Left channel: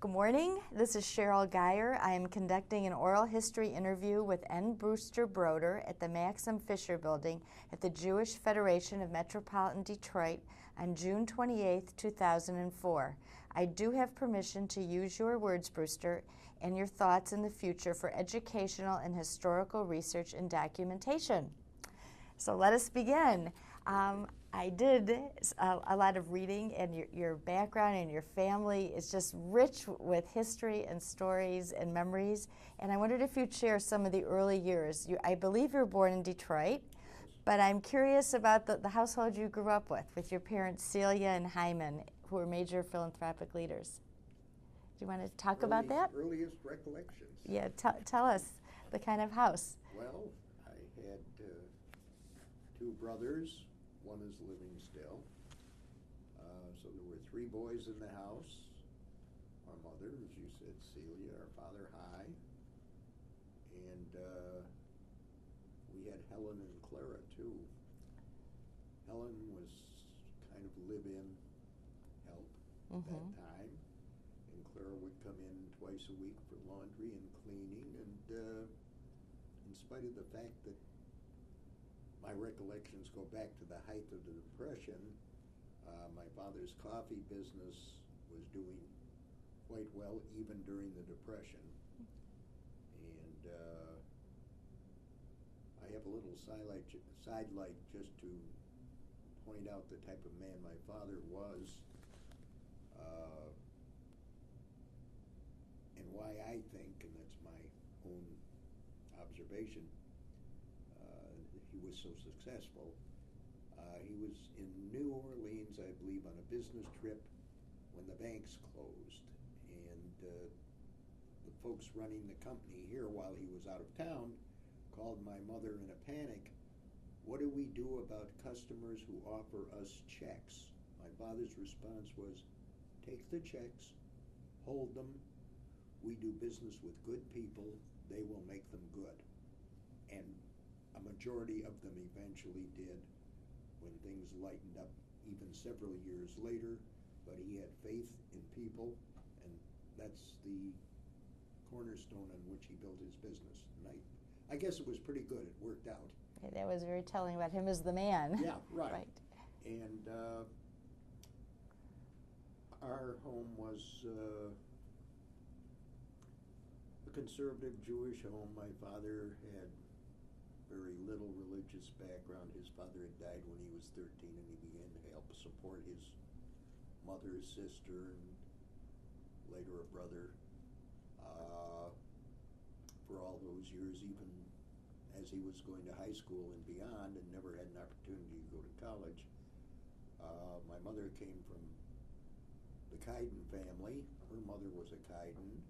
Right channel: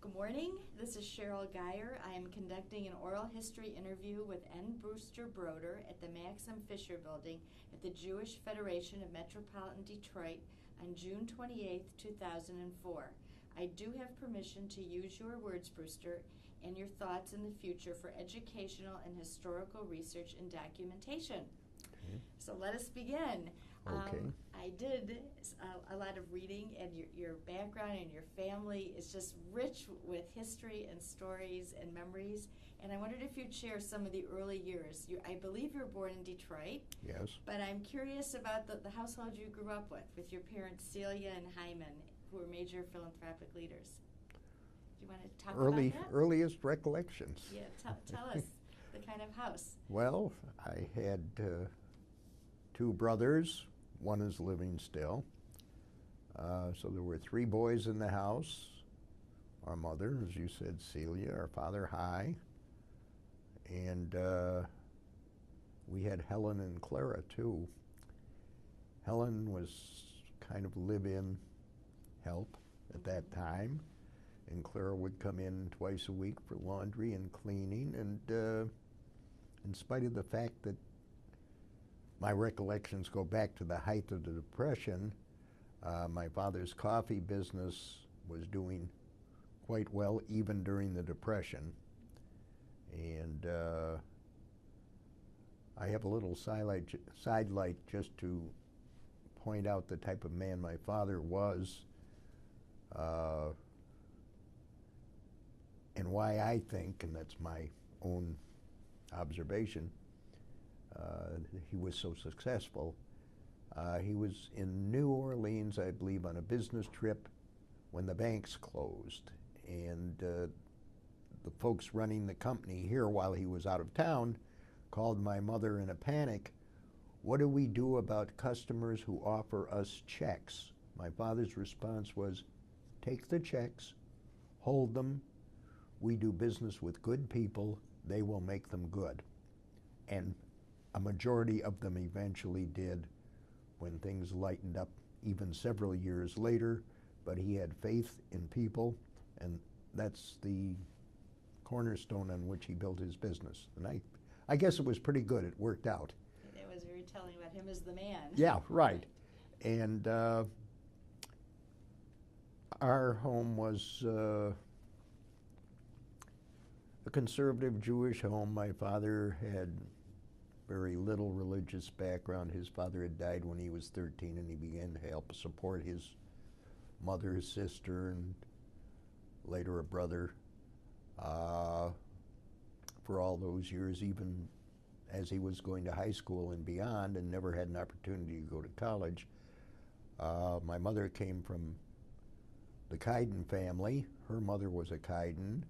Good morning. This is Cheryl Geyer. I am conducting an oral history interview with Brewster Broder at the Maxim Fisher Building at the Jewish Federation of Metropolitan Detroit on June 28, 2004. I do have permission to use your words, Brewster, and your thoughts in the future for educational and historical research and documentation. So let us begin. Okay. I did a lot of reading, and your background and your family is just rich with history and stories and memories. And I wondered if you'd share some of the early years. I believe you were born in Detroit. Yes. But I'm curious about the household you grew up with your parents Celia and Hymen, who were major philanthropic leaders. Do you want to talk about that? Earliest recollections. Yeah, tell us the kind of house. Well, I had two brothers. One is living still. So there were three boys in the house. Our mother, as you said, Celia, our father, Hy. And we had Helen and Clara, too. Helen was kind of live-in help at that time. And Clara would come in twice a week for laundry and cleaning. And in spite of the fact that my recollections go back to the height of the Depression, my father's coffee business was doing quite well even during the Depression. And I have a little sidelight just to point out the type of man my father was, and why I think, and that's my own observation, he was so successful. He was in New Orleans, I believe, on a business trip when the banks closed. And the folks running the company here while he was out of town called my mother in a panic. What do we do about customers who offer us checks? My father's response was, take the checks, hold them. We do business with good people. They will make them good. And a majority of them eventually did when things lightened up even several years later, but he had faith in people, and that's the cornerstone on which he built his business. And I guess it was pretty good. It worked out. That was very telling about him as the man. Yeah, right. And our home was a conservative Jewish home. My father had very little religious background. His father had died when he was 13, and he began to help support his mother, his sister, and later a brother for all those years, even as he was going to high school and beyond, and never had an opportunity to go to college. My mother came from the Kaiden family. Her mother was a Kaiden,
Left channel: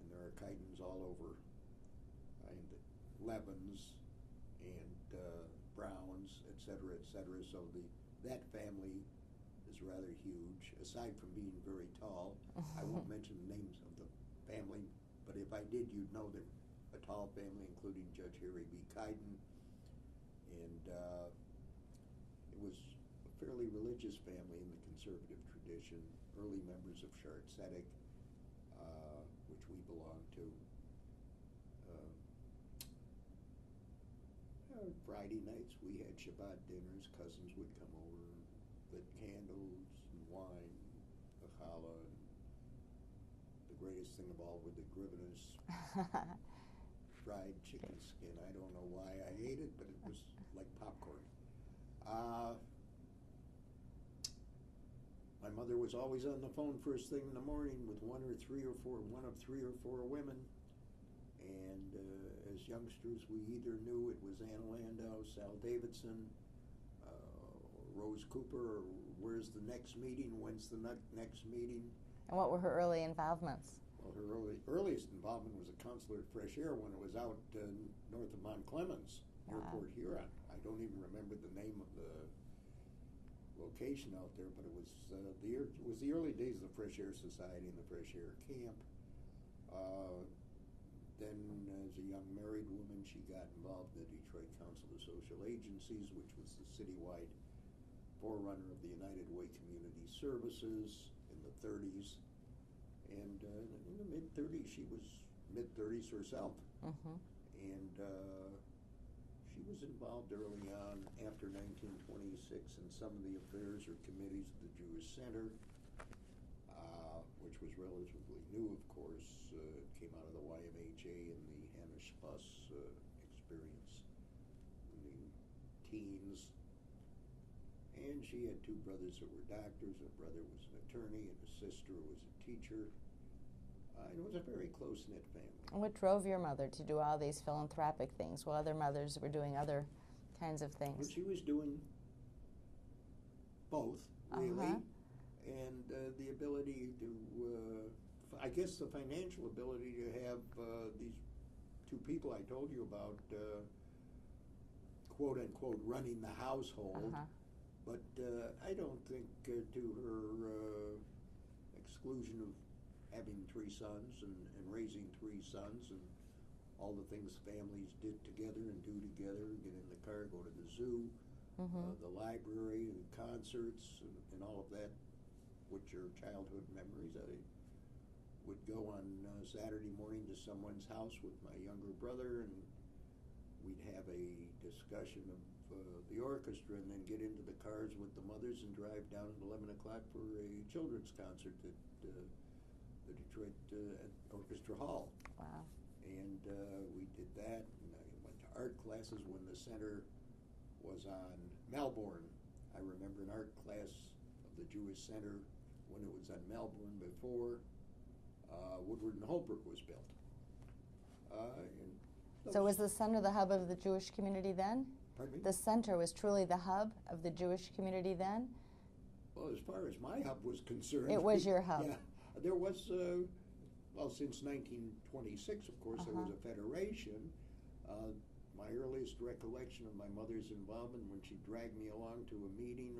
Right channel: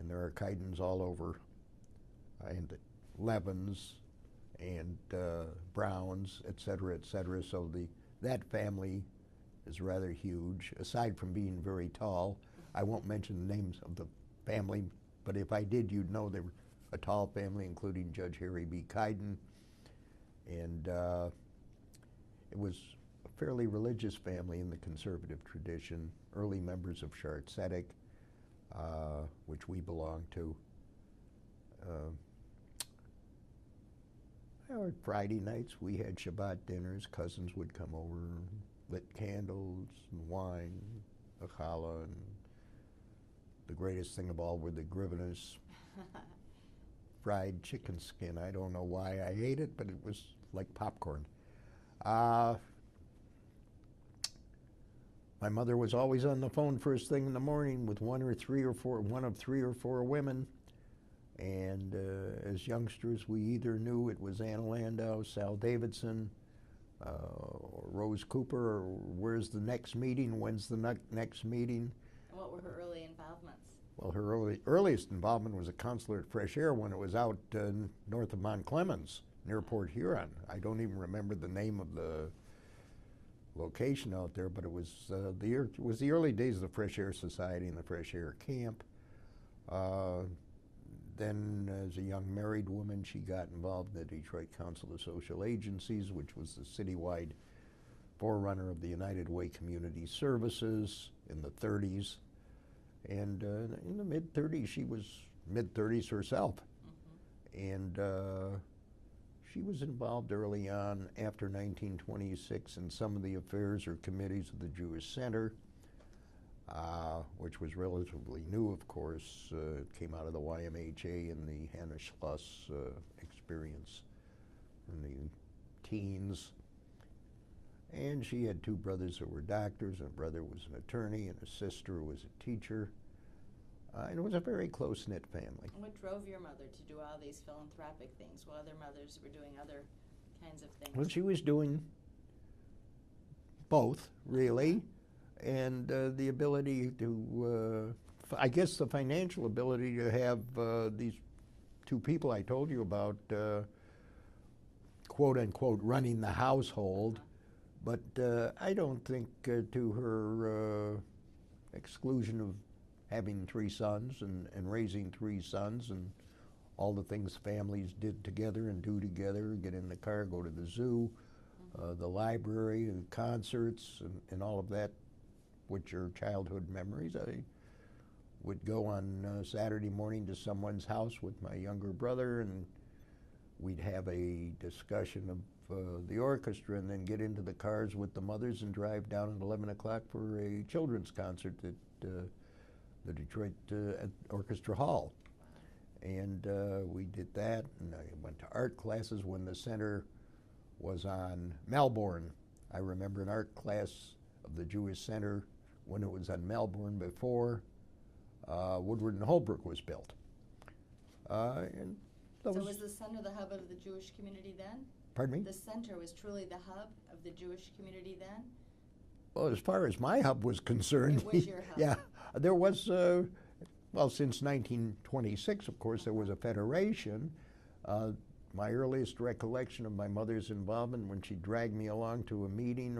and there are Kaidens all over, and Levins, and Browns, et cetera, et cetera. So that family is rather huge, aside from being very tall. I won't mention the names of the family, but if I did, you'd know they were a tall family, including Judge Harry B. Kaiden. And it was a fairly religious family in the conservative tradition, early members of Shart Tzedek, which we belong to. Friday nights we had Shabbat dinners. Cousins would come over, lit candles and wine, a challah, and the greatest thing of all were the grivenas, fried chicken skin. I don't know why I ate it, but it was like popcorn. My mother was always on the phone first thing in the morning with one of three or four women. And as youngsters, we either knew it was Anna Landau, Sal Davidson, or Rose Cooper, or where's the next meeting, when's the next meeting. And what were her early involvements? Well, her earliest involvement was a counselor at Fresh Air when it was out north of Mount Clemens, near Port Huron. I don't even remember the name of the location out there, but it was the early days of the Fresh Air Society and the Fresh Air Camp. Then, as a young married woman, she got involved in the Detroit Council of Social Agencies, which was the citywide forerunner of the United Way Community Services in the 30s. And in the mid-30s, she was mid-30s herself. And she was involved early on, after 1926, in some of the affairs or committees of the Jewish Center, which was relatively new, of course. It came out of the YMHA and the Hannah Schloss experience in the teens. And she had two brothers who were doctors, and a brother was an attorney, and a sister was a teacher. And it was a very close-knit family. And what drove your mother to do all these philanthropic things while other mothers were doing other kinds of things? Well, she was doing both, really, and the ability to, I guess the financial ability to have these two people I told you about, quote-unquote, running the household. But I don't think to her exclusion of having three sons and raising three sons and all the things families did together and do together, get in the car, go to the zoo, the library, and concerts, and all of that, which are childhood memories. I would go on Saturday morning to someone's house with my younger brother, and we'd have a discussion of the orchestra, and then get into the cars with the mothers and drive down at 11 o'clock for a children's concert at the Detroit at Orchestra Hall. Wow. And we did that, and I went to art classes when the center was on Melbourne. I remember an art class of the Jewish Center when it was on Melbourne before Woodward and Holbrook was built. And so was the center the hub of the Jewish community then? Pardon me? The center was truly the hub of the Jewish community then? Well, as far as my hub was concerned. It was your hub. Yeah. There was, well, since 1926, of course, there was a federation. My earliest recollection of my mother's involvement when she dragged me along to a meeting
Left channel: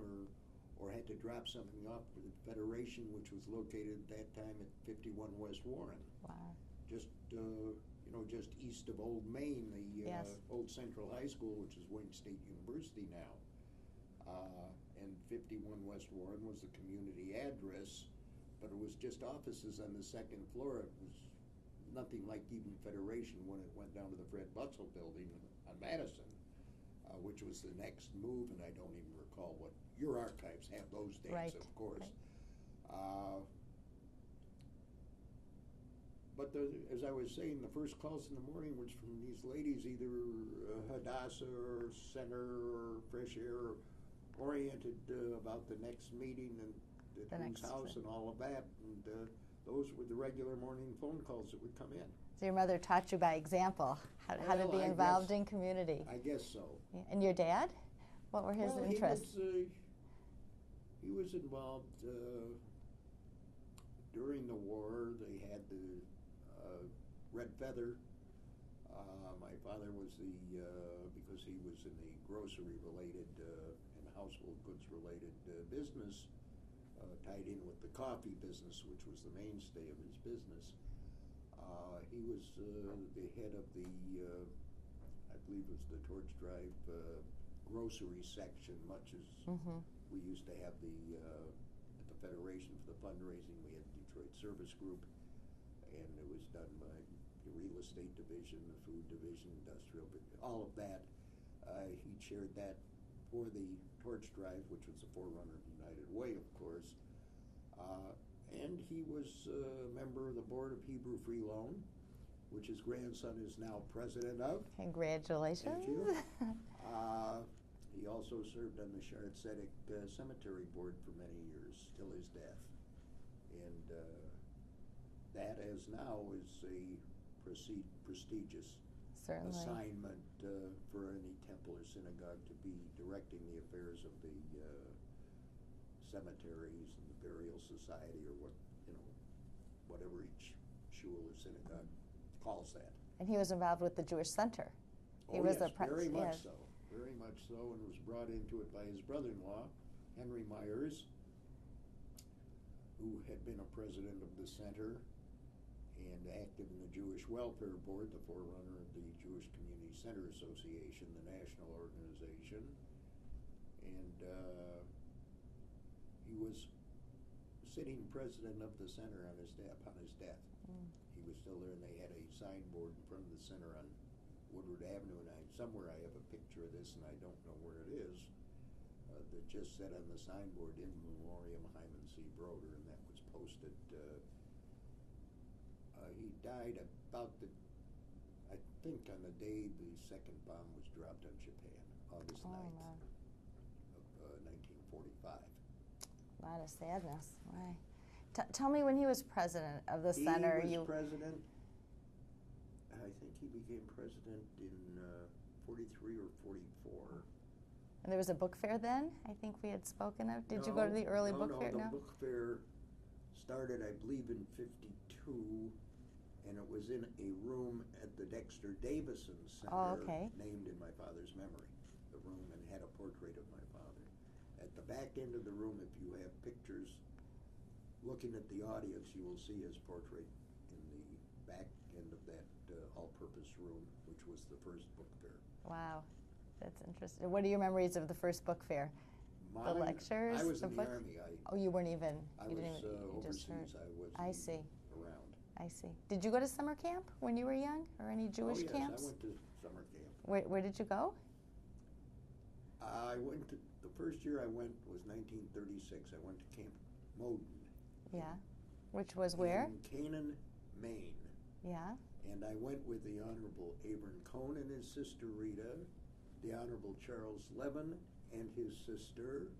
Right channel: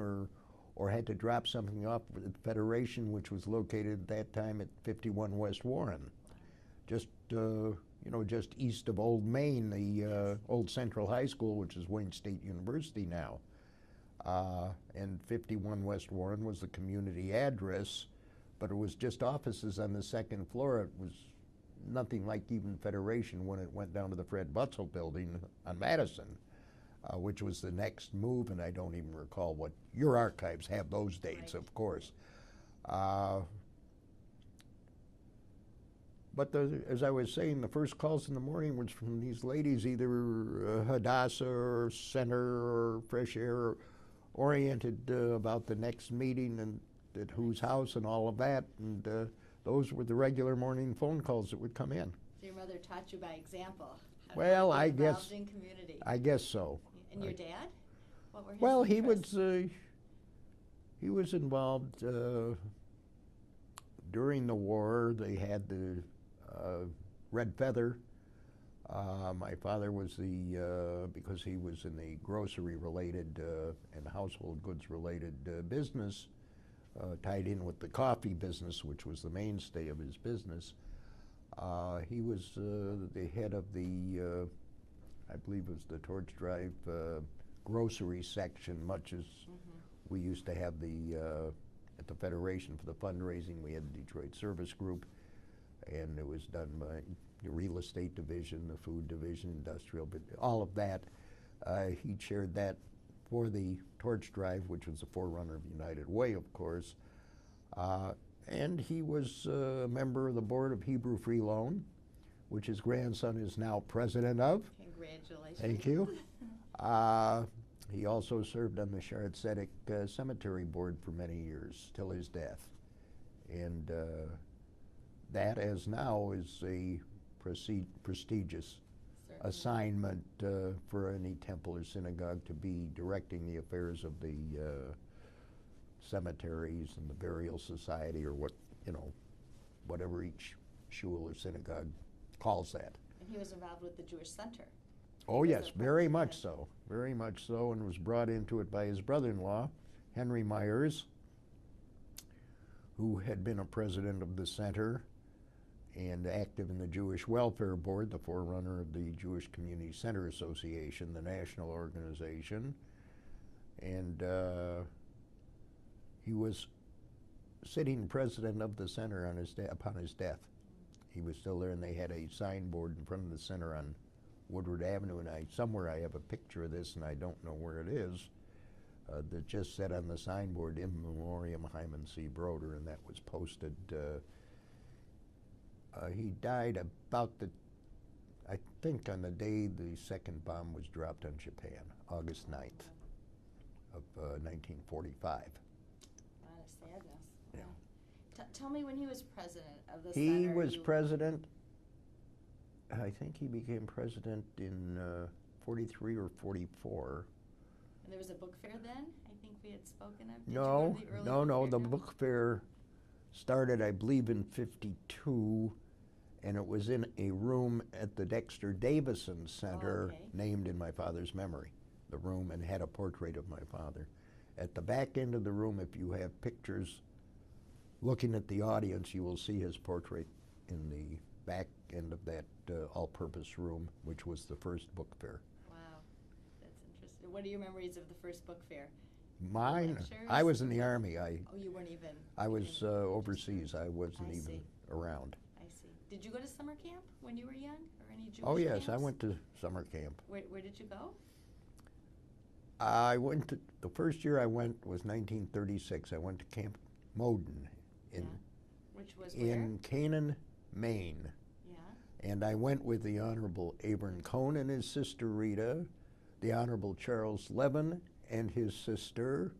or had to drop something off at the federation, which was located at that time at 51 West Warren. Wow. Just, you know, just east of Old Main, the old Central High School, which is Wayne State University now. And 51 West Warren was the community address, but it was just offices on the second floor. It was nothing like even Federation when it went down to the Fred Butzel building on Madison, which was the next move, and I don't even recall what, your archives have those dates, of course. But as I was saying, the first calls in the morning was from these ladies, either Hadassah or Center or Fresh Air, oriented about the next meeting and at whose house and all of that, and those were the regular morning phone calls that would come in. So your mother taught you by example how to be involved in community. I guess so. And your dad? What were his Well, interests? he was involved during the war. They had the Red Feather. My father was because he was in the grocery-related and household goods-related business, tied in with the coffee business, which was the mainstay of his business. He was the head of the, I believe it was the Torch Drive grocery section, much as we used to have at the Federation for the fundraising. We had the Detroit Service Group, and it was done by the real estate division, the food division, industrial, but all of that. He chaired that for the Torch Drive, which was the forerunner of United Way, of course. And he was a member of the board of Hebrew Free Loan, which his grandson is now president of. Congratulations. Thank you. He also served on the Shard Tzedek Cemetery Board for many years, till his death. And that, as now, is a prestigious assignment for any temple or synagogue, to be directing the affairs of the cemeteries and the burial society, or what, you know, whatever each shul or synagogue calls that. And he was involved with the Jewish Center. Oh yes, very much so, very much so, and was brought into it by his brother-in-law, Henry Myers, who had been a president of the center and active in the Jewish Welfare Board, the forerunner of the Jewish Community Center Association, the national organization. And he was sitting president of the center on upon his death. He was still there, and they had a signboard in front of the center on Woodward Avenue, and somewhere I have a picture of this, and I don't know where it is, that just said on the signboard, "In Memoriam Hymen C. Broder," and that was posted. He died about I think on the day the second bomb was dropped on Japan, August 9th of 1945. A lot of sadness. Yeah. Tell me when he was president of the He center. was president, I think he became president in 43 or 44. And there was a book fair then, I think we had spoken of. Did you No, go to the early book no, fair? the book fair started, I believe, in 52, and it was in a room at the Dexter Davison Center, named in my father's memory, the room, and had a portrait of my father. At the back end of the room, if you have pictures looking at the audience, you will see his portrait in the back end of that all-purpose room, which was the first book fair. Wow, that's interesting. What are your memories of the first book fair? Mine, lectures, I was in the Army. Oh, you weren't even. I was overseas. I wasn't even see. around. I see. Did you go to summer camp when you were young, or any Jewish Oh yes, camps? I went to summer camp. Where did you go? I went to, the first year I went was 1936. I went to Camp Moden. Which was where? In Canaan, Maine. Yeah. And I went with the Honorable Abram Cohn and his sister Rita, the Honorable Charles Levin and his sister,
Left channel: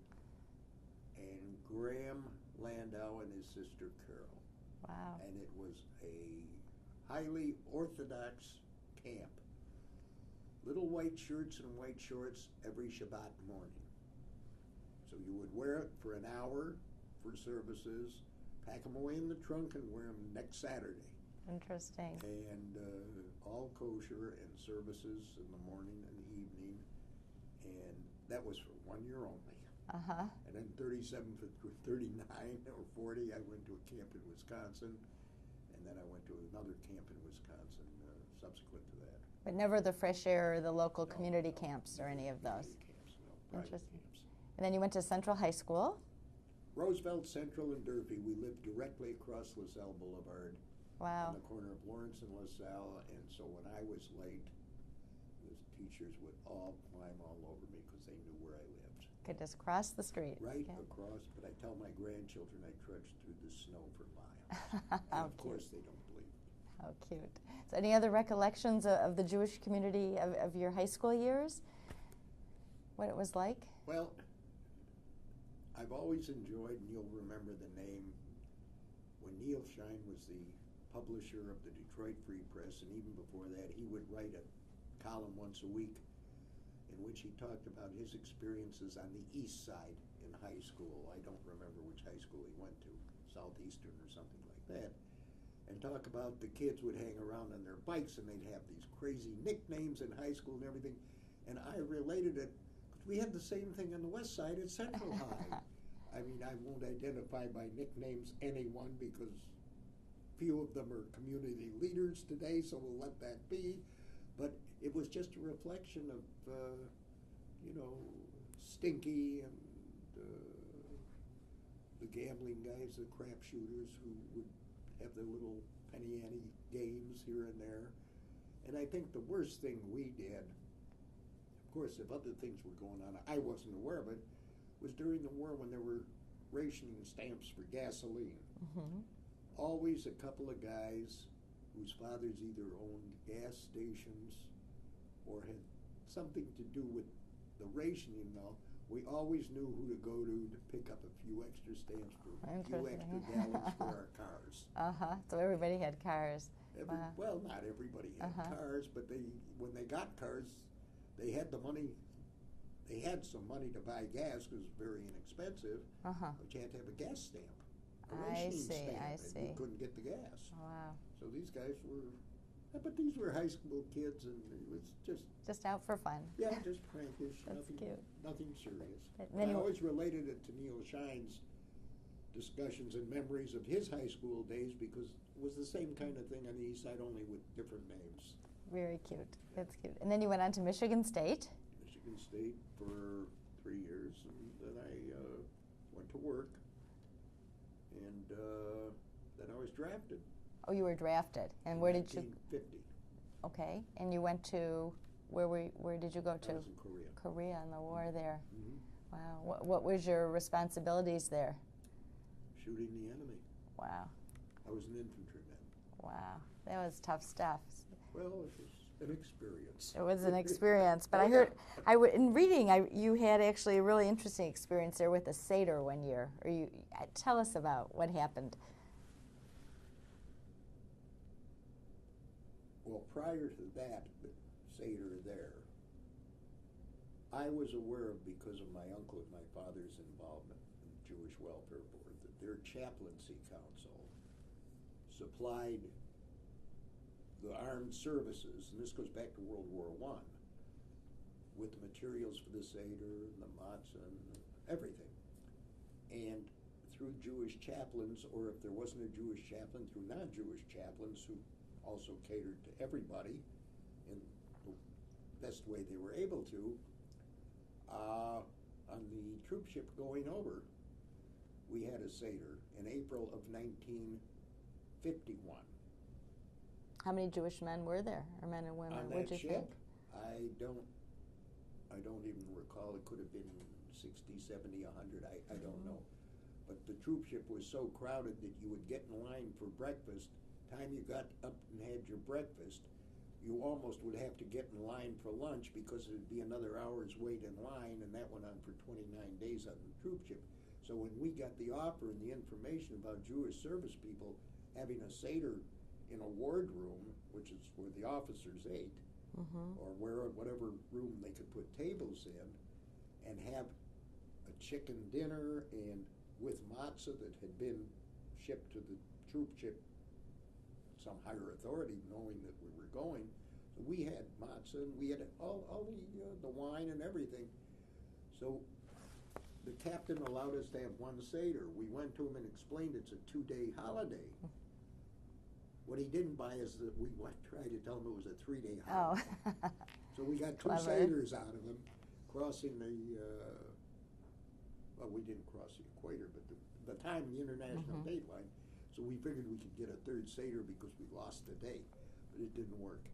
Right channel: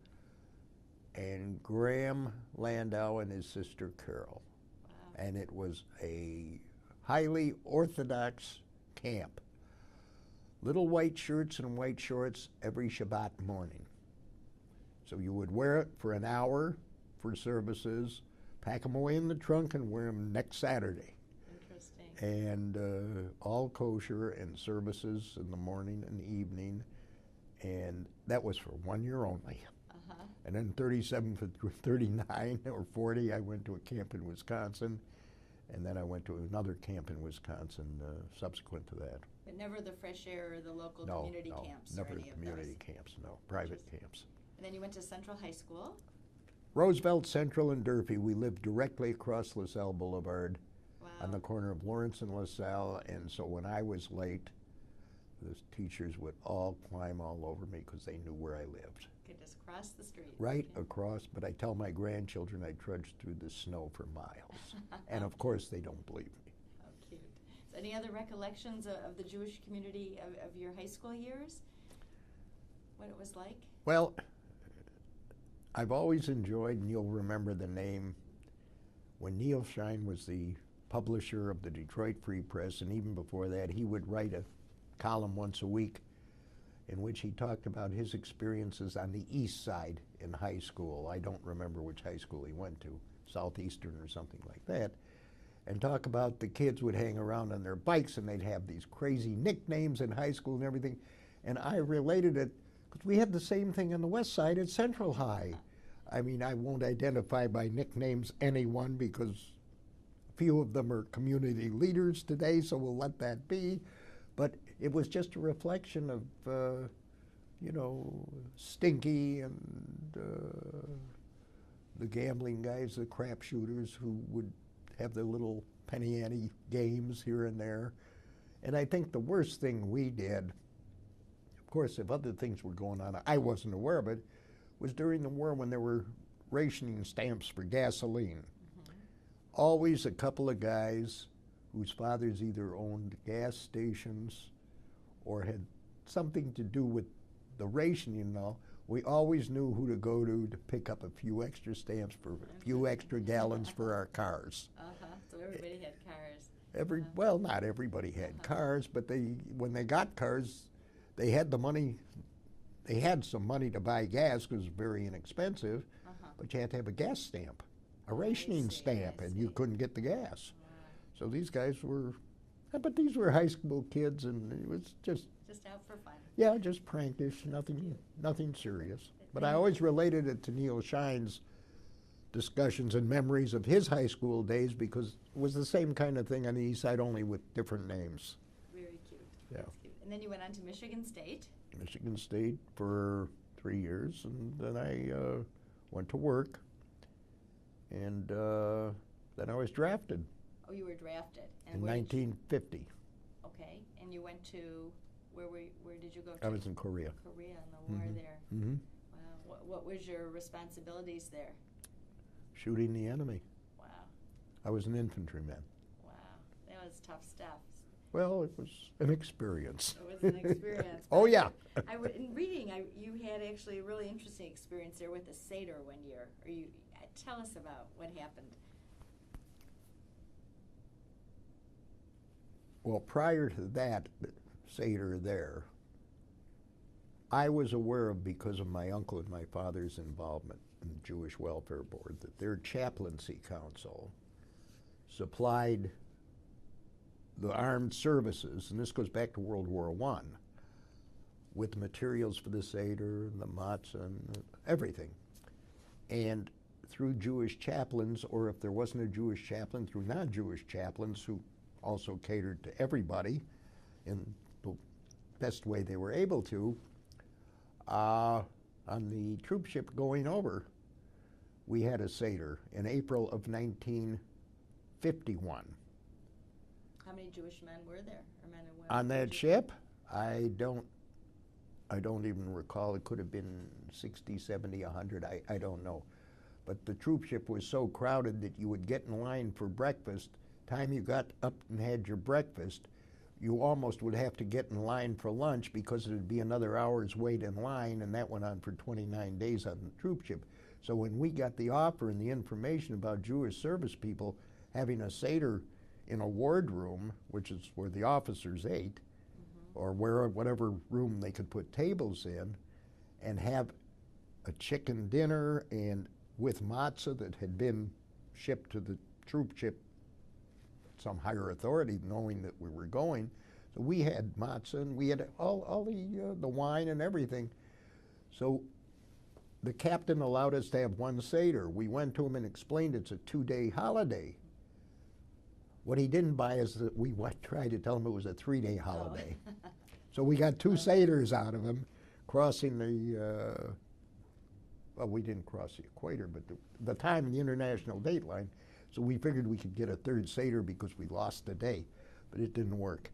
and Graham Landau and his sister Carol. Wow. And it was a highly Orthodox camp. Little white shirts and white shorts every Shabbat morning. So you would wear it for an hour for services, pack them away in the trunk, and wear them next Saturday. Interesting. And all kosher, and services in the morning and the evening. And that was for 1 year only. Uh-huh. And then 37 for 39 or 40, I went to a camp in Wisconsin. And then I went to another camp in Wisconsin subsequent to that. But never the fresh air or the local No, community no, camps never or any of community those? camps, no, private camps. And then you went to Central High School? Roosevelt Central in Durfee. We lived directly across LaSalle Boulevard. Wow. On the corner of Lawrence and LaSalle, and so when I was late, the teachers would all climb all over me because they knew where I lived. Could just cross the street. Right across, but I tell my grandchildren I trudged through the snow for miles. And of course they don't believe me. How cute. So any other recollections of the Jewish community of your high school years? What it was like? Well, I've always enjoyed, and you'll remember the name, when Neil Shine was the publisher of the Detroit Free Press, and even before that, he would write a column once a week in which he talked about his experiences on the east side in high school. I don't remember which high school he went to, Southeastern or something like that, and talk about the kids would hang around on their bikes and they'd have these crazy nicknames in high school and everything. And I related it, because we had the same thing on the west side at Central High. I mean, I won't identify by nicknames anyone because few of them are community leaders today, so we'll let that be. But it was just a reflection of, you know, Stinky and the gambling guys, the crap shooters who would have their little penny ante games here and there. And I think the worst thing we did, of course, if other things were going on, I wasn't aware of it, was during the war when there were rationing stamps for gasoline. Mm-hmm. Always a couple of guys whose fathers either owned gas stations or had something to do with the rationing and all. We always knew who to go to pick up a few extra stamps for a few extra gallons for our cars. So everybody had cars. Well, not everybody had cars, but when they got cars, they had the money. They had some money to buy gas because it was very inexpensive, but you had to have a gas stamp, a rationing stamp, and you couldn't get the gas. Wow. So these guys were, but these were high school kids, and it was just out for fun. Yeah, just prankish, nothing serious. But I always related it to Neil Shine's discussions and memories of his high school days because it was the same kind of thing on the east side, only with different names. Very cute. Yeah. That's cute. And then you went on to Michigan State. Michigan State for 3 years, and then I went to work. and then I was drafted Oh, you were drafted. And in where 1950. did you? Okay, and you went to where did you go to? I was in Korea. Korea in the war there. Mm-hmm. Wow. What was your responsibilities there? Shooting the enemy. Wow. I was an infantryman. Wow. That was tough stuff. Well, it was an experience. It was an experience. Oh, yeah. In reading, you had actually a really interesting experience there with a Seder one year. Tell us about what happened. Well, prior to that Seder there, I was aware of, because of my uncle and my father's involvement in the Jewish Welfare Board, that their chaplaincy council supplied the armed services, and this goes back to World War I, with materials for the Seder and the matzah and everything. And through Jewish chaplains, or if there wasn't a Jewish chaplain, through non-Jewish chaplains who also catered to everybody in the best way they were able to, on the troop ship going over, we had a Seder in April of 1951. How many Jewish men were there, or men and women? On that ship? I don't even recall. It could have been 60, 70, 100, I don't know. But the troop ship was so crowded that you would get in line for breakfast. Time you got up and had your breakfast, you almost would have to get in line for lunch, because it would be another hour's wait in line, and that went on for 29 days on the troop ship. So when we got the offer and the information about Jewish service people having a Seder in a wardroom, which is where the officers ate, or whatever room they could put tables in, and have a chicken dinner and with matzah that had been shipped to the troop ship, some higher authority, knowing that we were going. So we had matzah, and we had all the wine and everything. So the captain allowed us to have one Seder. We went to him and explained it's a 2-day holiday. What he didn't buy is that we tried to tell him it was a 3-day holiday. Oh. So we got 2 Seders out of him, crossing the, well, we didn't cross the equator, but the time in the international date line. So we figured we could get a 3rd Seder because we lost the day, but it didn't work.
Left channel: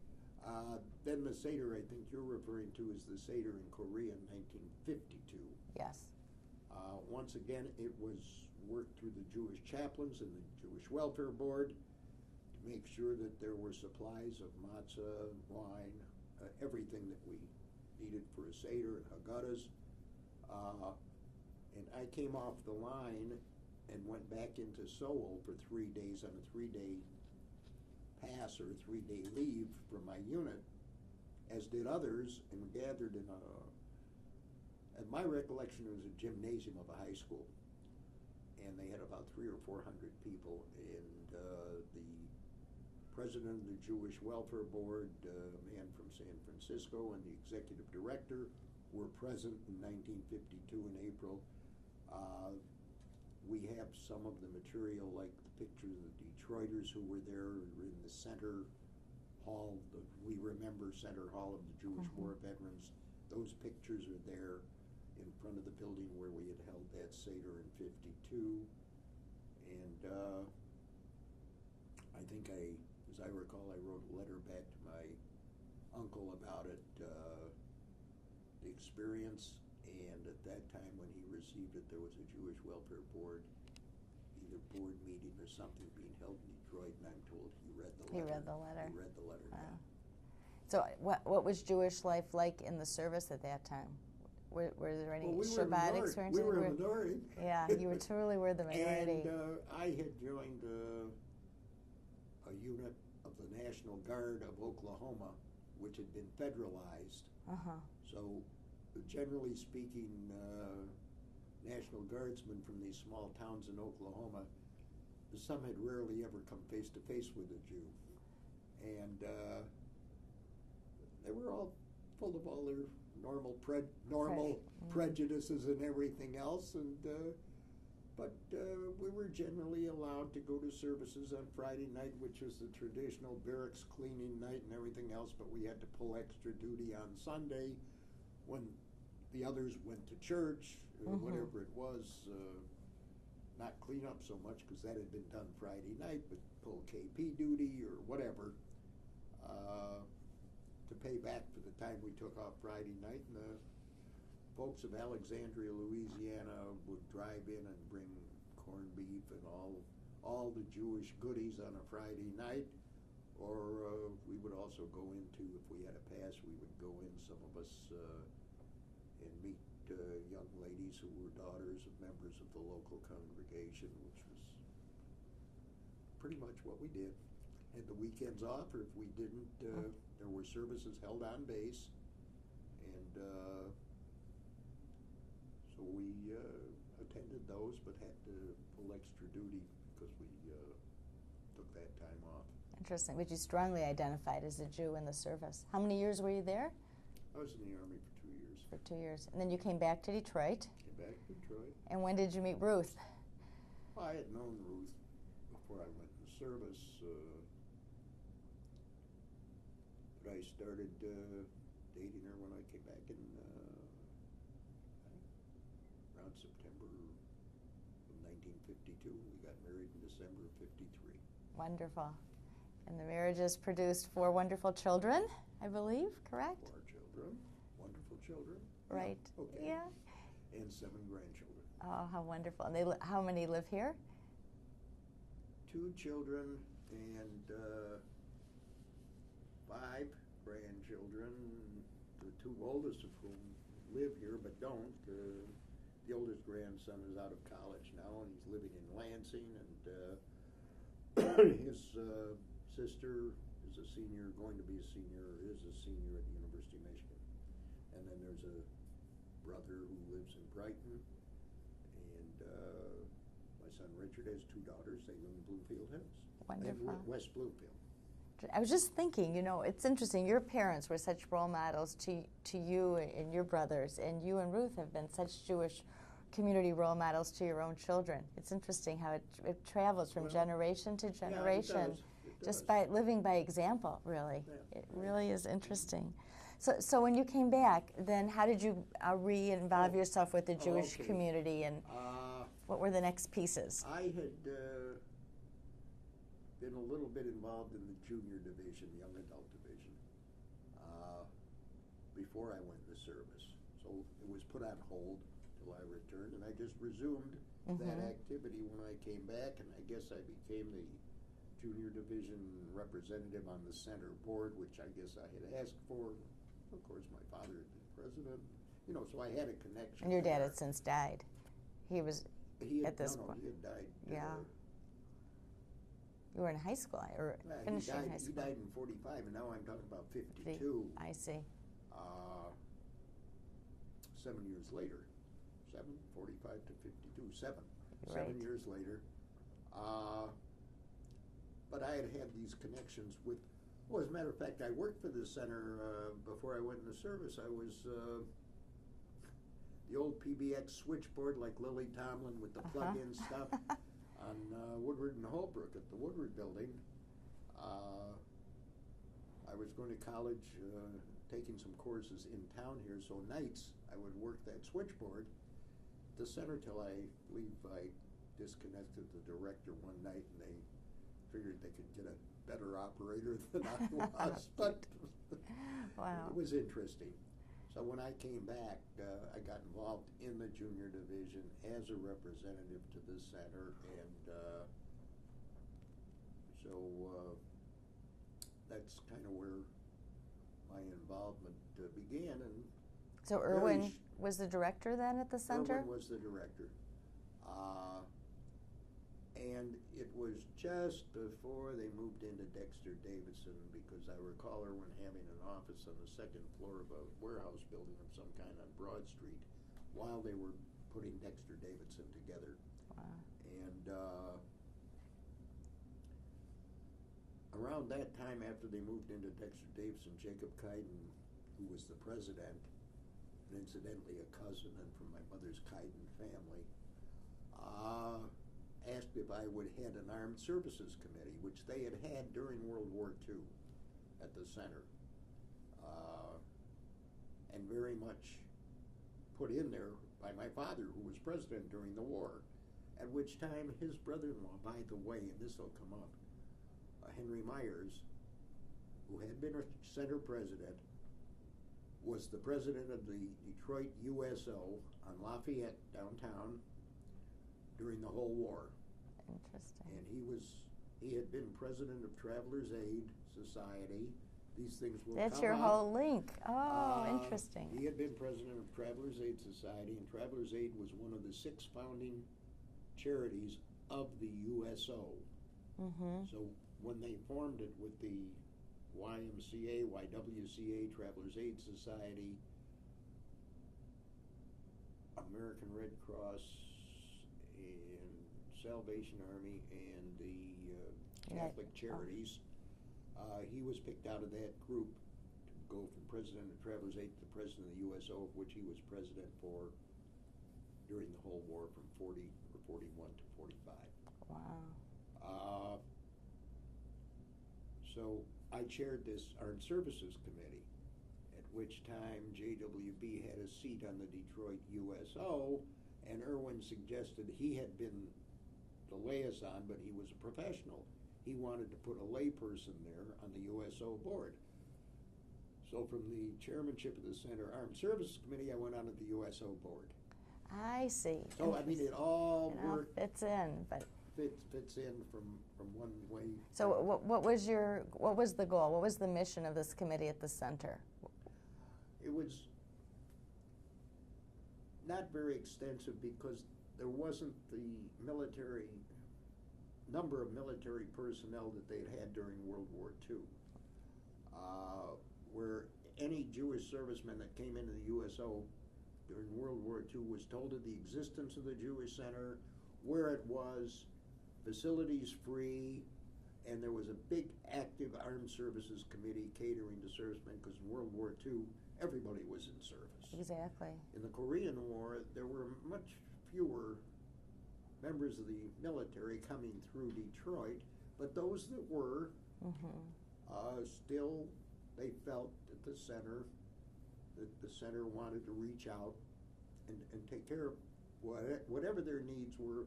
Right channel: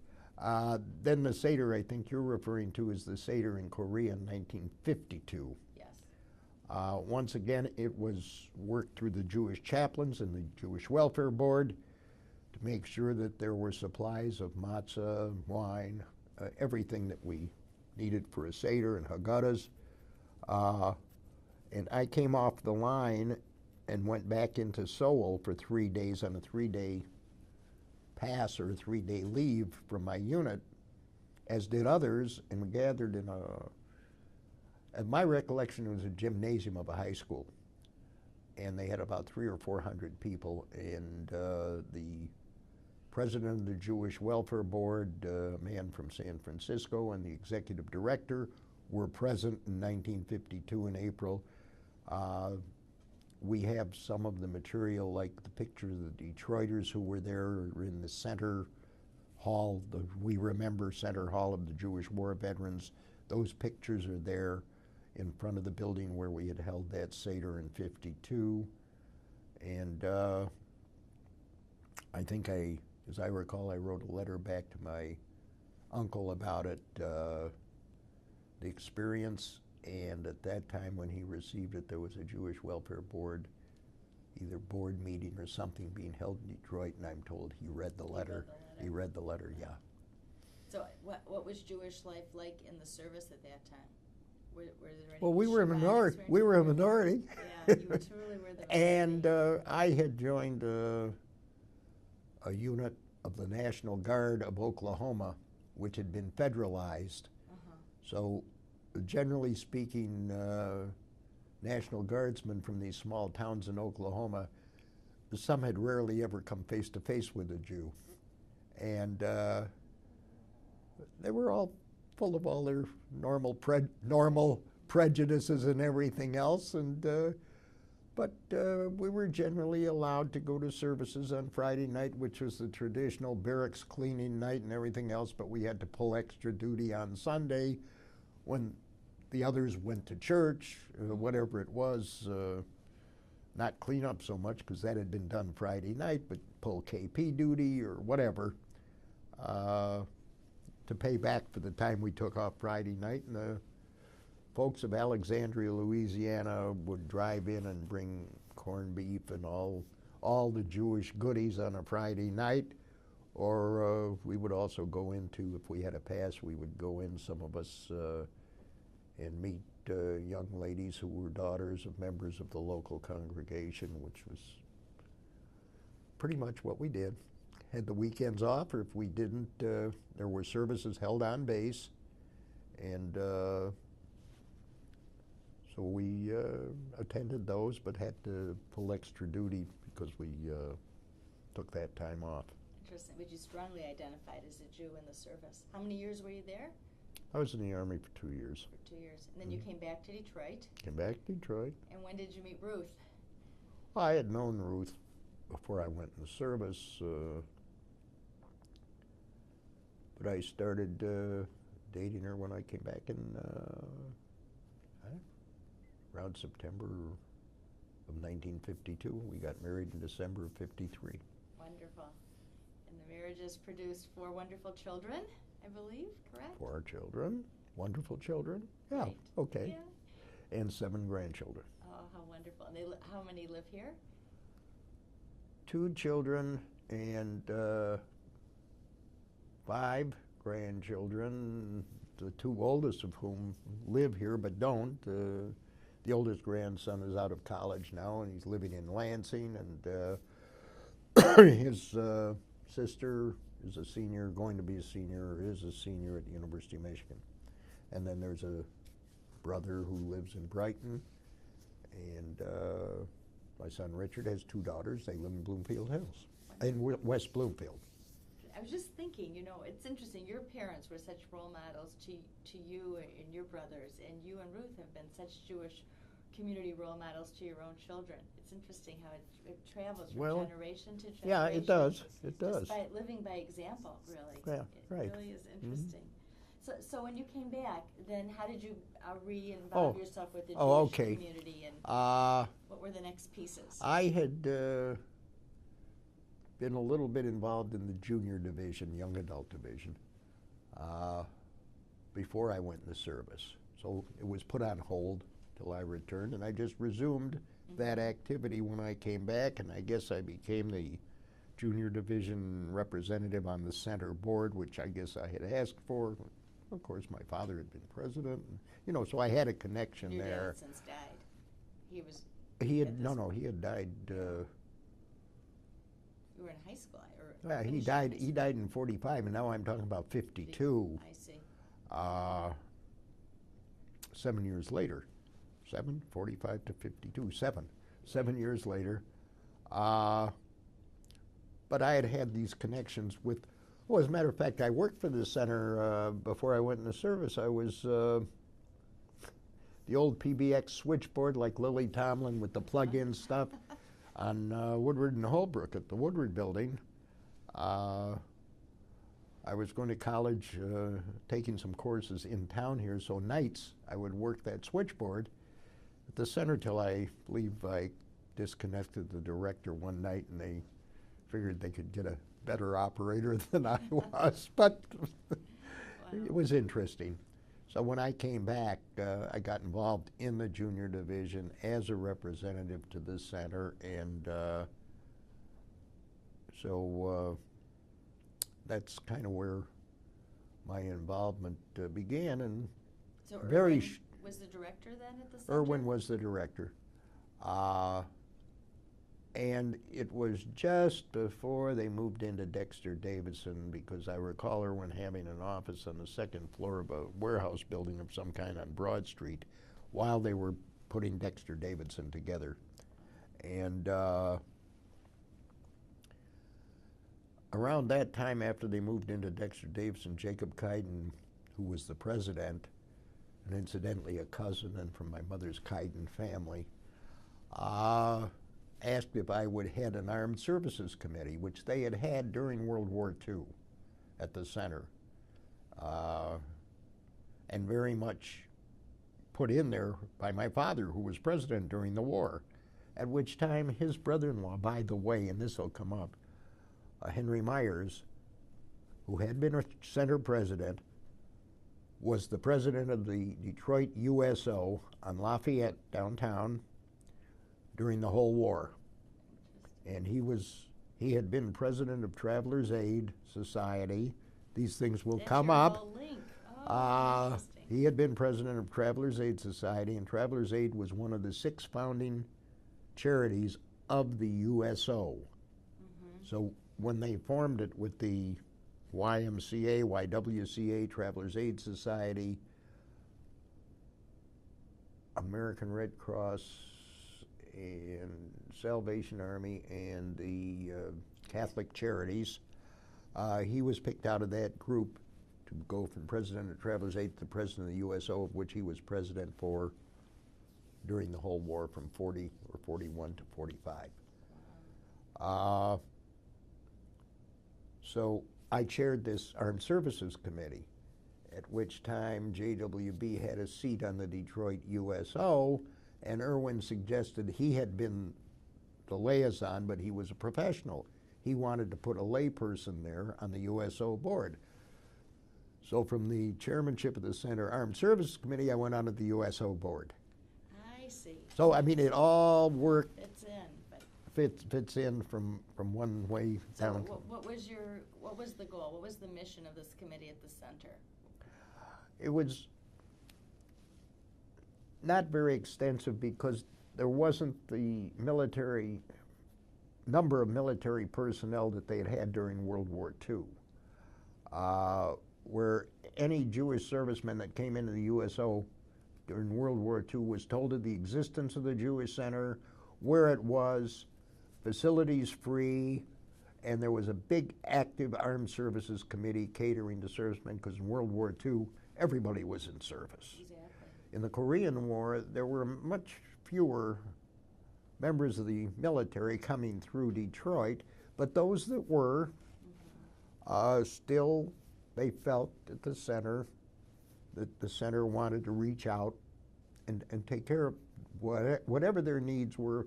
Then the Seder I think you're referring to is the Seder in Korea in 1952. Yes. Once again, it was worked through the Jewish chaplains and the Jewish Welfare Board to make sure that there were supplies of matzah, wine, everything that we needed for a Seder and Haggadahs. And I came off the line and went back into Seoul for 3 days on a 3-day pass or a 3-day leave from my unit, as did others, and we gathered in at my recollection, it was a gymnasium of a high school. And they had about 300 or 400 people, and the president of the Jewish Welfare Board, a man from San Francisco, and the executive director were present in 1952 in April. We have some of the material, like the picture of the Detroiters who were there in the center hall, the We Remember Center Hall of the Jewish War Veterans. Those pictures are there in front of the building where we had held that Seder in '52. And I think as I recall, I wrote a letter back to my uncle about it, the experience. And at that time when he received it, there was a Jewish Welfare Board, either board meeting or something being held in Detroit, and I'm told he read the letter. He read the letter. He read the letter, Wow. yeah. So what was Jewish life like in the service at that time? Were there any Well, we were a Shabbat minority. experiences? We were a minority. Yeah, you truly were the minority. And I had joined a unit of the National Guard of Oklahoma, which had been federalized. So generally speaking, National Guardsmen from these small towns in Oklahoma, some had rarely ever come face to face with a Jew. And they were all full of all their normal prejudices and everything else. And but we were generally allowed to go to services on Friday night, which was the traditional barracks cleaning night and everything else, but we had to pull extra duty on Sunday when the others went to church, whatever it was, not clean up so much because that had been done Friday night, but pull KP duty or whatever to pay back for the time we took off Friday night. And the folks of Alexandria, Louisiana would drive in and bring corned beef and all the Jewish goodies on a Friday night. Or we would also go into, if we had a pass, we would go in, some of us, and meet young ladies who were daughters of members of the local congregation, which was pretty much what we did. Had the weekends off, or if we didn't, there were services held on base, and so we attended those, but had to pull extra duty because we took that time off. Interesting. But you strongly identified as a Jew in the service. How many years were you there? I was in the Army for 2 years. For 2 years. And then you came back to Detroit. Came back to Detroit. And when did you meet Ruth? Well, I had known Ruth before I went in the service, but I started dating her when I came back in around September of 1952. We got married in December of 53. Wonderful. And the marriage has produced 4 wonderful children, I believe, correct? 4 children, wonderful children. Right. Yeah, okay. Yeah. And 7 grandchildren. Oh, how wonderful. And how many live here? 2 children and 5 grandchildren, the 2 oldest of whom live here but don't. The oldest grandson is out of college now, and he's living in Lansing, and his sister is a senior, going to be a senior, or is a senior at the University of Michigan. And then there's a brother who lives in Brighton, and my son Richard has 2 daughters. They live in Bloomfield Hills, in West Bloomfield. I was just thinking, you know, it's interesting. Your parents were such role models to you and your brothers, and you and Ruth have been such Jewish community role models to your own children. It's interesting how it travels from generation to generation. Yeah, it does. It does. Just by living by example, really. Yeah, it right. really is interesting. Mm-hmm. So when you came back, then how did you re-involve yourself with the Jewish community, and what were the next pieces? I had been a little bit involved in the junior division, young adult division, before I went in the service. So it was put on hold till I returned, and I just resumed that activity when I came back, and I guess I became the junior division representative on the center board, which I guess I had asked for. Of course, my father had been president, and, you know, so I had a connection there. And your dad had since died. He had died. You were in high school, or he died. He died in 45, and now I'm talking about 52. I see. 7 years later. 45 to 52, 7. Right. 7 years later. But I had these connections with, well, as a matter of fact, I worked for the center before I went in the service. I was the old PBX switchboard, like Lily Tomlin with the plug-in stuff, on Woodward and Holbrook at the Woodward building. I was going to college, taking some courses in town here, so nights I would work that switchboard at the center till I believe I disconnected the director one night, and they figured they could get a better operator than I was, but it was interesting. So when I came back, I got involved in the junior division as a representative to the center, and so that's kind of where my involvement began. And so Irwin was the director then at the center? Irwin was the director. And it was just before they moved into Dexter Davidson, because I recall Irwin having an office on the second floor of a warehouse building of some kind on Broad Street while they were putting Dexter Davidson together. Wow. And around that time, after they moved into Dexter Davidson, Jacob Kaiden, who was the president, and incidentally a cousin and from my mother's Kaiden family, asked if I would head an Armed Services Committee, which they had had during World War II at the center, and very much put in there by my father, who was president during the war. at which time his brother-in-law, by the way, and this will come up, Henry Myers, who had been a center president, was the president of the Detroit USO on Lafayette downtown during the whole war. And he had been president of Travelers Aid Society. These things will come up. That's your whole link. Oh, interesting. He had been president of Travelers Aid Society, and Travelers Aid was one of the 6 founding charities of the USO. So when they formed it with the YMCA, YWCA, Travelers Aid Society, American Red Cross, and Salvation Army, and the Catholic Charities, he was picked out of that group to go from president of Travelers Aid to president of the USO, of which he was president for during the whole war from 40 or 41 to 45. Wow. So I chaired this Armed Services Committee, at which time JWB had a seat on the Detroit USO, and Irwin suggested he had been the liaison, but he was a professional. He wanted to put a layperson there on the USO board. So from the chairmanship of the Center Armed Services Committee, I went on to the USO board. I see. So I mean, it all worked. Fits in, but Fits in from one way. so what was the goal? What was the mission of this committee at the center? It was not very extensive because there wasn't the number of military personnel that they had had during World War II, where any Jewish serviceman that came into the USO during World War II was told of the existence of the Jewish Center, where it was, facilities free, and there was a big active Armed Services Committee catering to servicemen, because in World War II, everybody was in service. Exactly. In the Korean War, there were much fewer members of the military coming through Detroit, but those that were, still, they felt at the center that the center wanted to reach out and take care of whatever their needs were.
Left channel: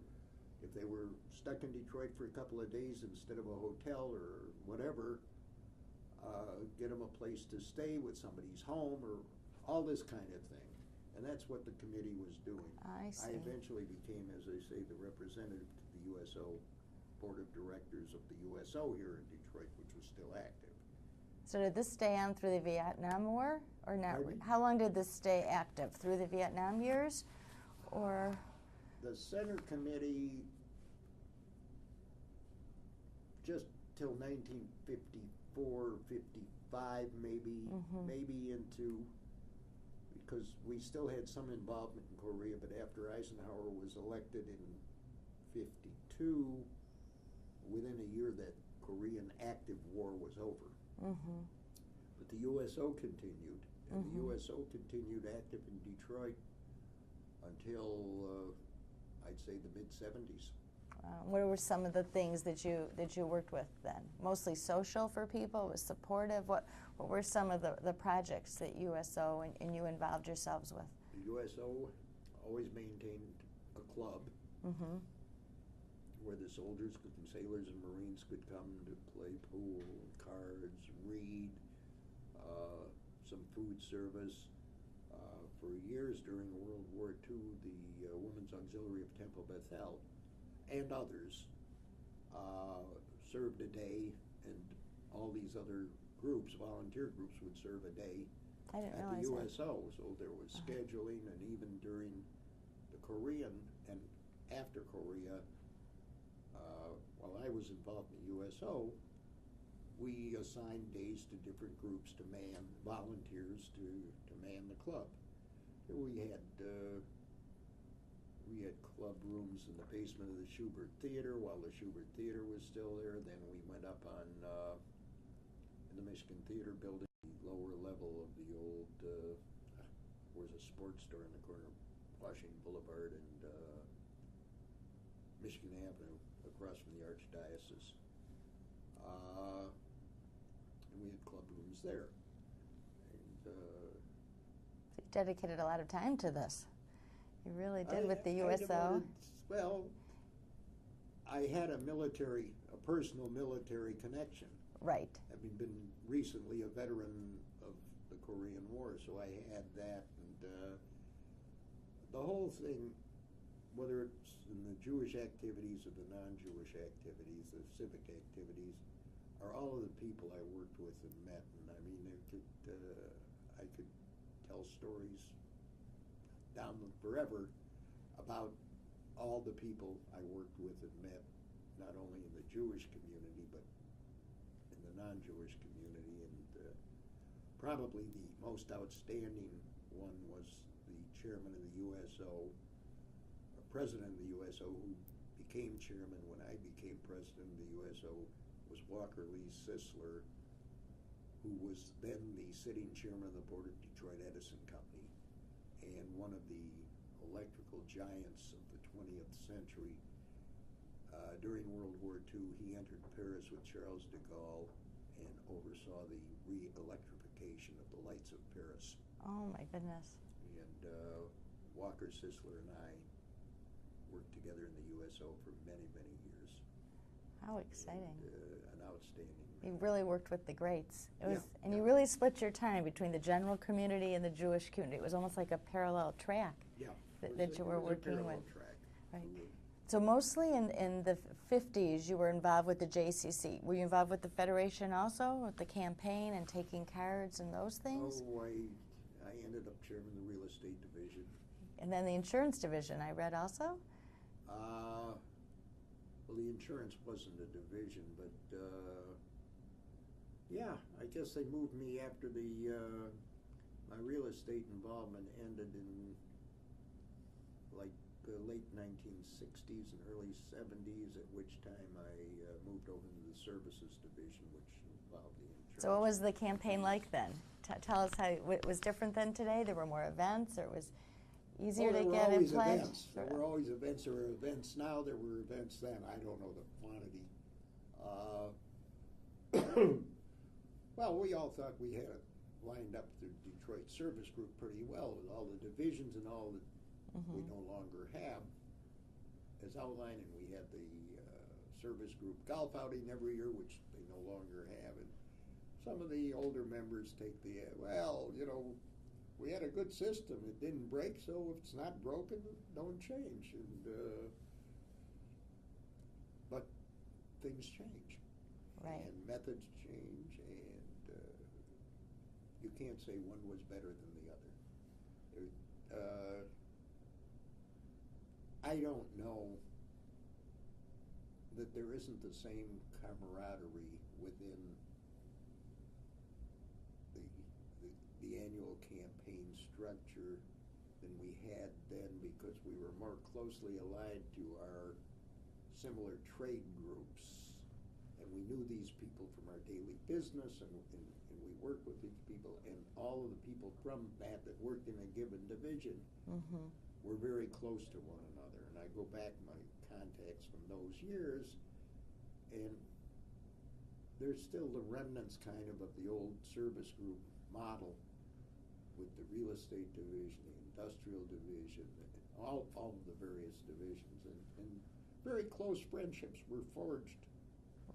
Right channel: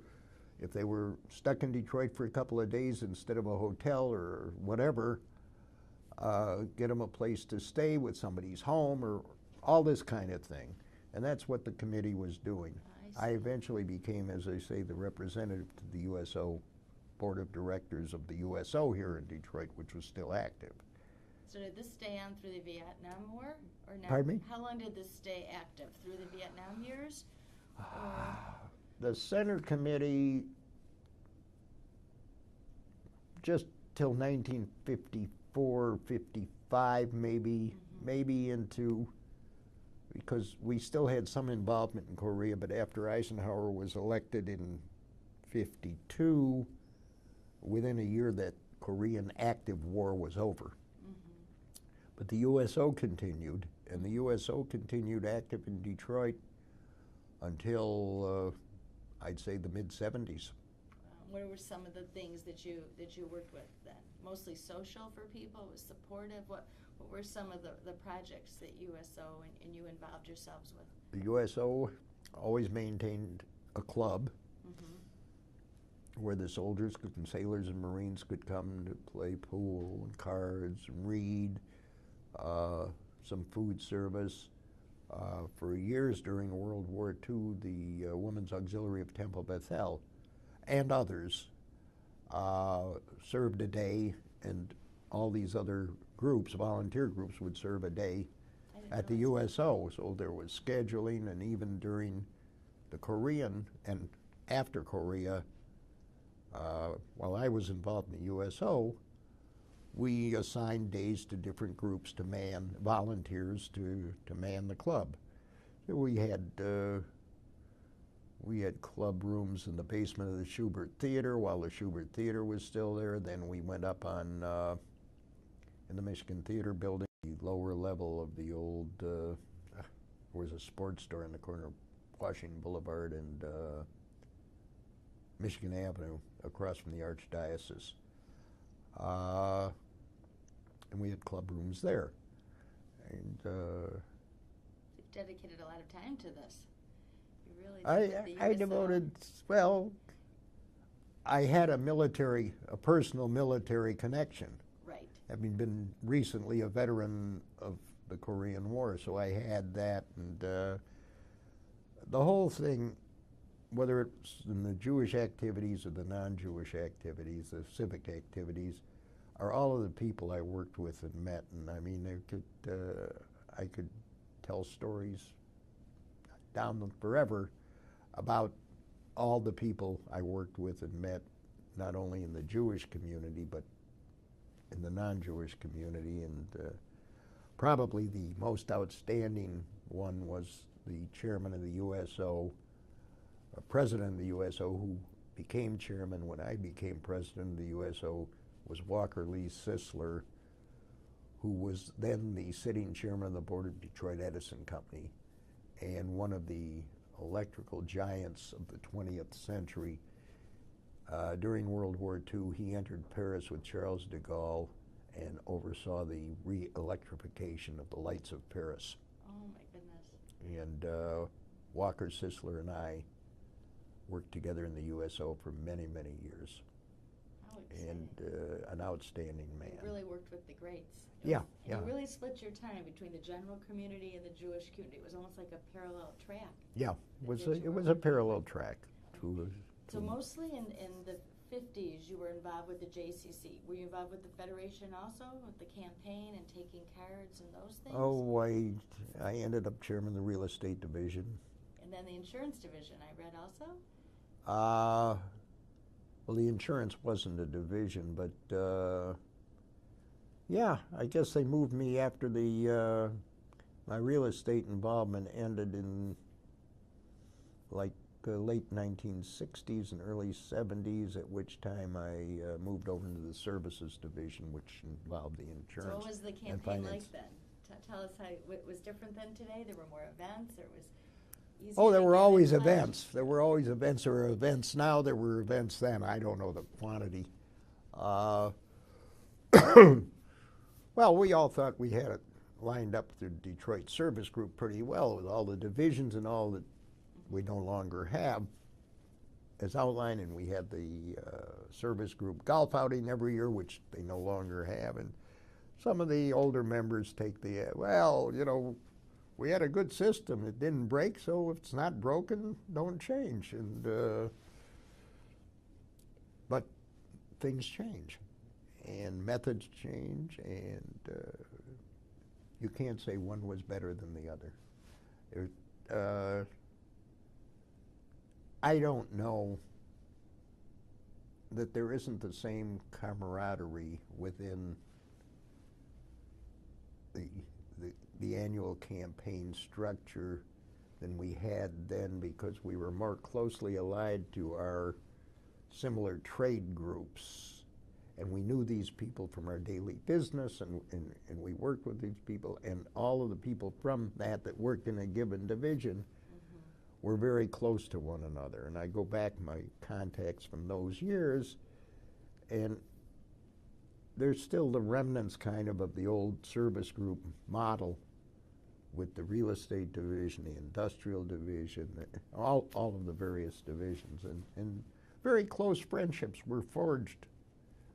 If they were stuck in Detroit for a couple of days instead of a hotel or whatever, get them a place to stay with somebody's home or all this kind of thing. And that's what the committee was doing. I eventually became, as I say, the representative to the USO Board of Directors of the USO here in Detroit, which was still active. So did this stay on through the Vietnam War? Or no? Pardon me? How long did this stay active? Through the Vietnam years? Or The Center Committee, just till 1954, 55 maybe, maybe into, because we still had some involvement in Korea, but after Eisenhower was elected in 52, within a year that Korean active war was over. But the USO continued, and the USO continued active in Detroit until I'd say the mid-70s. what were some of the things that you worked with then? Mostly social for people, was supportive? What were some of the projects that USO and you involved yourselves with? The USO always maintained a club where the soldiers and sailors and Marines could come to play pool and cards and read, some food service. For years during World War II, the Women's Auxiliary of Temple Bethel and others served a day, and all these other groups, volunteer groups, would serve a day at the USO. So there was scheduling, and even during the Korean and after Korea, while I was involved in the USO, we assigned days to different groups to man, volunteers to man the club. So we had club rooms in the basement of the Schubert Theater while the Schubert Theater was still there. Then we went up on in the Michigan Theater building, the lower level of the old, there was a sports store in the corner of Washington Boulevard and Michigan Avenue across from the Archdiocese. And we had club rooms there. And you dedicated a lot of time to this. You really did with the USO. I devoted, well, I had a personal military connection. Right. Having been recently a veteran of the Korean War, so I had that, and the whole thing, whether it's in the Jewish activities or the non-Jewish activities, the civic activities, are all of the people I worked with and met. And I mean, I could tell stories down forever about all the people I worked with and met, not only in the Jewish community, but in the non-Jewish community. And probably the most outstanding one was the chairman of the USO, president of the USO, who became chairman when I became president of the USO, was Walker Lee Sisler, who was then the sitting chairman of the board of Detroit Edison Company, and one of the electrical giants of the 20th century. During World War II, he entered Paris with Charles de Gaulle and oversaw the re-electrification of the lights of Paris. Oh my goodness. And Walker Sisler and I worked together in the USO for many, many years. How exciting. And an outstanding man. You really worked with the greats. Yeah. And you really split your time between the general community and the Jewish community. It was almost like a parallel track. Yeah, it was a working parallel with. track. Right. So mostly in the 50s, you were involved with the JCC. Were you involved with the Federation also, with the campaign and taking cards and those things? Oh, I ended up chairman of the real estate division. And then the insurance division, I read also? Well, the insurance wasn't a division, but yeah, I guess they moved me after my real estate involvement ended in like late 1960s and early 70s, at which time I moved over into the services division, which involved the insurance. So what was the campaign like then? Tell us how it was different than today? There were more events, or it was easier? Oh, there to were get always in place? events. There were always events. There were events now. There were events then. I don't know the quantity. Well, we all thought we had it lined up through Detroit Service Group pretty well with all the divisions and all that we no longer have as outlined, and we had the service group golf outing every year, which they no longer have. And some of the older members take the, well, you know, we had a good system. It didn't break, so if it's not broken, don't change. And but things change, and methods change, and you can't say one was better than the other. I don't know that there isn't the same camaraderie within the annual campaign structure than we had then, because we were more closely allied to our similar trade groups, and we knew these people from our daily business, and we worked with these people, and all of the people from that worked in a given division were very close to one another. And I go back my contacts from those years, and there's still the remnants kind of the old service group model with the real estate division, the industrial division, all of the various divisions, and very close friendships were forged.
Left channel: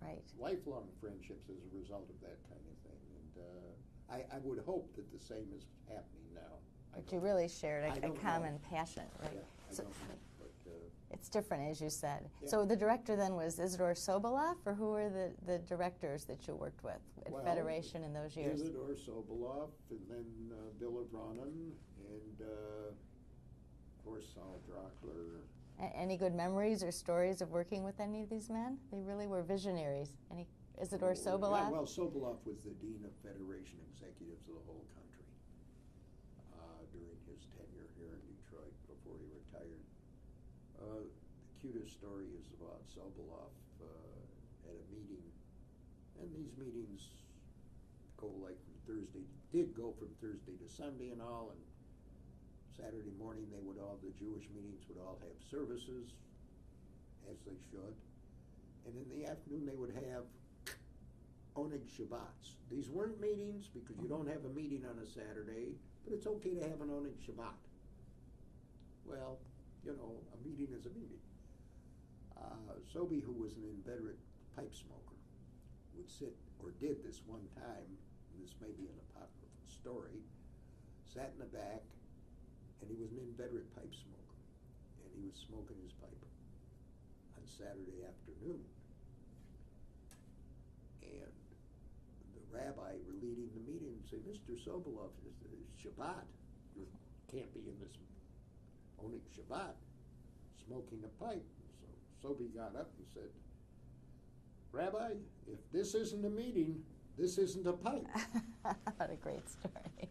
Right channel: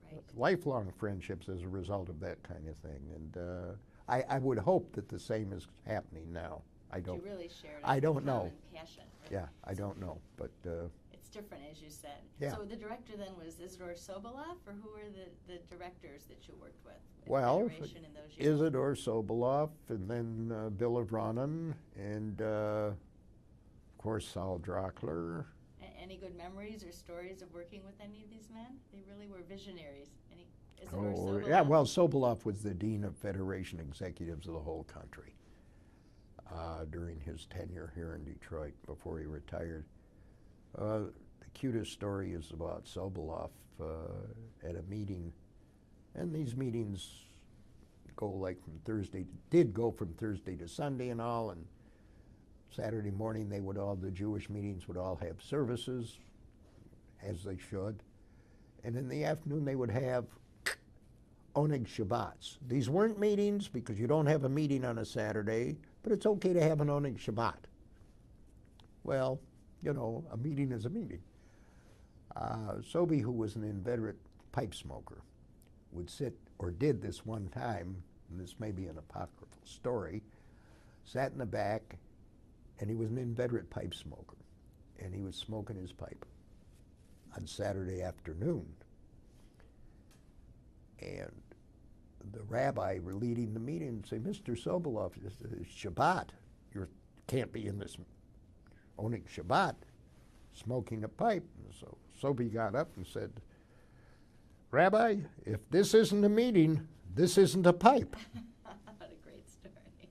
Right. Lifelong friendships as a result of that kind of thing. And I would hope that the same is happening now. I don't. You really shared a don't know. common passion. Right? Yeah, I don't know, but it's different, as you said. Yeah. So the director then was Isidore Sobolov, or who were the directors that you worked with well, Federation in those years? Isidore Sobolov, and then Bill Avranen, and of course Saul Drockler. Any good memories or stories of working with any of these men? They really were visionaries. Any Isidore Sobolov? Yeah, well, Sobolov was the dean of Federation executives of the whole country during his tenure here in Detroit before he retired. The cutest story is about Sobolov at a meeting, and these meetings go like did go from Thursday to Sunday and all, and Saturday morning the Jewish meetings would all have services, as they should, and in the afternoon they would have Oneg Shabbats. These weren't meetings because you don't have a meeting on a Saturday, but it's okay to have an Oneg Shabbat. Well, you know, a meeting is a meeting. Sobey, who was an inveterate pipe smoker, would sit, or did this one time, and this may be an apocryphal story, sat in the back, and he was an inveterate pipe smoker, and he was smoking his pipe on Saturday afternoon. And the rabbi leading the meeting would say, Mr. Sobolov, it's Shabbat. You can't be in this owning Shabbat, smoking a pipe. And so Sobey got up and said, Rabbi, if this isn't a meeting, this isn't a pipe. What a great story.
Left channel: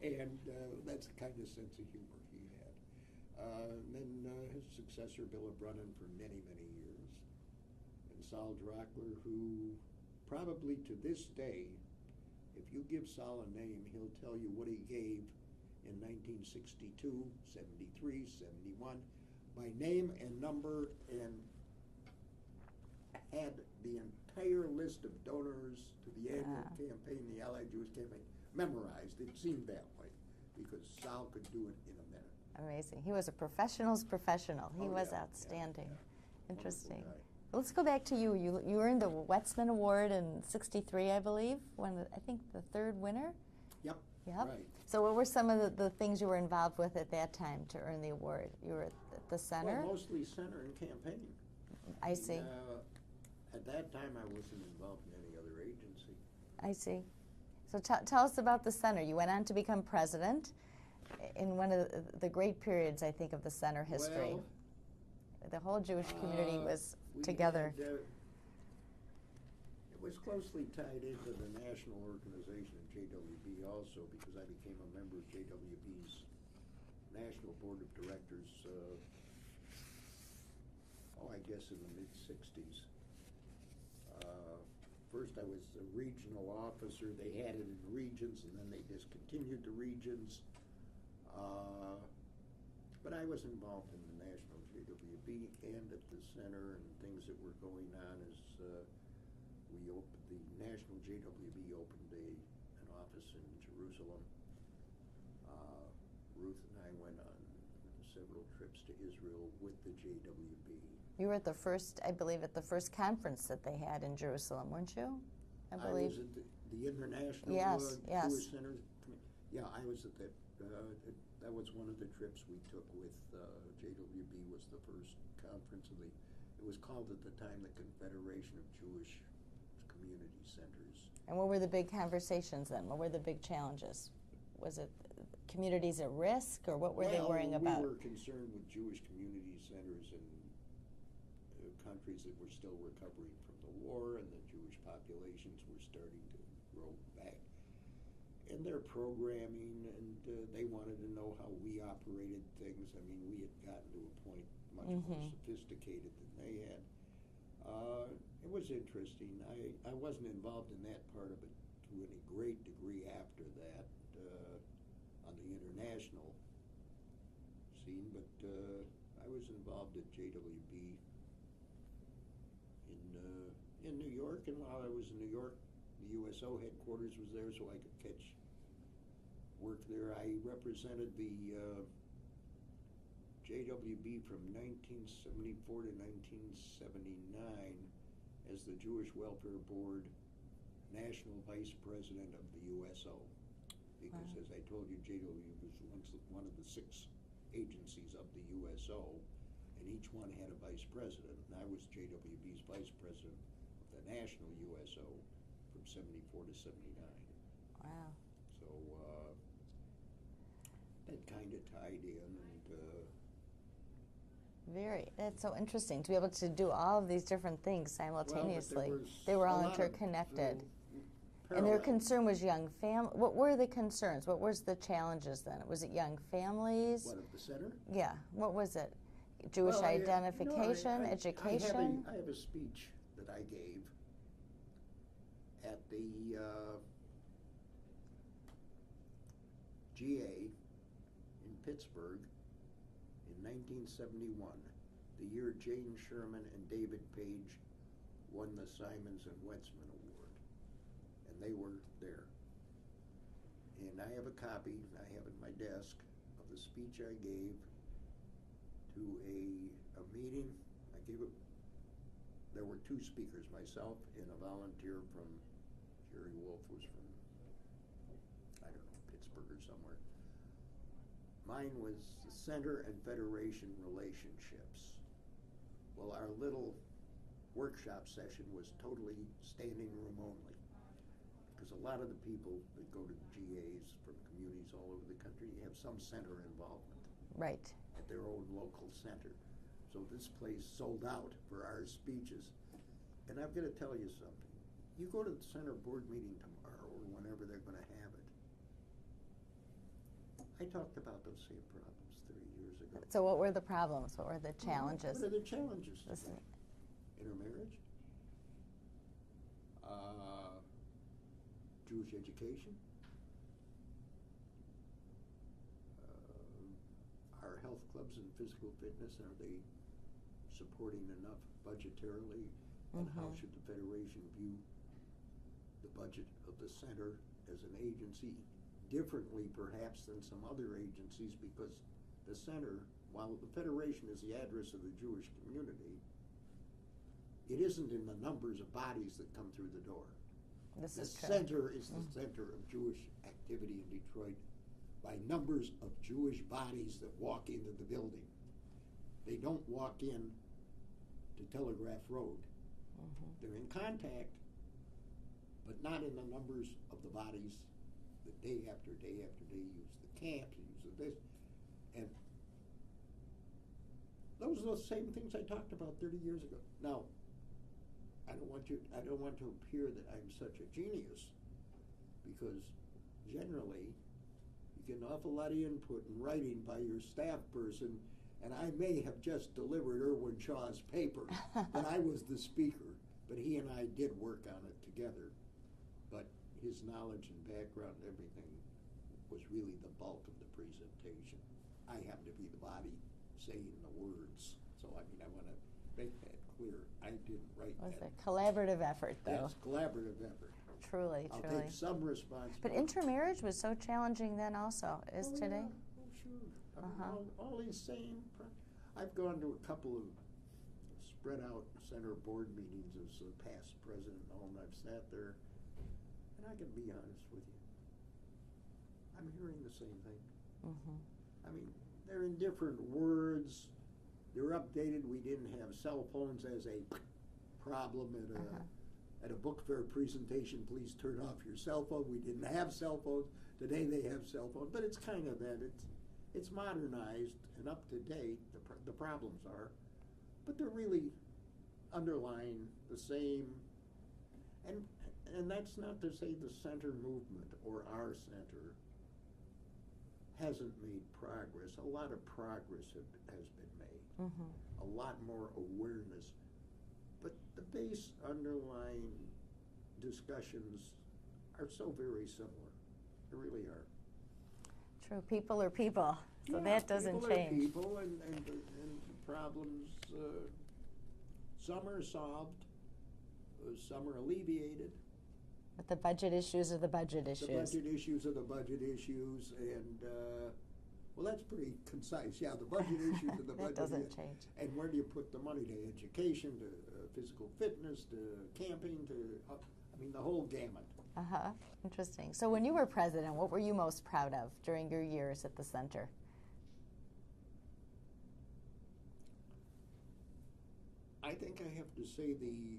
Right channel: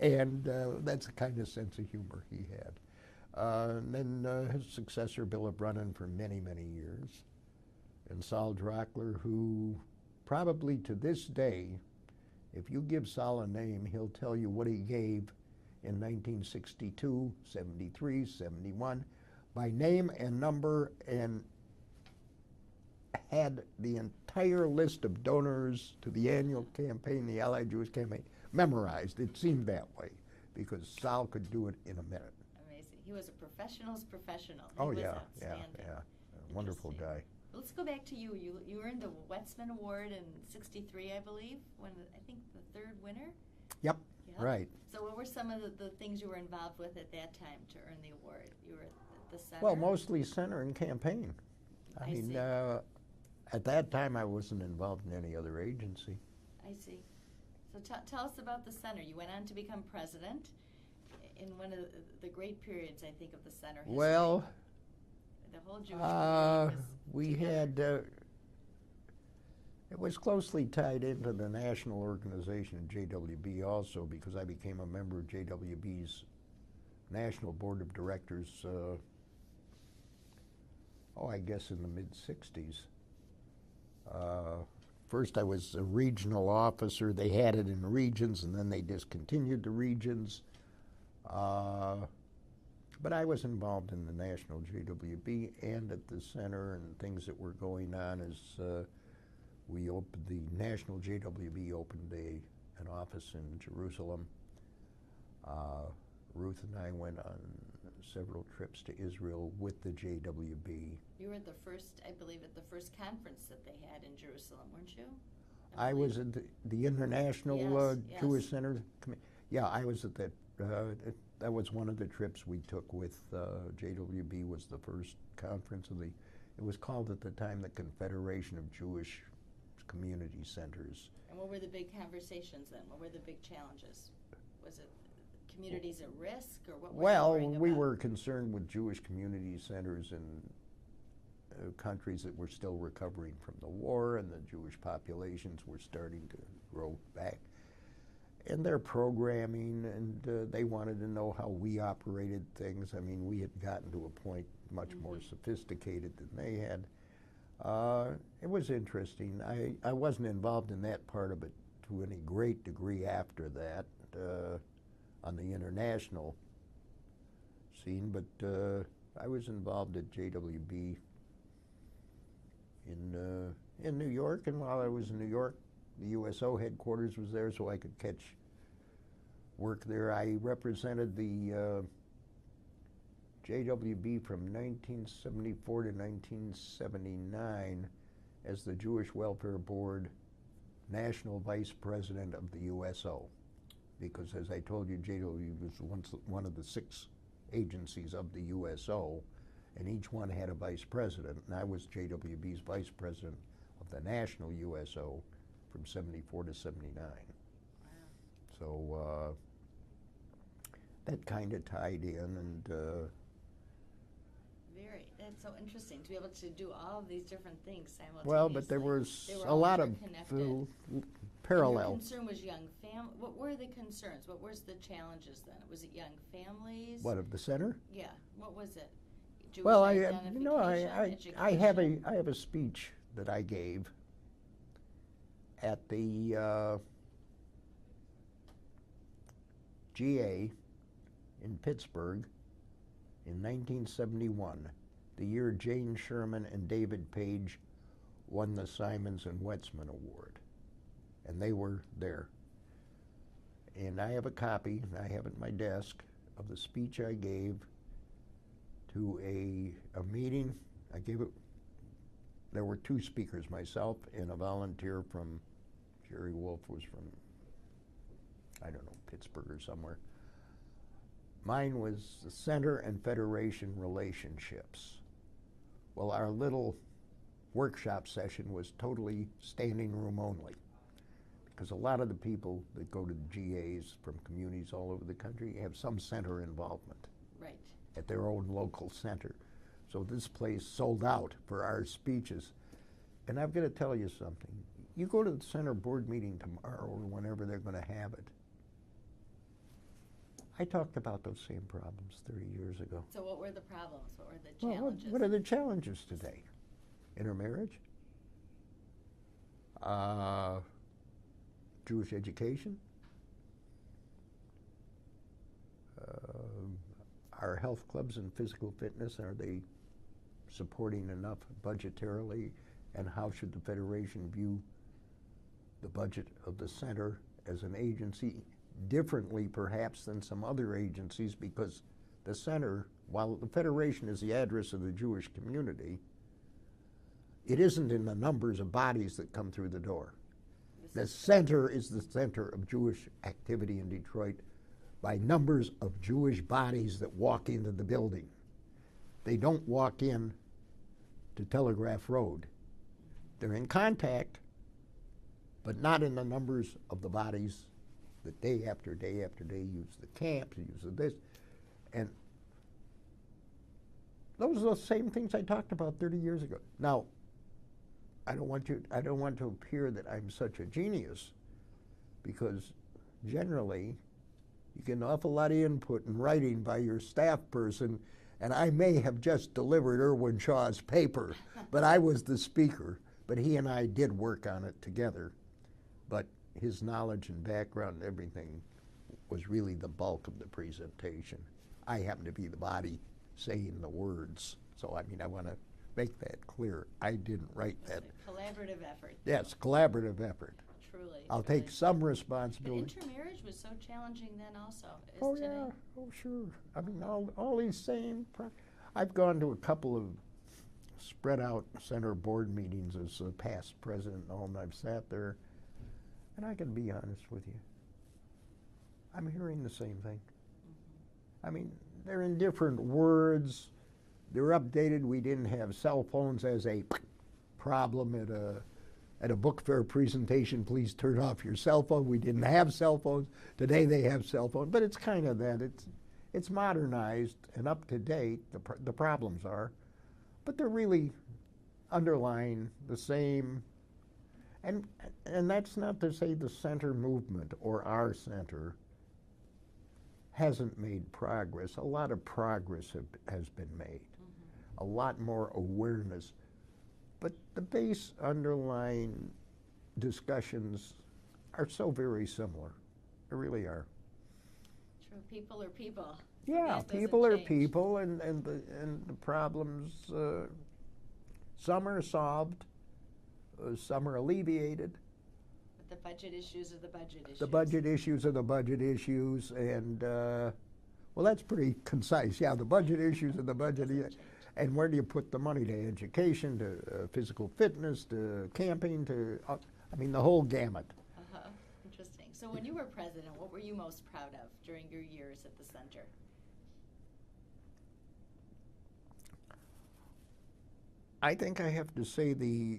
And that's the kind of sense of humor he had. And then his successor, Bill Brennan, for many, many years. And Saul Drockler, who probably to this day, if you give Saul a name, he'll tell you what he gave in 1962, 73, 71, by name and number, and had the entire list of donors to the annual campaign, the Allied Jewish campaign, memorized. It seemed that way because Saul could do it in a minute. Amazing. He was a professional's professional. He was outstanding. Yeah. Wonderful guy. Let's go back to you. You earned the Wetsman Award in '63, I believe, when I think the third winner? Yep. Right. So what were some of the things you were involved with at that time to earn the award? You were at the center? Well, mostly center and campaign. I see. At that time, I wasn't involved in any other agency. I see. So tell us about the center. You went on to become president in one of the great periods, I think, of the center history. Well, the whole Jewish community was together. It was closely tied into the national organization of JWB also, because I became a member of JWB's National Board of Directors, I guess in the mid-'60s. First I was a regional officer. They had it in regions, and then they discontinued the regions. But I was involved in the national JWB and at the center, and things that were going on as we opened, the national JWB opened an office in Jerusalem. Ruth and I went on several trips to Israel with the JWB. You were at the first, I believe, at the first conference that they had in Jerusalem, weren't you? I was at the International Jewish Center. Yeah, I was at that. That was one of the trips we took with JWB. Was the first conference of it was called at the time the Confederation of Jewish Community Centers. And what were the big conversations then? What were the big challenges? Was it communities at risk, or what were they worrying about? Well, we were concerned with Jewish community centers in countries that were still recovering from the war, and the Jewish populations were starting to grow back. And their programming, and they wanted to know how we operated things. I mean, we had gotten to a point much more sophisticated than they had. It was interesting. I wasn't involved in that part of it to any great degree after that on the international scene, but I was involved at JWB in New York, and while I was in New York, the USO headquarters was there, so I could catch work there. I represented the JWB from 1974 to 1979 as the Jewish Welfare Board National Vice President of the USO, because as I told you, JWB was one of the 6 agencies of the USO, and each one had a vice president, and I was JWB's vice president of the national USO from 74 to 79. Wow. So that kind of tied in, and that's so interesting to be able to do all of these different things simultaneously. Well, but there was they were a all lot interconnected. of parallel. And your concern was young What were the concerns? What was the challenges then? Was it young families? What, of the center? Yeah. What was it? Jewish identification, education? I have a speech that I gave at the GA in Pittsburgh in 1971, the year Jane Sherman and David Page won the Simons and Wetsman Award. And they were there. And I have a copy, I have it at my desk, of the speech I gave to a meeting. I gave it there were two speakers, myself and a volunteer from, Jerry Wolf was from, I don't know, Pittsburgh or somewhere. Mine was the Center and Federation relationships. Well, our little workshop session was totally standing room only, because a lot of the people that go to the GAs from communities all over the country have some center involvement. Right. At their own local center. So this place sold out for our speeches. And I'm going to tell you something. You go to the center board meeting tomorrow or whenever they're going to have it. I talked about those same problems 30 years ago. So what were the problems? What were the challenges? What are the challenges today? Intermarriage? Jewish education? Our health clubs and physical fitness, are they supporting enough budgetarily? And how should the Federation view the budget of the center as an agency differently perhaps than some other agencies? Because the center, while the Federation is the address of the Jewish community, it isn't in the numbers of bodies that come through the door. The center is the center of Jewish activity in Detroit by numbers of Jewish bodies that walk into the building. They don't walk in to Telegraph Road. They're in contact, but not in the numbers of the bodies that day after day after day use the camps, use this. And those are the same things I talked about 30 years ago. Now, I don't want to appear that I'm such a genius, because generally you get an awful lot of input in writing by your staff person, and I may have just delivered Irwin Shaw's paper, but I was the speaker. But he and I did work on it together. But his knowledge and background and everything was really the bulk of the presentation. I happen to be the body saying the words. So, I mean, I want to make that clear. I didn't write that. A collaborative effort, though. Yes, collaborative effort. Truly, I'll take some responsibility. But intermarriage was so challenging then also, is today? Yeah. Oh, sure. I mean, all these same I've gone to a couple of spread out center board meetings as a past president and all, and I've sat there, and I can be honest with you. I'm hearing the same thing. I mean, they're in different words. They're updated. We didn't have cell phones as a problem at a book fair presentation. Please turn off your cell phone. We didn't have cell phones. Today they have cell phones, but it's kind of that. It's modernized and up to date. The problems are, but they're really underlying the same. And that's not to say the center movement or our center hasn't made progress. A lot of progress has been made. A lot more awareness. But the base underlying discussions are so very similar. They really are. True. People are people. So yeah, that doesn't people change. are people, and the problems, some are solved, some are alleviated. But the budget issues are the budget issues. The budget issues are the budget issues, and well, that's pretty concise. Yeah, the budget issues are the budget issues. And where do you put the money? To education, to physical fitness, to camping, to, I mean, the whole gamut. Interesting. So when you were president, what were you most proud of during your years at the center? I think I have to say the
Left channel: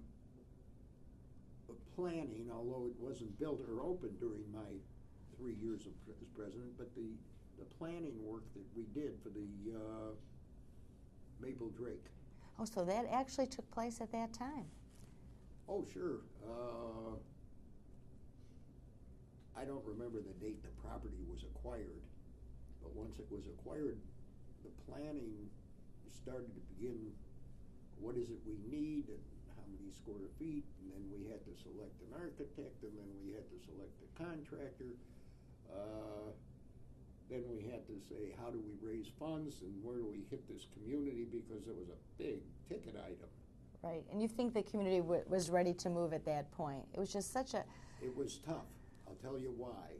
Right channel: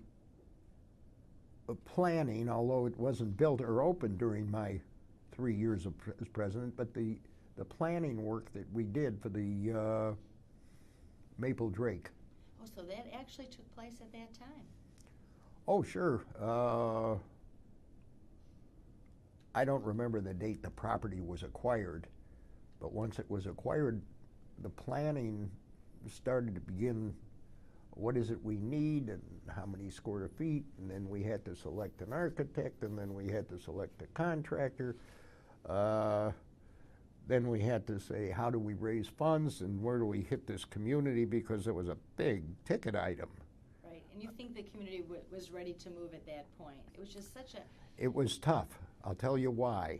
planning, although it wasn't built or opened during my 3 years as president, but the planning work that we did for the Maple Drake. Oh, so that actually took place at that time? Oh, sure. I don't remember the date the property was acquired, but once it was acquired, the planning started to begin. What is it we need, and how many square feet, and then we had to select an architect, and then we had to select a contractor. Then we had to say, how do we raise funds, and where do we hit this community, because it was a big ticket item. Right, and you think the community was ready to move at that point? It was just such a... It was tough. I'll tell you why.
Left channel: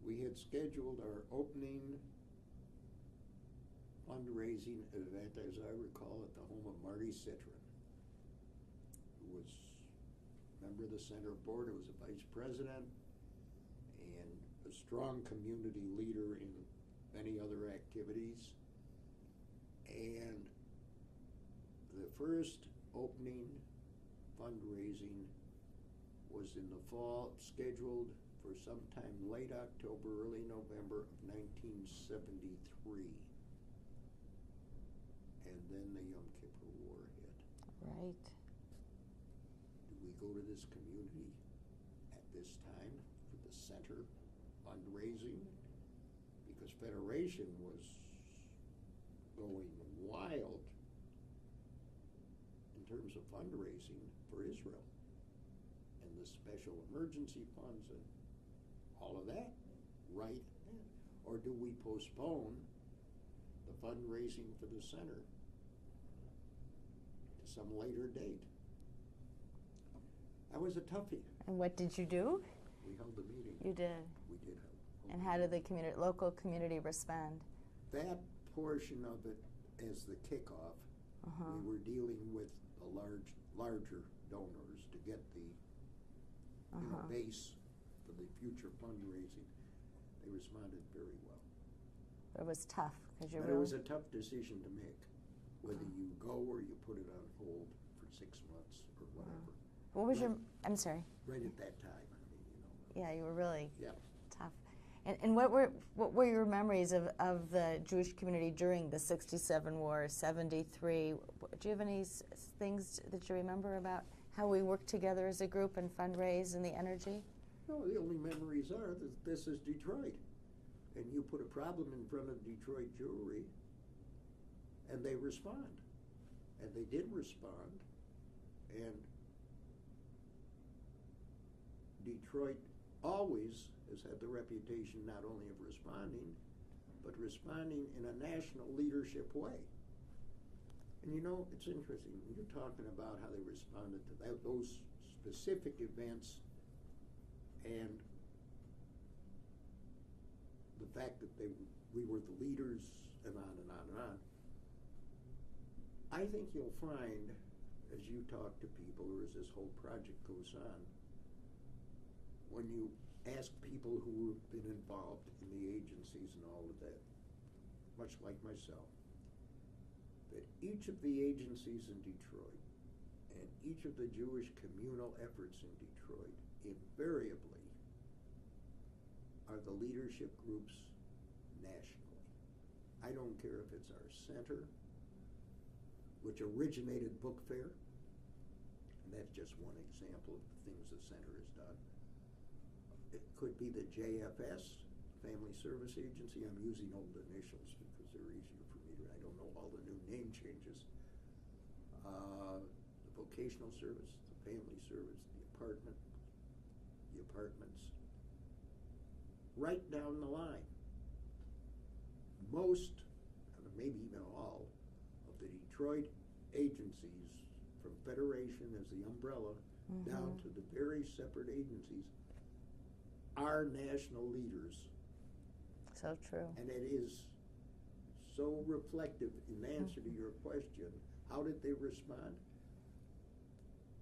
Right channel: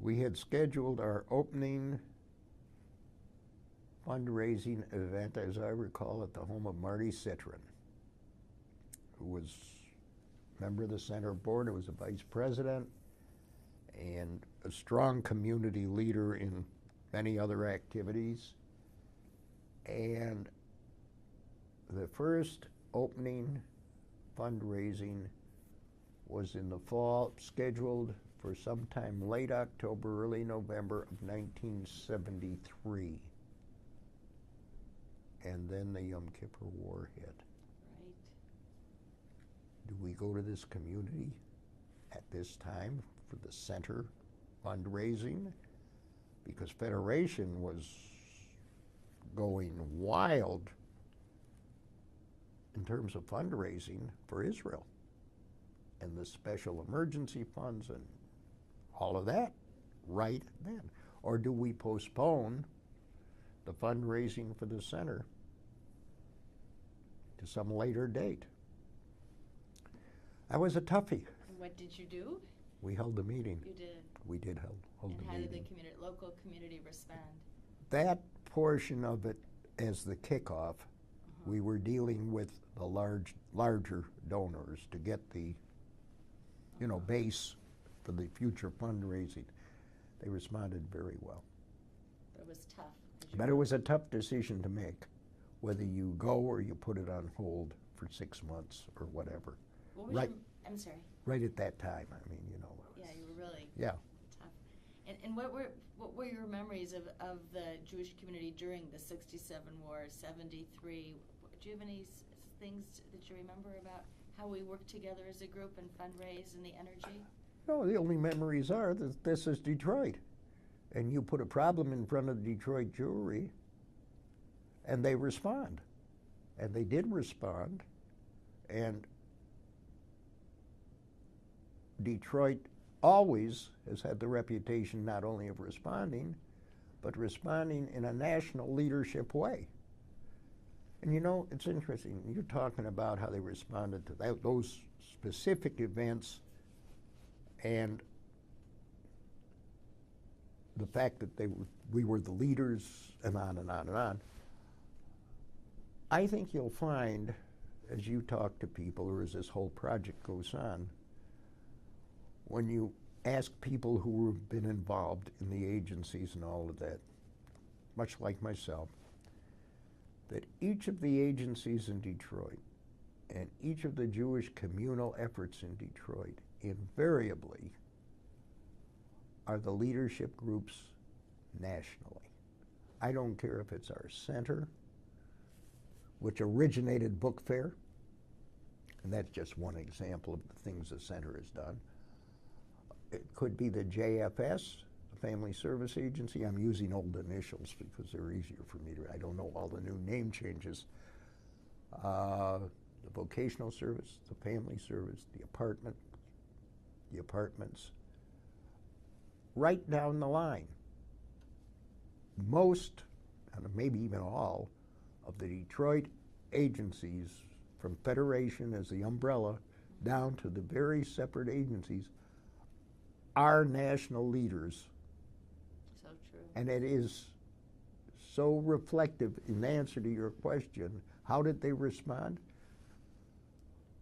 We had scheduled our opening fundraising event, as I recall, at the home of Marty Citron, who was a member of the center board, who was a vice president, and a strong community leader in many other activities. And the first opening fundraising was in the fall, scheduled for sometime late October, early November of 1973. And then the Yom Kippur War hit. Right. Do we go to this community at this time for the center fundraising? Because Federation was going wild in terms of fundraising for Israel and the special emergency funds and all of that right then. Or do we postpone the fundraising for the center to some later date? That was a toughie. And what did you do? We held a meeting. You did. We did hold And a how did meeting. the local community respond? That portion of it as the kickoff, we were dealing with the larger donors to get the base for the future fundraising. They responded very well. It was tough. But it was a tough decision to make, whether you go or you put it on hold for 6 months or whatever. What was right, your, I'm sorry. Right at that time, I mean, Yeah, you were really yeah. tough. And what were your memories of the Jewish community during the 67 war, 73? Do you have any things that you remember about how we worked together as a group and fundraise and the energy? No, the only memories are that this is Detroit. And you put a problem in front of Detroit Jewelry, and they respond. And they did respond. And Detroit always has had the reputation not only of responding, but responding in a national leadership way. And it's interesting, you're talking about how they responded to those specific events and the fact that we were the leaders and on and on and on. I think you'll find, as you talk to people or as this whole project goes on, when you ask people who have been involved in the agencies and all of that, much like myself, that each of the agencies in Detroit and each of the Jewish communal efforts in Detroit invariably are the leadership groups nationally. I don't care if it's our center, which originated Book Fair, and that's just one example of the things the center has done. It could be the JFS, Family Service Agency. I'm using old initials because they're easier for me to, I don't know all the new name changes. The vocational service, the family service, the apartments, right down the line. Most, and maybe even all, of the Detroit agencies, from Federation as the umbrella, down to the very separate agencies, are national leaders. So true. And it is so reflective in answer to your question. How did they respond?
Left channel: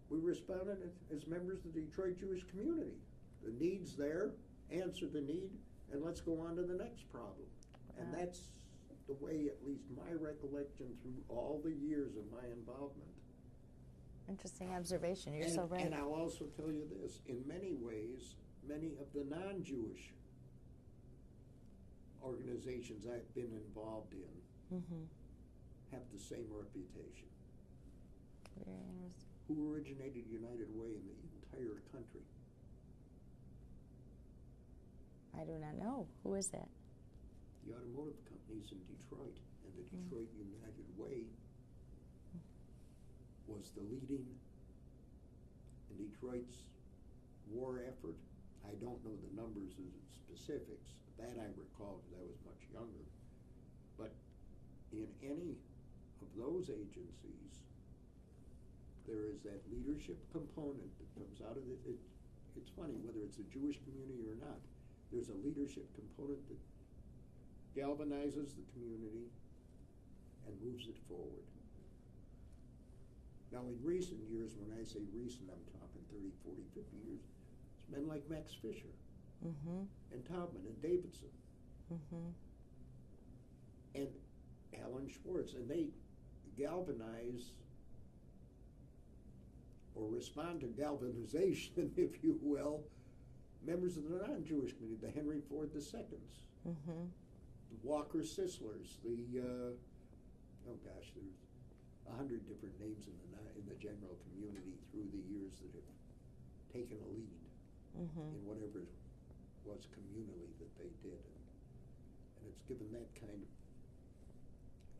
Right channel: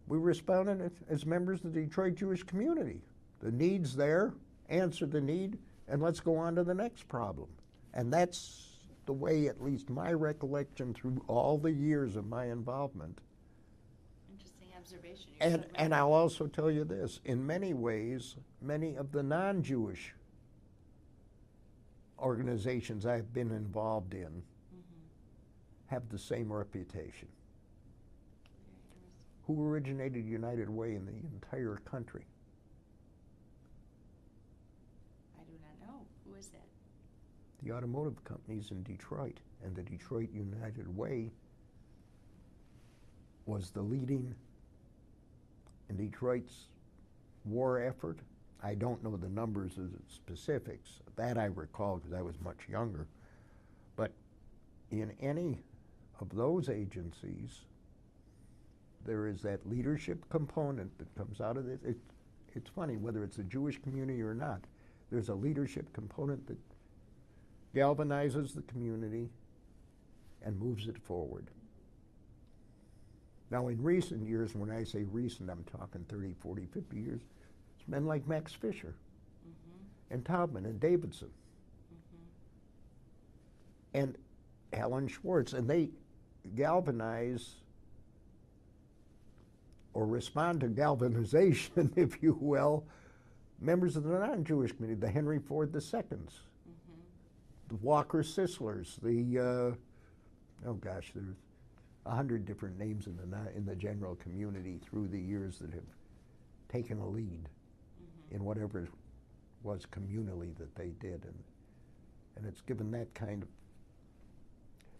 We responded as members of the Detroit Jewish community. The need's there, answer the need, and let's go on to the next problem. And that's the way, at least my recollection through all the years of my involvement. Interesting observation. You're so right. And I'll also tell you this, in many ways, many of the non-Jewish organizations I've been involved in have the same reputation. Who originated United Way in the entire country? I do not know. Who is that? The automotive companies in Detroit, and the Detroit United Way was the leading in Detroit's war effort. I don't know the numbers as specifics. That I recall because I was much younger. But in any of those agencies, there is that leadership component that comes out of it. It's funny, whether it's a Jewish community or not, there's a leadership component that galvanizes the community and moves it forward. Now, in recent years, when I say recent, I'm talking 30, 40, 50 years, it's men like Max Fisher and Taubman and Davidson and Alan Schwartz, and they galvanize or respond to galvanization, if you will, members of the non-Jewish community, the Henry Ford II's, the Walker Sislers, the, oh gosh, there's 100 different names in the general community through the years that have taken a lead in whatever it was communally that they did, and it's given that kind of,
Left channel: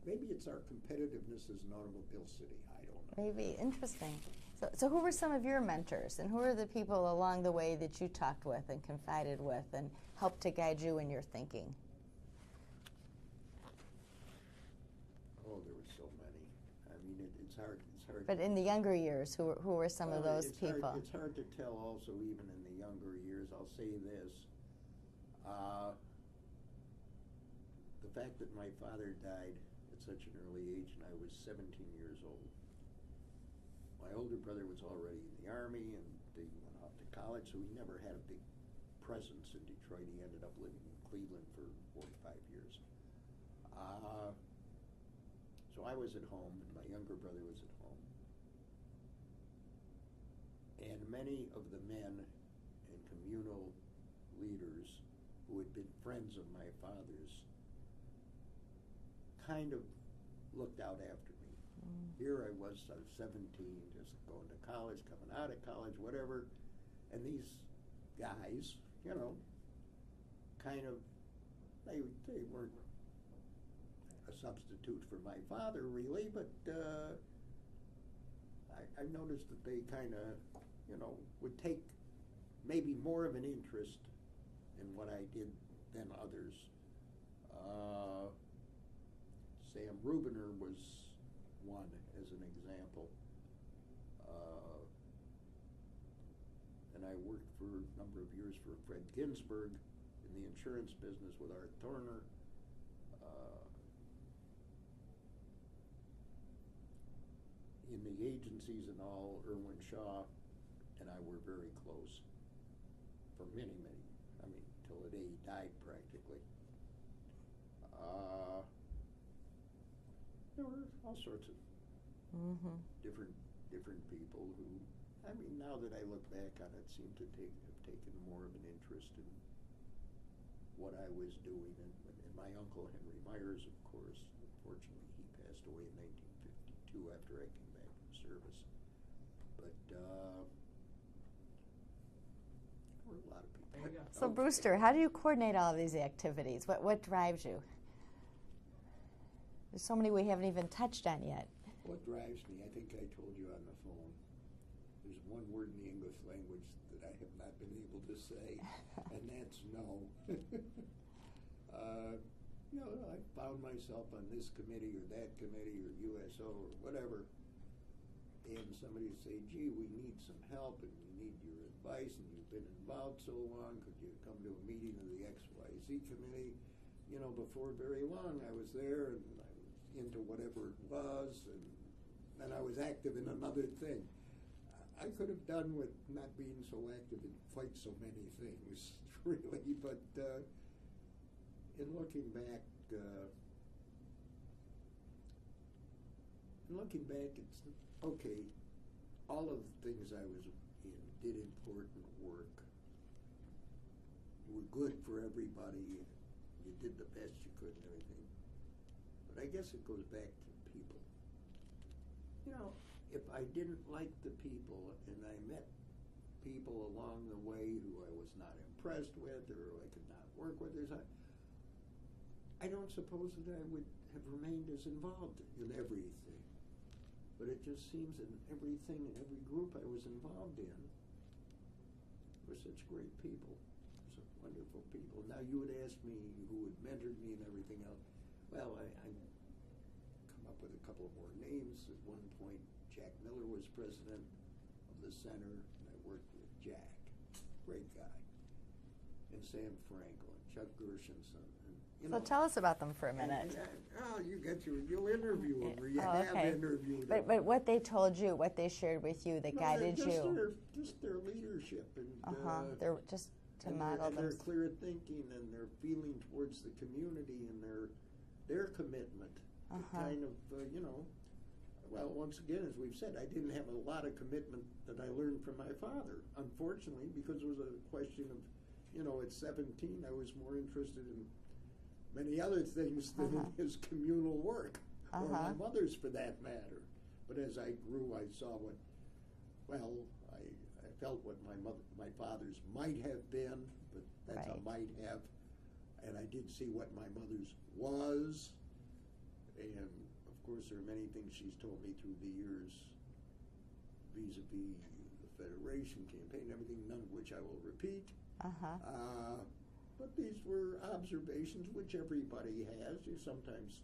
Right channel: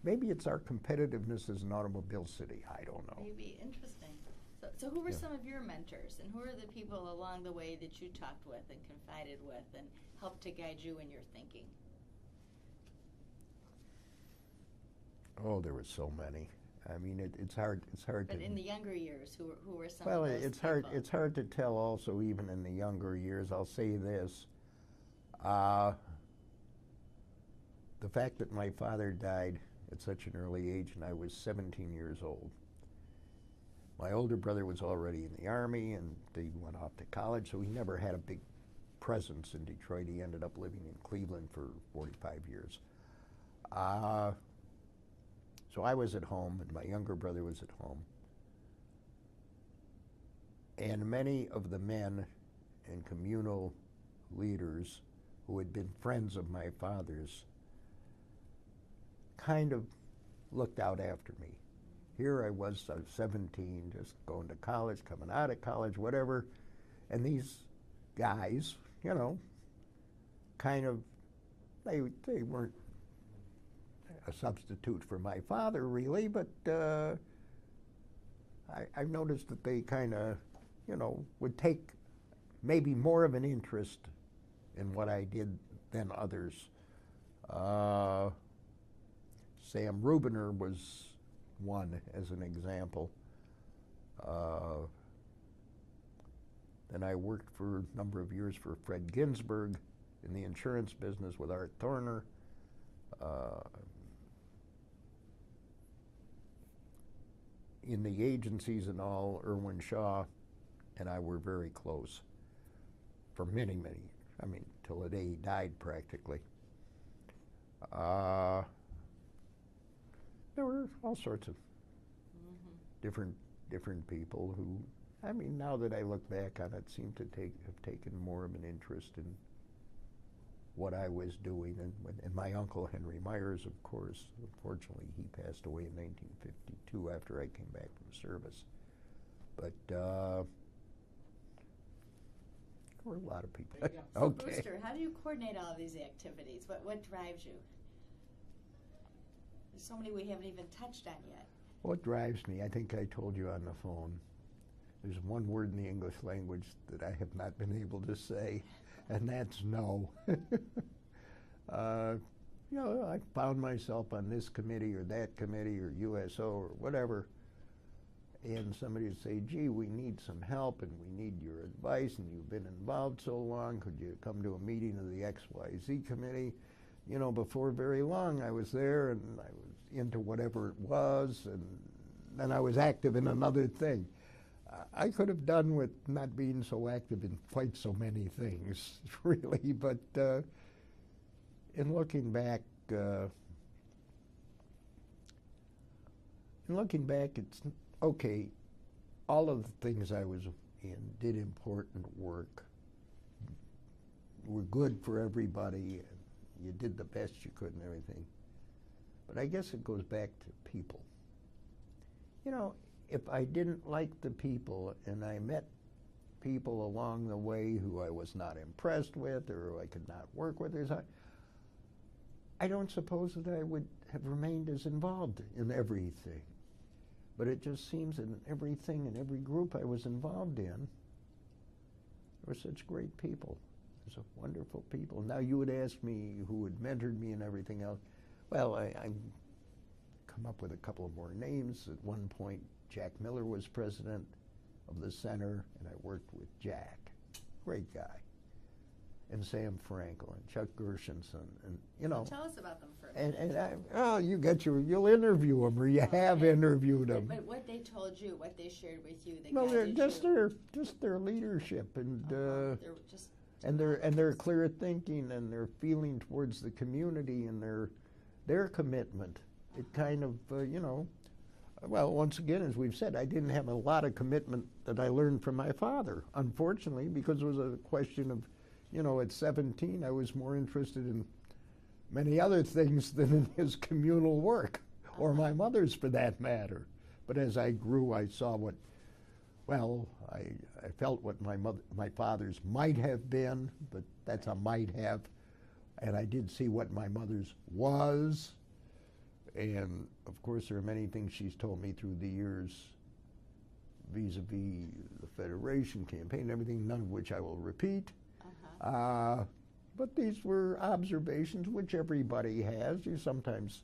maybe it's our competitiveness as an automobile city, I don't know. Maybe, interesting. So who were some of your mentors, and who are the people along the way that you talked with and confided with and helped to guide you in your thinking? Oh, there were so many. I mean, it's hard. But in the younger years, who were some of those people? Well, it's hard to tell. Also, even in the younger years, I'll say this: the fact that my father died at such an early age, and I was 17 years old. My older brother was already in the Army, and they went off to college, so he never had a big presence in Detroit. He ended up living in Cleveland for 45 years. So I was at home, and my younger brother was at home. And many of the men and communal leaders who had been friends of my father's kind of looked out after me. Here I was 17, just going to college, coming out of college, whatever. And these guys, you know, kind of, they weren't a substitute for my father, really, but I noticed that they kind of, you know, would take maybe more of an interest in what I did than others. Sam Rubiner was one, as an example. Then I worked for a number of years for Fred Ginsburg in the insurance business with Art Thorner. In the agencies and all, Irwin Shaw and I were very close for many, many years. I mean, till the day he died, practically. There were all sorts of different people who, I mean, now that I look back on it, seem to have taken more of an interest in what I was doing. And my uncle Henry Myers, of course, unfortunately, he passed away in 1952 after I came back from service. But there were a lot of people. So okay. Brewster, how do you coordinate all of these activities? What drives you? There's so many we haven't even touched on yet. What drives me, I think I told you on the phone, there's one word in the English language that I have not been able to say, and that's no. You know, I found myself on this committee or that committee or USO or whatever, and somebody would say, gee, we need some help and we need your advice, and you've been involved so long, could you come to a meeting of the XYZ committee? You know, before very long I was there and I was into whatever it was, and then I was active in another thing. I could have done with not being so active in quite so many things, really, but in looking back, it's okay. All of the things I was in did important work, were good for everybody, and you did the best you could and everything. But I guess it goes back to people. You know, if I didn't like the people and I met people along the way who I was not impressed with or who I could not work with, I don't suppose that I would have remained as involved in everything. But it just seems in everything, in every group I was involved in, there were such great people. There's wonderful people. Now you would ask me who had mentored me and everything else. Well, I come up with a couple of more names. At one point, Jack Miller was president of the center, and I worked with Jack. Great guy. and Sam Frankel and Chuck Gershenson, and So tell us about them for a minute. You'll interview them, or you have interviewed them. But what they told you, what they shared with you, that No, guided just you. just their leadership and They're just their clear thinking and their feeling towards the community and their commitment. It kind of well, once again, as we've said, I didn't have a lot of commitment that I learned from my father, unfortunately, because it was a question of, at 17, I was more interested in many other things than in his communal work, or my mother's for that matter. But as I grew, I saw I felt what my father's might have been, but that's a might have, and I did see what my mother's was. And of course, there are many things she's told me through the years vis-a-vis the Federation campaign, everything, none of which I will repeat. But these were observations which everybody has. You sometimes,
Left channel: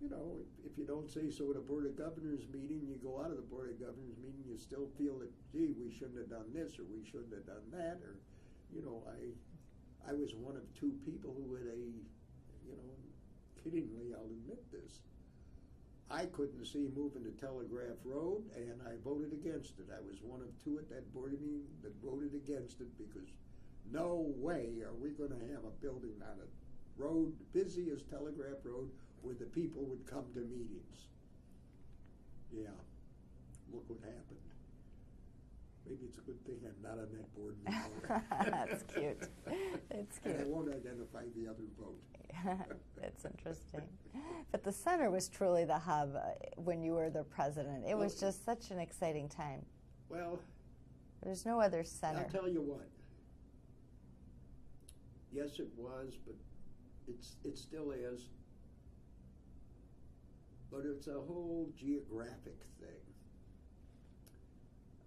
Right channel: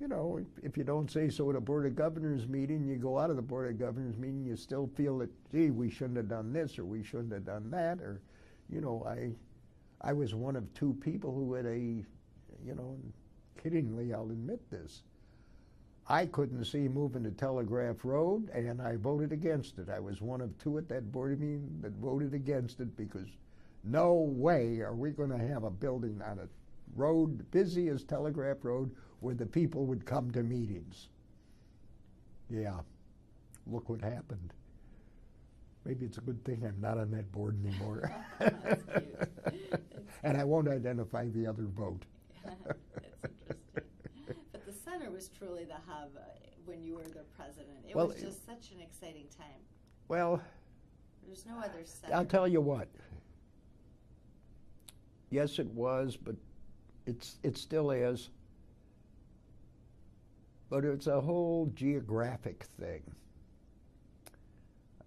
if you don't say so at a Board of Governors meeting, you go out of the Board of Governors meeting, you still feel that, gee, we shouldn't have done this, or we shouldn't have done that, or, I was one of two people who had kiddingly, I'll admit this, I couldn't see moving to Telegraph Road, and I voted against it. I was one of two at that board meeting that voted against it, because no way are we going to have a building on a road busy as Telegraph Road where the people would come to meetings. Yeah, look what happened. Maybe it's a good thing I'm not on that board anymore. That's cute. And I won't identify the other vote. That's interesting. But the center was truly the hub when you were the president. It was just such an exciting time. Well, there's no other center. I'll tell you what. Yes, it was, but it still is. But it's a whole geographic thing.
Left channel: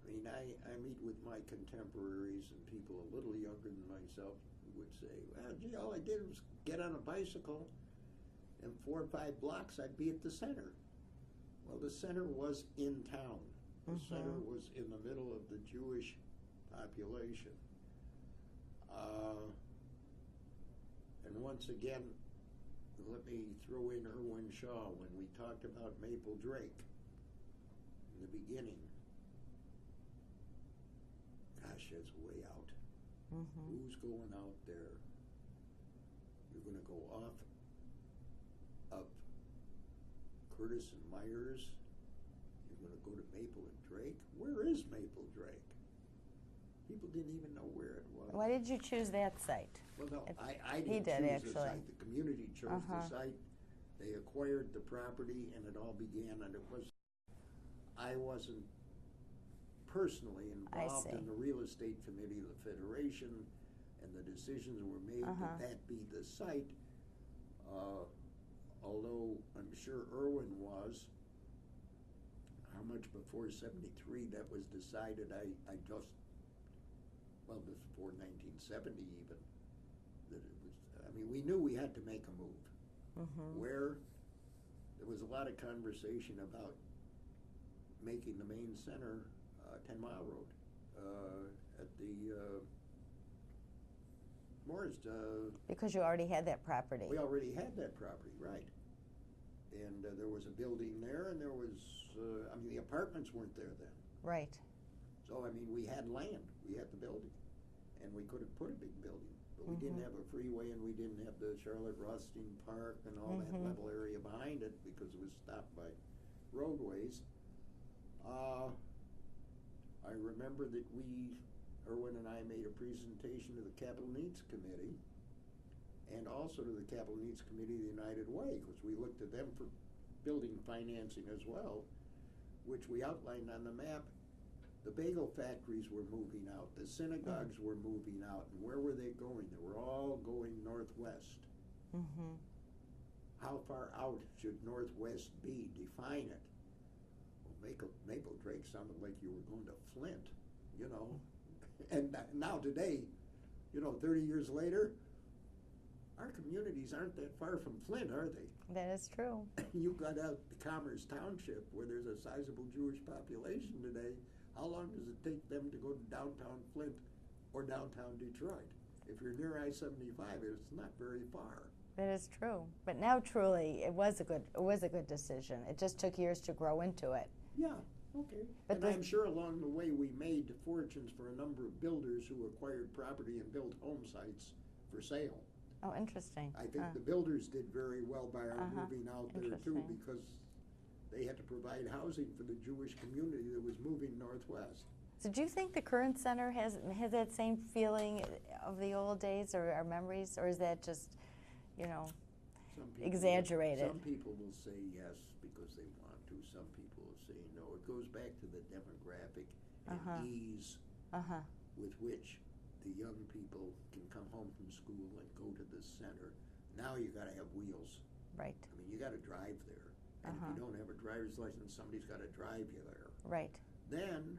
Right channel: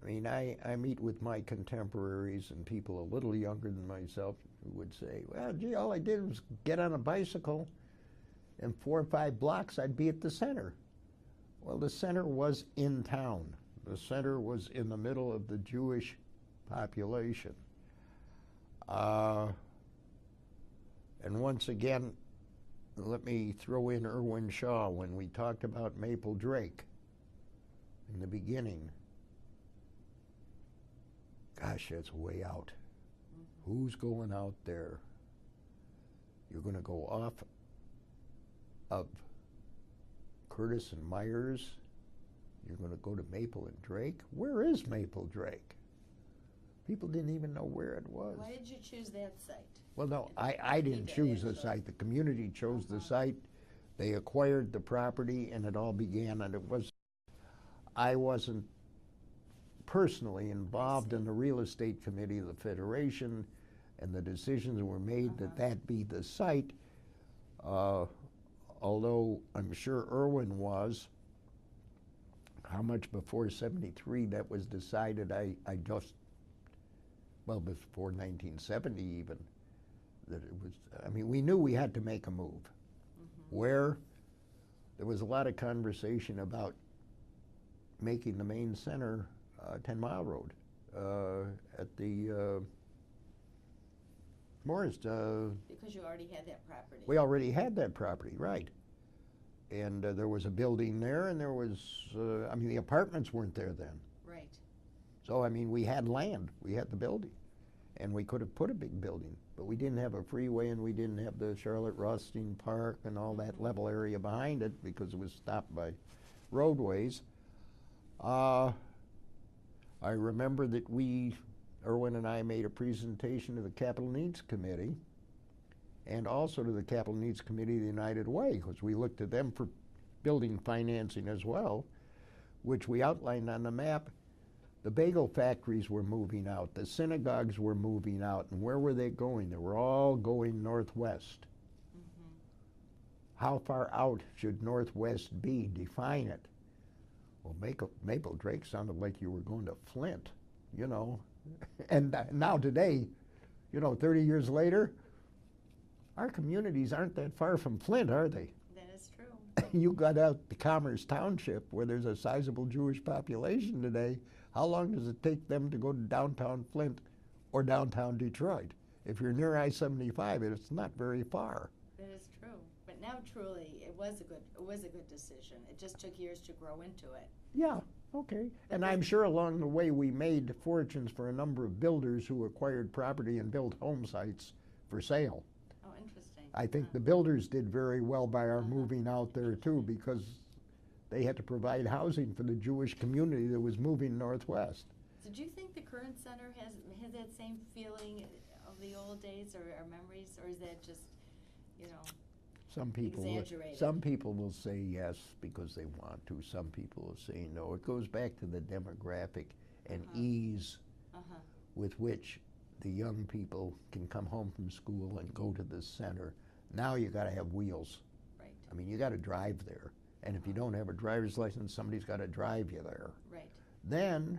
I mean, I meet with my contemporaries and people a little younger than myself who would say, well, gee, all I did was get on a bicycle, and 4 or 5 blocks I'd be at the center. Well, the center was in town. The center was in the middle of the Jewish population. And once again, let me throw in Irwin Shaw when we talked about Maple Drake in the beginning. Gosh, that's way out. Who's going out there? You're going to go off of Curtis and Myers. You're going to go to Maple and Drake. Where is Maple Drake? People didn't even know where it was. Why did you choose that site? Well, no, I didn't choose the site. The community chose the site. They acquired the property, and it all began. And I wasn't personally involved in the real estate committee of the Federation, and the decisions were made that be the site. Although I'm sure Irwin was. How much before '73 that was decided, I just, well, before 1970 even, that it was, I mean, we knew we had to make a move. Where there was a lot of conversation about making the main center 10 Mile Road at the Morris. Because you already had that property. We already had that property, right. And there was a building there, and there was, I mean, the apartments weren't there then. Right. So, I mean, we had land, we had the building, and we could have put a big building, but we didn't have a freeway, and we didn't have the Charlotte Rothstein Park and all that level area behind it because it was stopped by roadways. I remember that Irwin and I made a presentation to the Capital Needs Committee and also to the Capital Needs Committee of the United Way, because we looked to them for building financing as well, which we outlined on the map. The bagel factories were moving out, the synagogues were moving out, and where were they going? They were all going northwest. How far out should northwest be? Define it. Well, Maple Drake sounded like you were going to Flint, you know. And now today, you know, 30 years later, our communities aren't that far from Flint, are they? That is true. You got out to Commerce Township, where there's a sizable Jewish population today. How long does it take them to go to downtown Flint or downtown Detroit? if you're near I-75, it's not very far. That is true. But now, truly, it was a good decision. It just took years to grow into it. Yeah, okay. But and I'm sure along the way we made fortunes for a number of builders who acquired property and built home sites for sale. Oh, interesting. I think the builders did very well by our moving out there too, because they had to provide housing for the Jewish community that was moving northwest. So do you think the current center has that same feeling of the old days or our memories, or is that just, you know, exaggerated? Some people will say yes because they want to. Some people will say no. It goes back to the demographic and ease with which the young people can come home from school and go to the center. Now you got to have wheels. Right. I mean, you got to drive there. And if you don't have a driver's license, somebody's got to drive you there. Right. Then,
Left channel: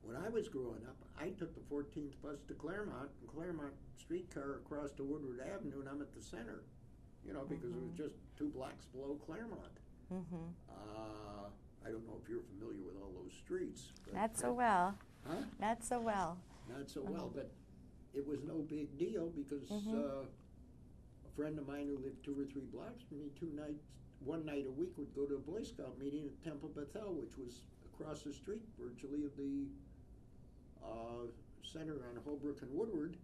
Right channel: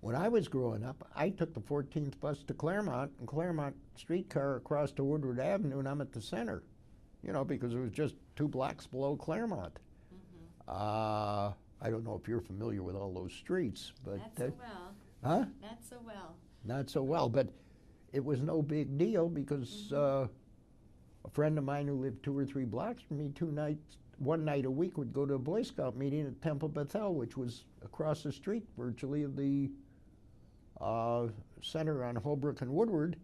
when I was growing up, I took the 14th bus to Claremont, and Claremont streetcar across to Woodward Avenue, and I'm at the center, you know, because it was just 2 blocks below Claremont. I don't know if you're familiar with all those streets, but not so well. Huh? Not so well. Not so well, but it was no big deal because a friend of mine who lived 2 or 3 blocks from me, one night a week would go to a Boy Scout meeting at Temple Bethel, which was across the street virtually of the center on Holbrook and Woodward.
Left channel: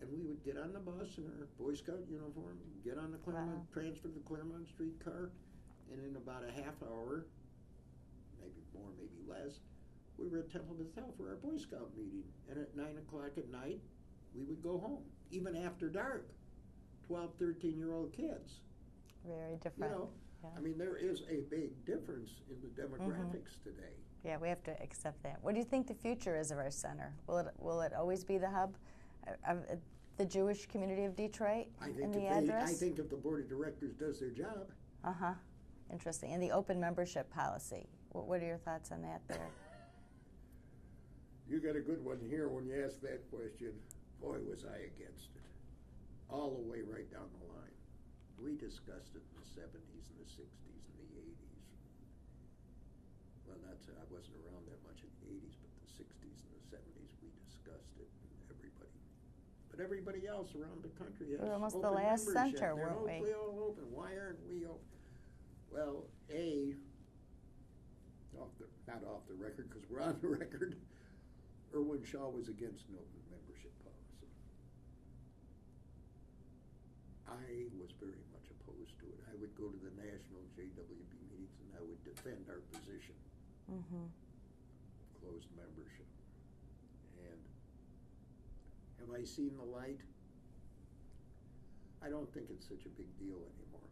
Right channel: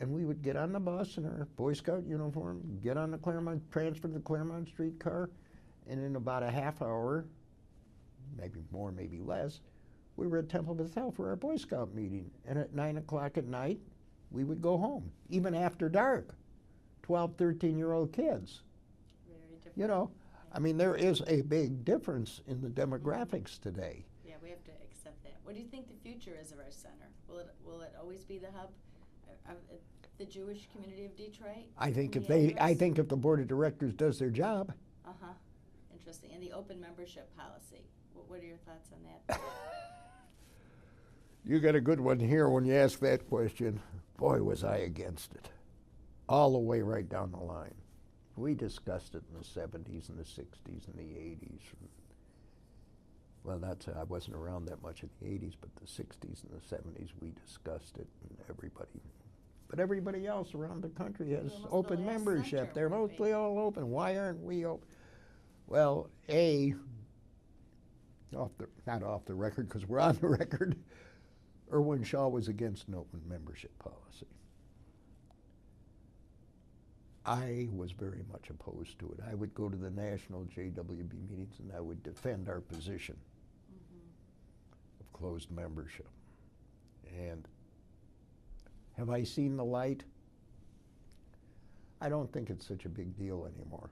And we would get on the bus in our Boy Scout uniform, get on the Claremont, transfer to the Claremont streetcar, and in about a half hour, maybe more, maybe less, we were at Temple Bethel for our Boy Scout meeting. And at 9 o'clock at night, we would go home, even after dark. 12, 13-year-old kids. Very different. You know, I mean, there is a big difference in the demographics today. Yeah, we have to accept that. What do you think the future is of our center? Will it always be the hub of the Jewish community of Detroit? I think if the board of directors does their job. Interesting. And the open membership policy. What are your thoughts on that? You got a good one here when you ask that question. Boy, was I against it. All the way right down the line. We discussed it in the 70s and the 60s and the 80s. Well, I wasn't around that much in the 80s, but the 60s and the 70s, we discussed it, and everybody else around the country has open membership. Center, they're mostly all open. Why aren't we open? Well, not off the record, because we're on the record, Irwin Shaw was against an open membership policy. I was very much opposed to it. I would go to the national JWB meetings and I would defend our position of closed membership. And have I seen the light? I don't think it's such a big deal anymore.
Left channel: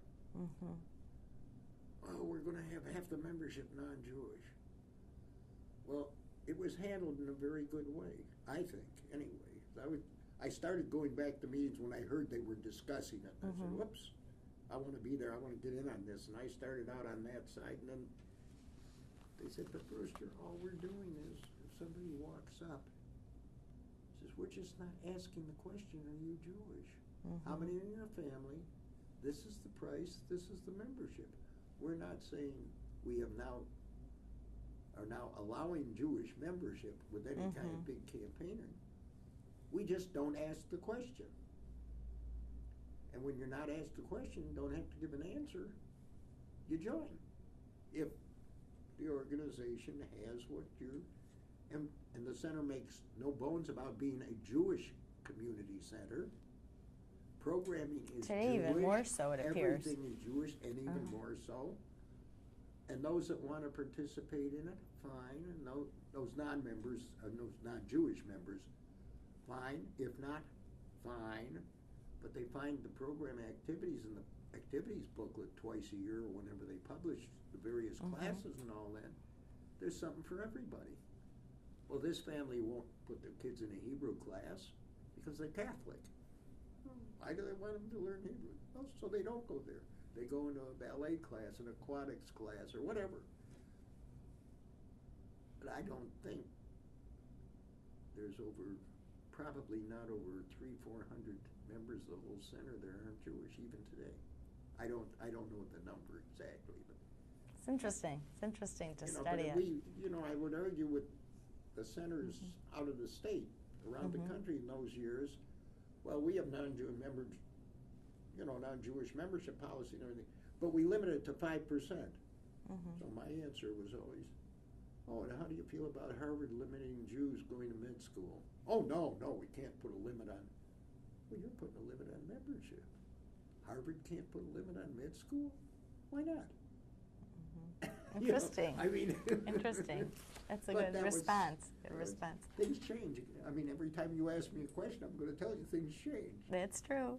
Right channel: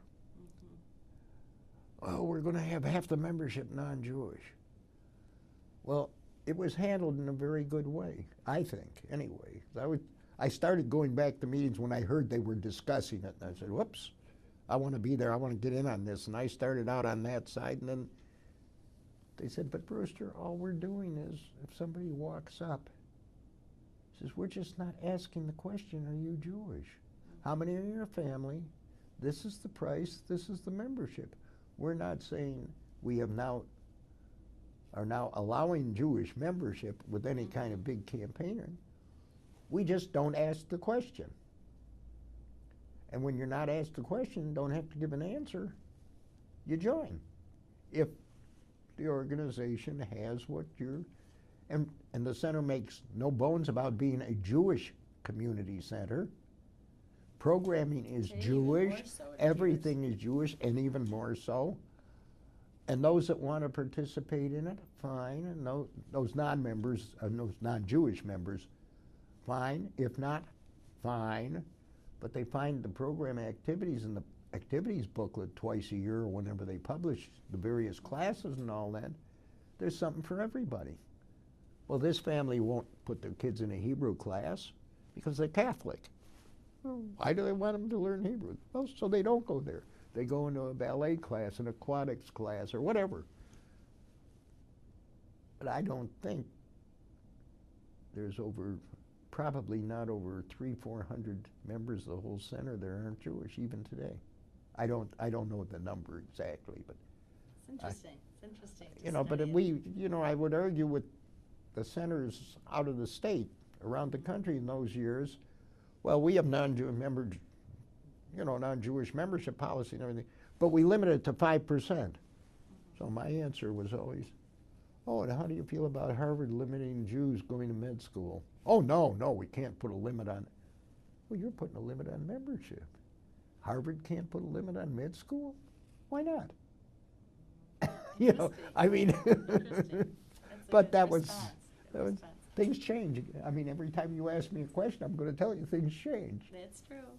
Oh, we're going to have half the membership non-Jewish. Well, it was handled in a very good way, I think, anyway. I started going back to meetings when I heard they were discussing it, and I said, whoops, I want to be there, I want to get in on this. And I started out on that side, and then they said, but Brewster, all we're doing is, if somebody walks up, says, we're just not asking the question, are you Jewish? How many are in your family? This is the price, this is the membership. We're not saying we are now allowing Jewish membership with any kind of big campaigning. We just don't ask the question. And when you're not asked the question, don't have to give an answer, you join. If the organization has what you're, and the center makes no bones about being a Jewish community center. Programming is Jewish, even more so, it everything is Jewish, and even more so. And those that want to participate in it, fine. And those non-members, those non-Jewish members, fine. If not, fine. But they find the program activities in the activities booklet twice a year, or whenever they publish the various classes and all that. There's something for everybody. Well, this family won't put their kids in a Hebrew class because they're Catholic. Well, why do they want them to learn Hebrew? Well, so they don't go there. They go into a ballet class, an aquatics class, or whatever. But I don't think there's probably not over 300-400 members of the whole center that aren't Jewish even today. I don't know the number exactly, but it's interesting. It's interesting to study. But I would argue with the centers out of the state around the country in those years, Well, we have non-Jewish membership policy and everything, but we limit it to 5%. So my answer was always, oh, and how do you feel about Harvard limiting Jews going to med school? Oh, no, we can't put a limit on. Well, you're putting a limit on membership. Harvard can't put a limit on med school? Why not? Interesting. I mean, interesting. That's a but good that response. Things change. I mean, every time you ask me a question, I'm going to tell you things change. That's true.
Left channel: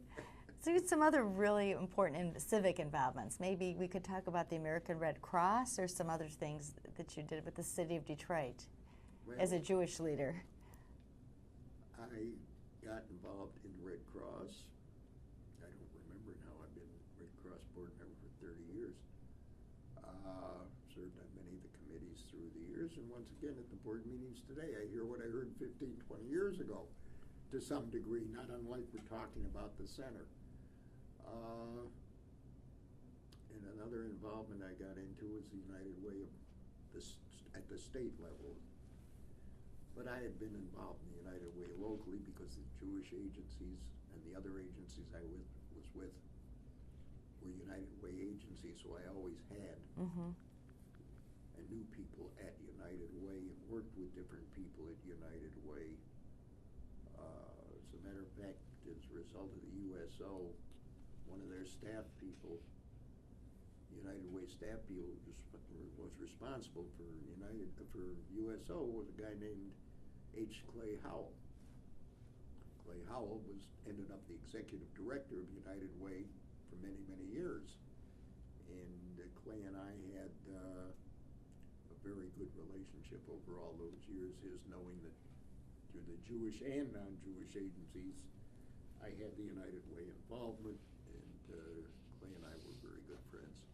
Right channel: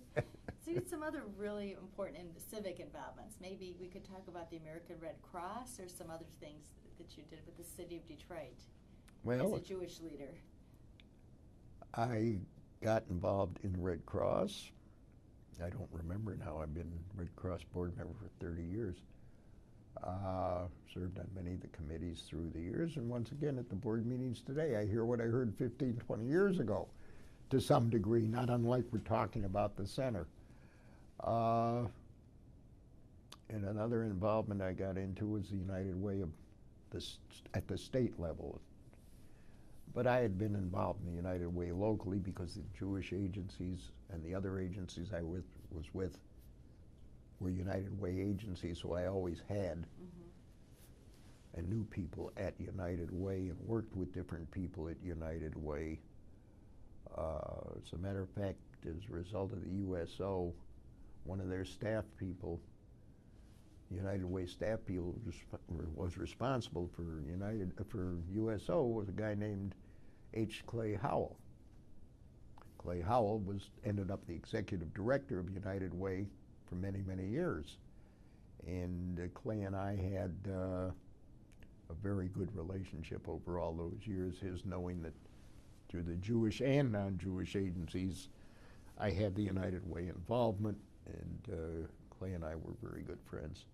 So some other really important civic involvements. Maybe we could talk about the American Red Cross or some other things that you did with the city of Detroit as a Jewish leader. I got involved in Red Cross. I don't remember now. I've been Red Cross board member for 30 years. Served on many of the committees through the years, and once again at the board meetings today, I hear what I heard 15, 20 years ago to some degree, not unlike we're talking about the center. And another involvement I got into was the United Way at the state level. But I had been involved in the United Way locally because the Jewish agencies and the other agencies I was with were United Way agencies, so I always had and knew people at United Way and worked with different people at United Way. As a matter of fact, as a result of the USO, one of their staff people, United Way staff people, was responsible for USO was a guy named H. Clay Howell. Clay Howell ended up the executive director of United Way for many, many years. And Clay and I had a very good relationship over all those years, his knowing that through the Jewish and non-Jewish agencies, I had the United Way involvement, and Clay and I were very good friends.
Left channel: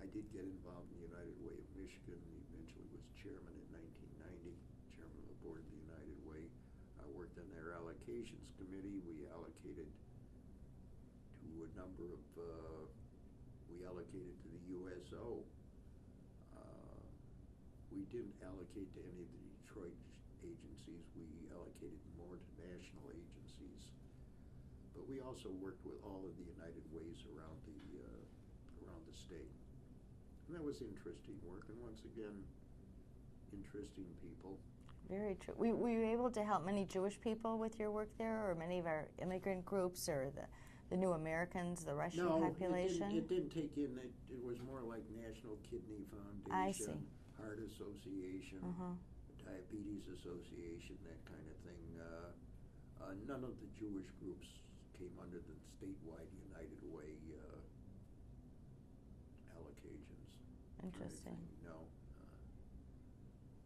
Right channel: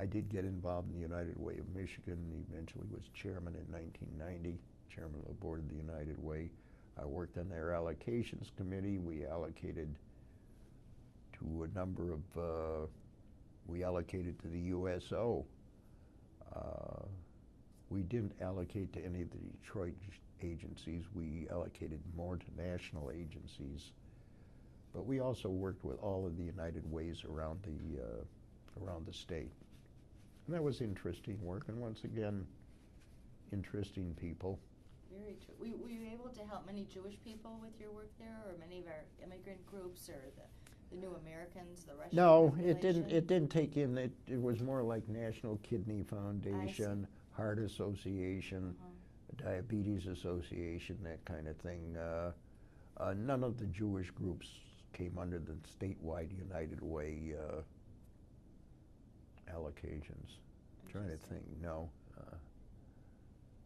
I did get involved in the United Way of Michigan, eventually was chairman in 1990, chairman of the board of the United Way. I worked on their allocations committee. We allocated to a number of, we allocated to the USO. We didn't allocate to any of the Detroit agencies. We allocated more to national agencies. But we also worked with all of the United Ways around the state. And that was interesting work, and once again, interesting people. Very true. Were you able to help many Jewish people with your work there, or many of our immigrant groups, or the new Americans, the Russian population? No, it didn't take in. It was more like National Kidney Foundation, Heart Association, Diabetes Association, that kind of thing. None of the Jewish groups came under the statewide United Way allocations. I'm trying to think, no.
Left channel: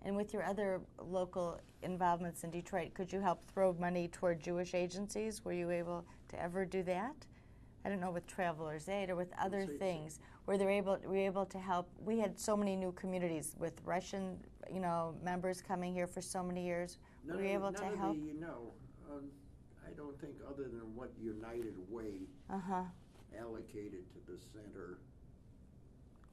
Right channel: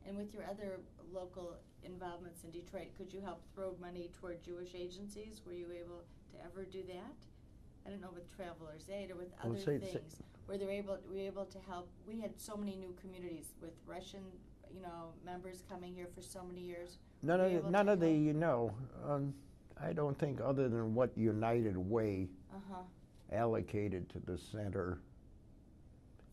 And with your other local involvements in Detroit, could you help throw money toward Jewish agencies? Were you able to ever do that? I don't know, with Travelers Aid or with other things. Were you able to help? We had so many new communities with Russian, members coming here for so many years. I don't think other than what United Way allocated to the center.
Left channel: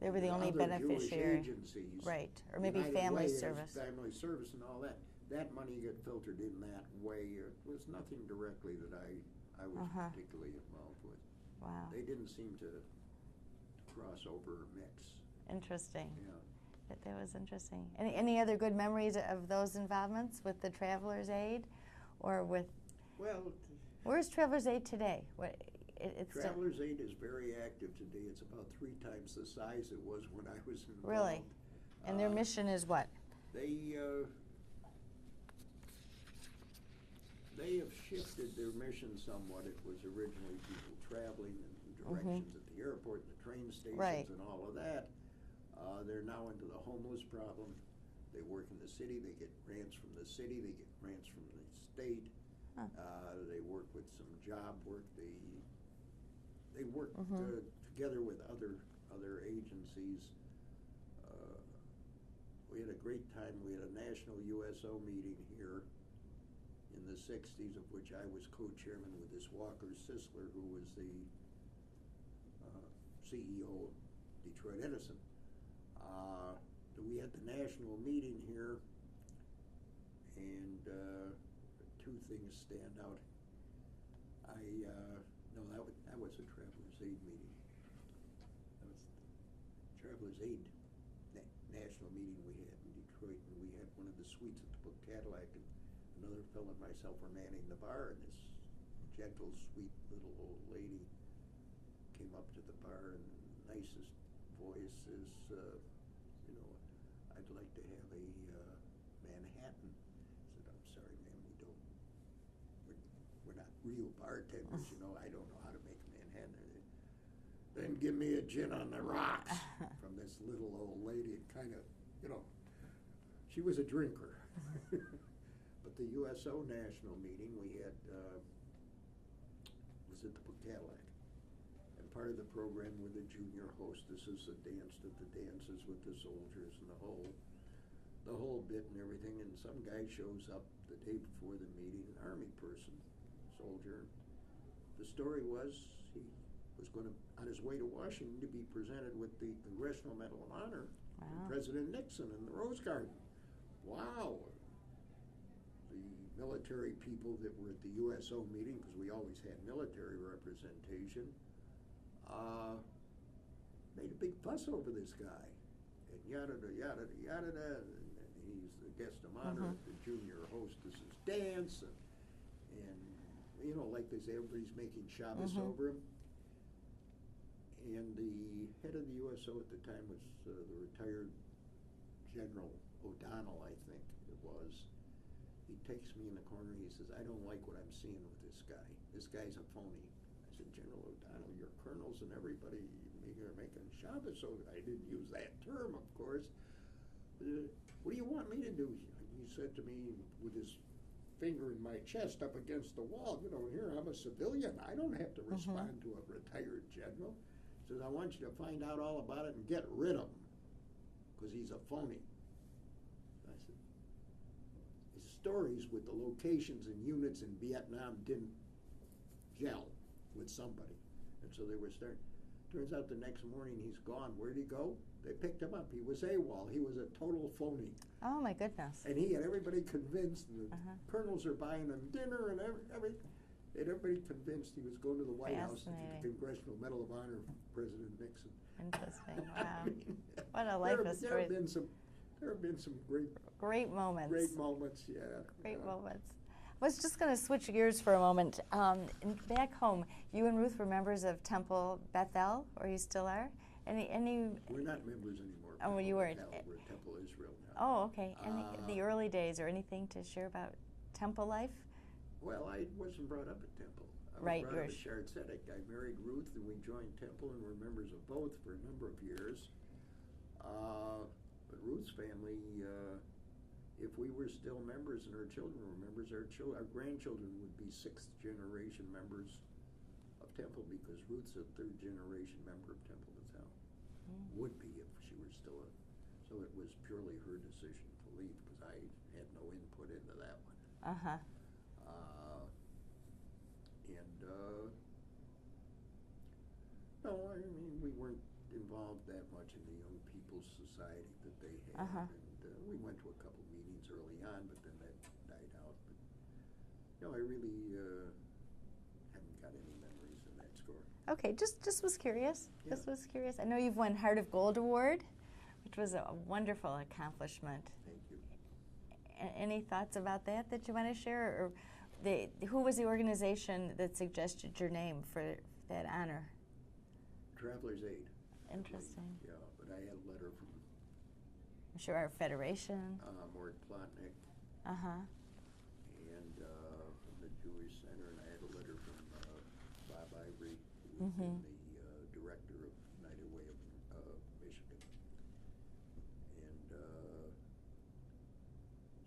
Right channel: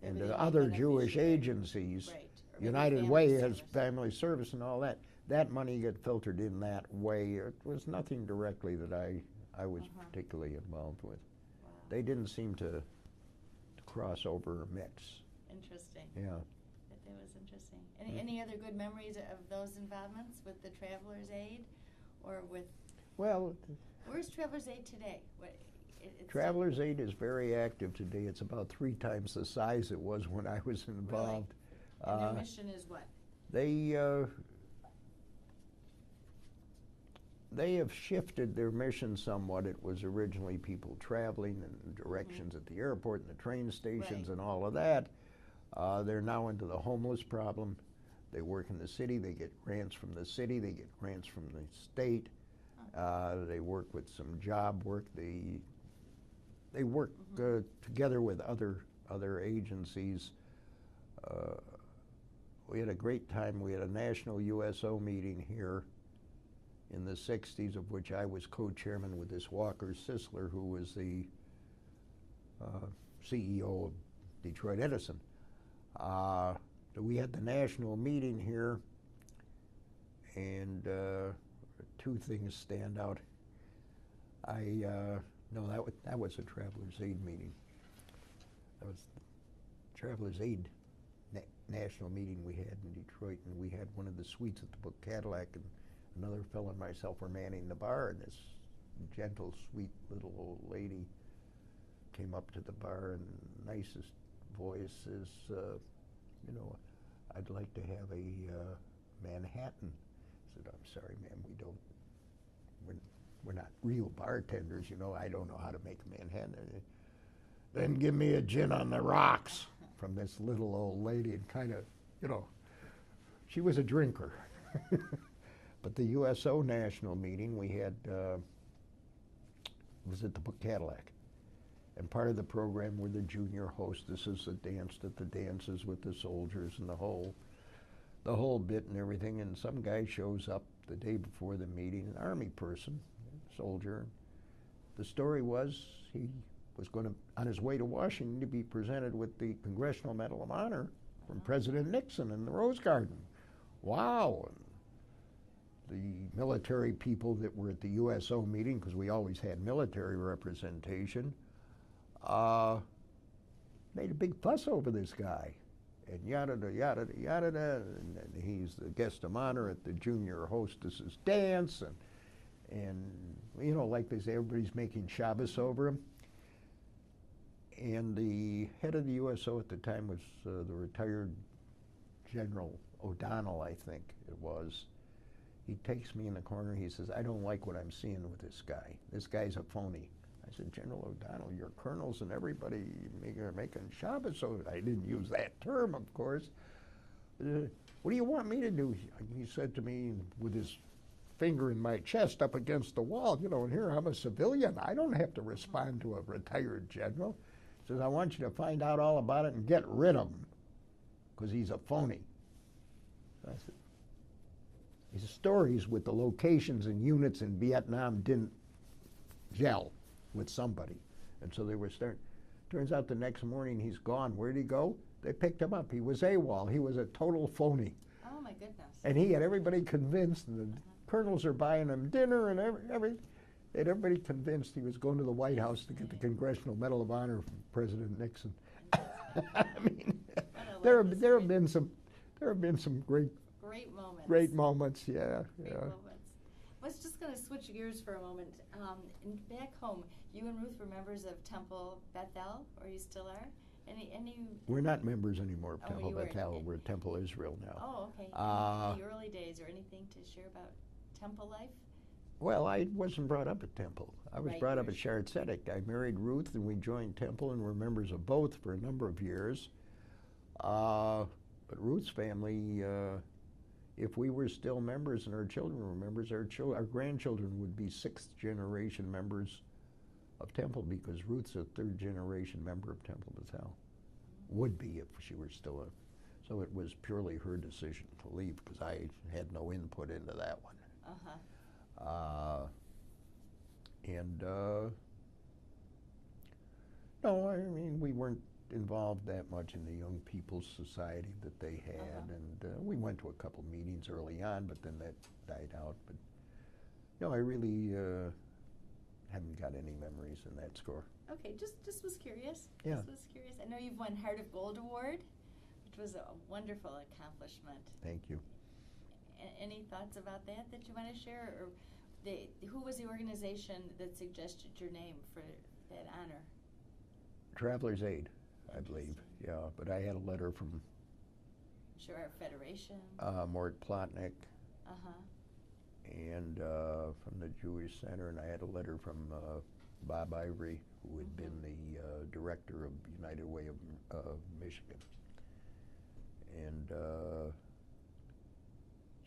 They were the the other Jewish agencies. Right. Or maybe United Way service. has family service and all that. That money got filtered in that way. It was nothing directly that I was particularly involved with. Wow. They didn't seem to cross over or mix. Interesting. Yeah. That was interesting. Any other good memories of those involvements with the Travelers Aid, or with? Well, where's Travelers Aid today? Travelers Aid is very active today. It's about 3 times the size it was when I was involved. Really? And their mission is what? They have shifted their mission somewhat. It was originally people traveling and directions at the airport and the train stations and all of that. They're now into the homeless problem. They work in the city. They get grants from the city. They get grants from the state. They work with some job work. They work together with other agencies. We had a great time. We had a national USO meeting here in the 60s, of which I was co-chairman with this Walker Sisler, who was the CEO of Detroit Edison. We had the national meeting here, and two things stand out. No, that was a Travelers Aid meeting. That was the Travelers Aid national meeting we had in Detroit, and we had one of the suites at the Book Cadillac, and another fellow and myself were manning the bar, and this gentle, sweet little old lady came up to the bar and nicest voice says, you know, I'd like to have a Manhattan. I said, I'm sorry, ma'am, we're not real bartenders, you know. I don't know how to make a Manhattan. Then give me a gin on the rocks from this little old lady, and kind of, you know, she was a drinker. But the USO national meeting we had was at the Book Cadillac. And part of the program were the junior hostesses that danced at the dances with the soldiers and the whole bit and everything. And some guy shows up the day before the meeting, an Army person, soldier. The story was he was going to, on his way to Washington, to be presented with the Congressional Medal of Honor from President Nixon in the Rose Garden. Wow. And the military people that were at the USO meeting, because we always had military representation, made a big fuss over this guy. And yada, yada, yada, and he's the guest of honor at the junior hostesses dance, and you know, like they say, everybody's making Shabbos over him. And the head of the USO at the time was the retired General O'Donnell, I think it was. He takes me in the corner, he says, I don't like what I'm seeing with this guy. This guy's a phony. I said, General O'Donnell, your colonels and everybody are making Shabbos, so I didn't use that term, of course. What do you want me to do? He said to me with his finger in my chest up against the wall, you know, and here I'm a civilian. I don't have to respond to a retired general. He says, I want you to find out all about it and get rid of him, because he's a phony. So I said, his stories with the locations and units in Vietnam didn't gel with somebody. And so they were starting. Turns out the next morning he's gone. Where'd he go? They picked him up. He was AWOL. He was a total phony. Oh, my goodness. And he had everybody convinced. The colonels are buying him dinner and had everybody convinced he was going to the White House to get the Congressional Medal of Honor from President Nixon. I mean, there have been some great moments. Great moments, yeah. Great moments. I was just going to switch gears for a moment. Back home, you and Ruth were members of Temple Bethel, or you still are? We're not members anymore of Temple you Bethel. weren't. We're Temple Israel now. Oh, okay. In the early days, or anything to share about Temple life? Well, I wasn't brought up at Temple. I was brought up at Sharet Zedek. I married Ruth, and we joined Temple, and were members of both for a number of years. But Ruth's family, if we were still members and our children were members, our grandchildren would be sixth-generation members of Temple, because Ruth's a third-generation member of Temple Bethel. Would be if she were still so it was purely her decision to leave, because I had no input into that one. No, I mean, we weren't involved that much in the Young People's Society that they had, and we went to a couple meetings early on, but then that died out. But no, I really haven't got any memories in that score. Okay, just was curious. Yeah. Just was curious. I know you've won Heart of Gold Award, which was a wonderful accomplishment. Thank you. Any thoughts about that you want to share? Or who was the organization that suggested your name for that honor? Travelers Aid, I believe. Yeah, but I had a letter from I'm sure our federation. Mort Plotnick. And from the Jewish Center, and I had a letter from Bob Ivory, who had been the director of United Way of Michigan. And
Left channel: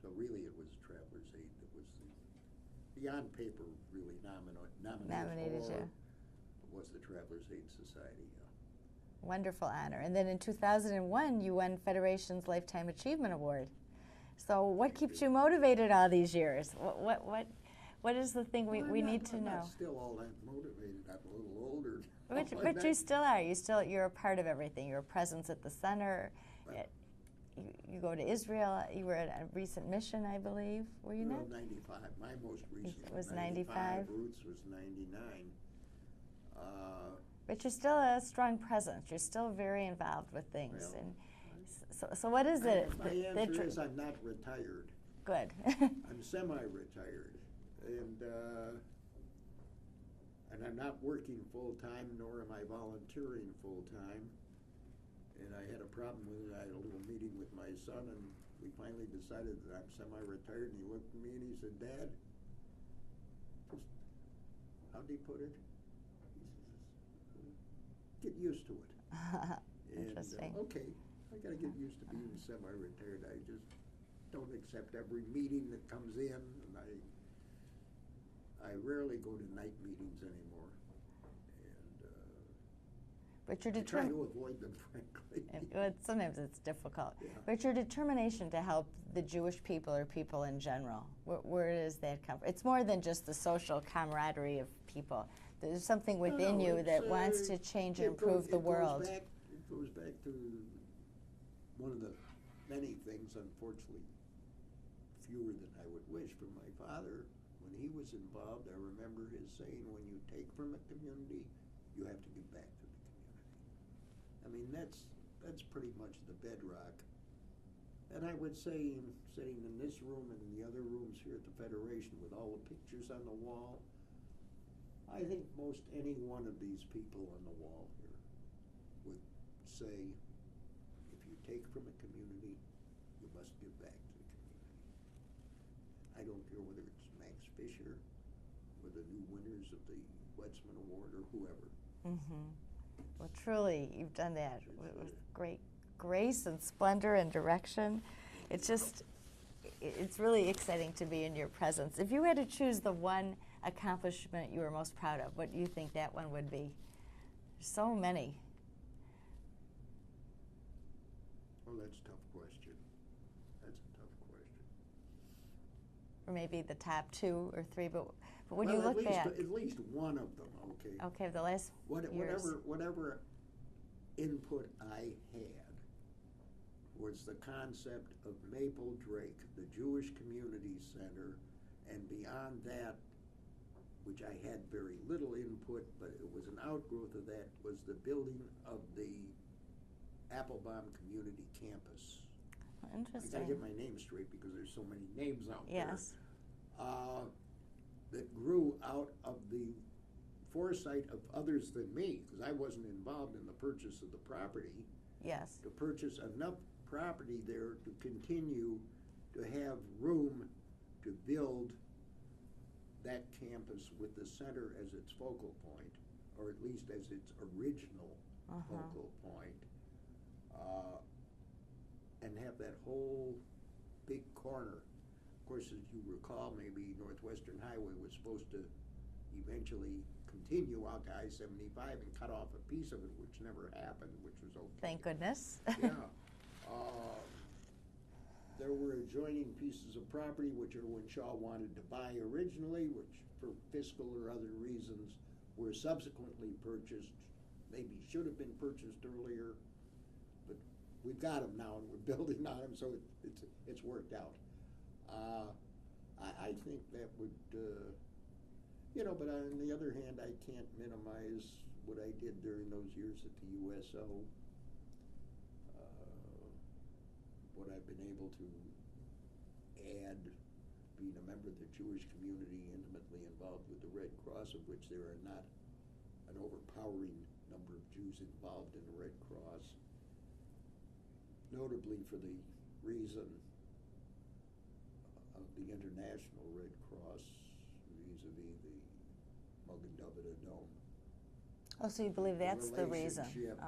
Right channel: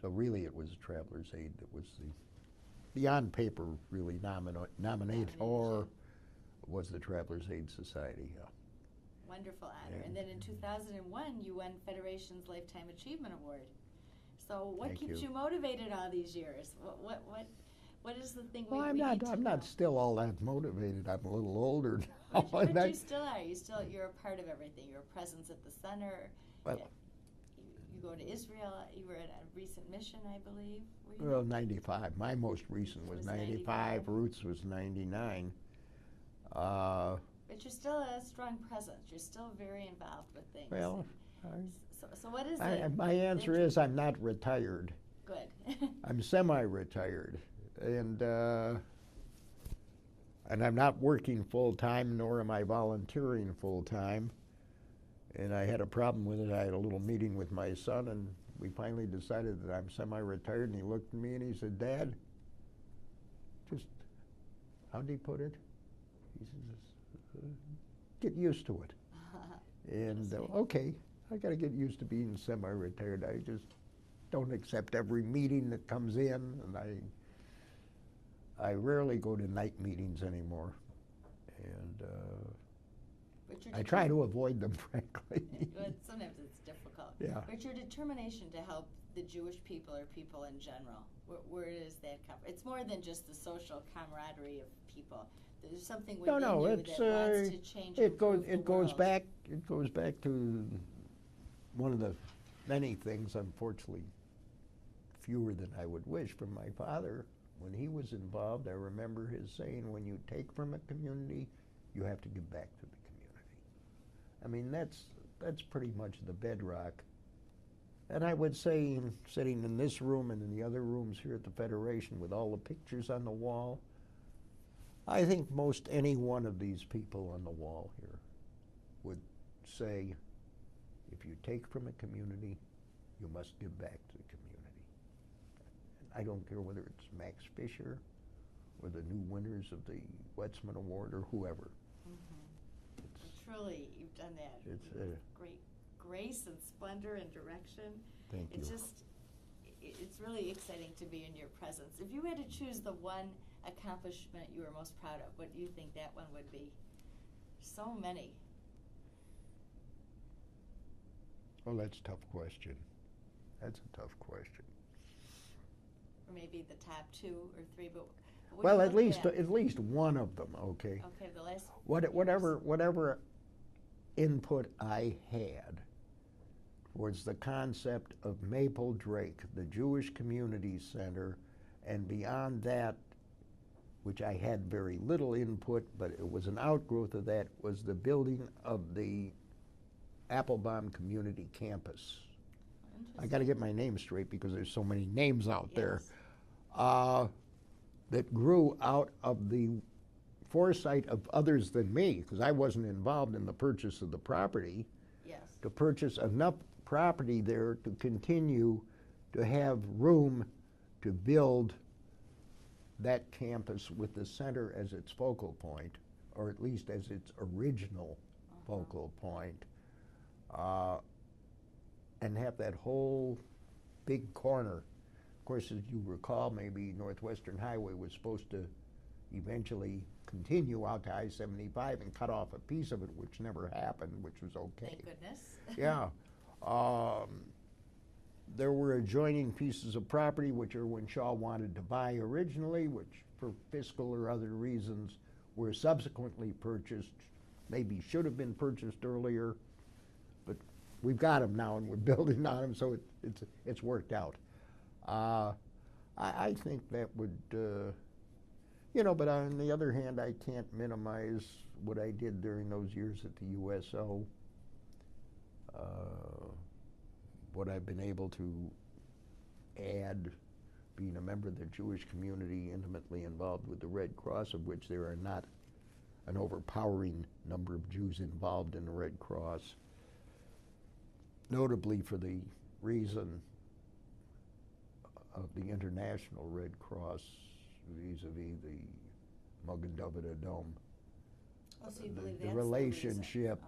so really it was Travelers Aid that was the on paper really nominator was the Travelers Aid Society. Yeah. Wonderful honor. And then in 2001, you won Federation's Lifetime Achievement Award. So what keeps you motivated all these years? What is the thing we need to know? I'm not still all that motivated. I'm a little older. But you still are. You're a part of everything. You're a presence at the center. Well, you go to Israel. You were at a recent mission, I believe. Were you? Well, not? 95. My most recent was 95. Ruth's was 99. But you're still a strong presence. You're still very involved with things. Well, so what is it? My answer is I'm not retired. Good. I'm semi-retired, and I'm not working full-time, nor am I volunteering full-time. And I had a problem with it. I had a little meeting with my son, and we finally decided that I'm semi-retired, and he looked at me and he said, "Dad, just," how'd he put it? He says, "Get used to it." And okay, I got to get used to being semi-retired. I just don't accept every meeting that comes in, and I rarely go to night meetings anymore. And but I try to avoid them, frankly. Sometimes it's difficult. Yeah. But your determination to help the Jewish people or people in general, where does that come from? It's more than just the social camaraderie of people. There's something within you that wants to change and improve the world. It goes back to one of the many things, unfortunately, fewer than I would wish, from my father. When he was involved, I remember his saying, "When you take from a community, you have to give back to the community." I mean, that's pretty much the bedrock. And I would say, sitting in this room and in the other rooms here at the Federation with all the pictures on the wall, I think most any one of these people on the wall here would say, if you take from a community, you must give back to the community. And I don't care whether it's Max Fisher or the new winners of the Wetsman Award or whoever. Mm-hmm. Well, truly, you've done that with great grace and splendor and direction. It's really exciting to be in your presence. If you had to choose the one accomplishment you were most proud of, what do you think that one would be? So many. Well, that's a tough question. That's a tough question. Or maybe the top 2 or 3, but when well, you at look least one of them. Okay. Okay, the last whatever input I had was the concept of Maple Drake, the Jewish Community Center, and beyond that, which I had very little input, but it was an outgrowth of that, was the building of the Applebaum Community Campus. I got to get my name straight because there's so many names out there. That grew out of the foresight of others than me, because I wasn't involved in the purchase of the property. Yes. To purchase enough property there to continue to have room to build that campus with the center as its focal point, or at least as its original focal point, and have that whole big corner. Of course, as you recall, maybe Northwestern Highway was supposed to eventually continue out to I-75 and cut off a piece of it, which never happened, which was okay. Thank goodness. Yeah. There were adjoining pieces of property which Irwin Shaw wanted to buy originally, which for fiscal or other reasons were subsequently purchased, maybe should have been purchased earlier, but we've got them now and we're building on them, so it's worked out. I think that would, but on the other hand, I can't minimize what I did during those years at the USO. What I've been able to add, being a member of the Jewish community, intimately involved with the Red Cross, of which there are not an overpowering number of Jews involved in the Red Cross, notably for the reason of the International Red Cross vis-a-vis the Magen David Adom. Oh, so you believe that's the reason? The relationship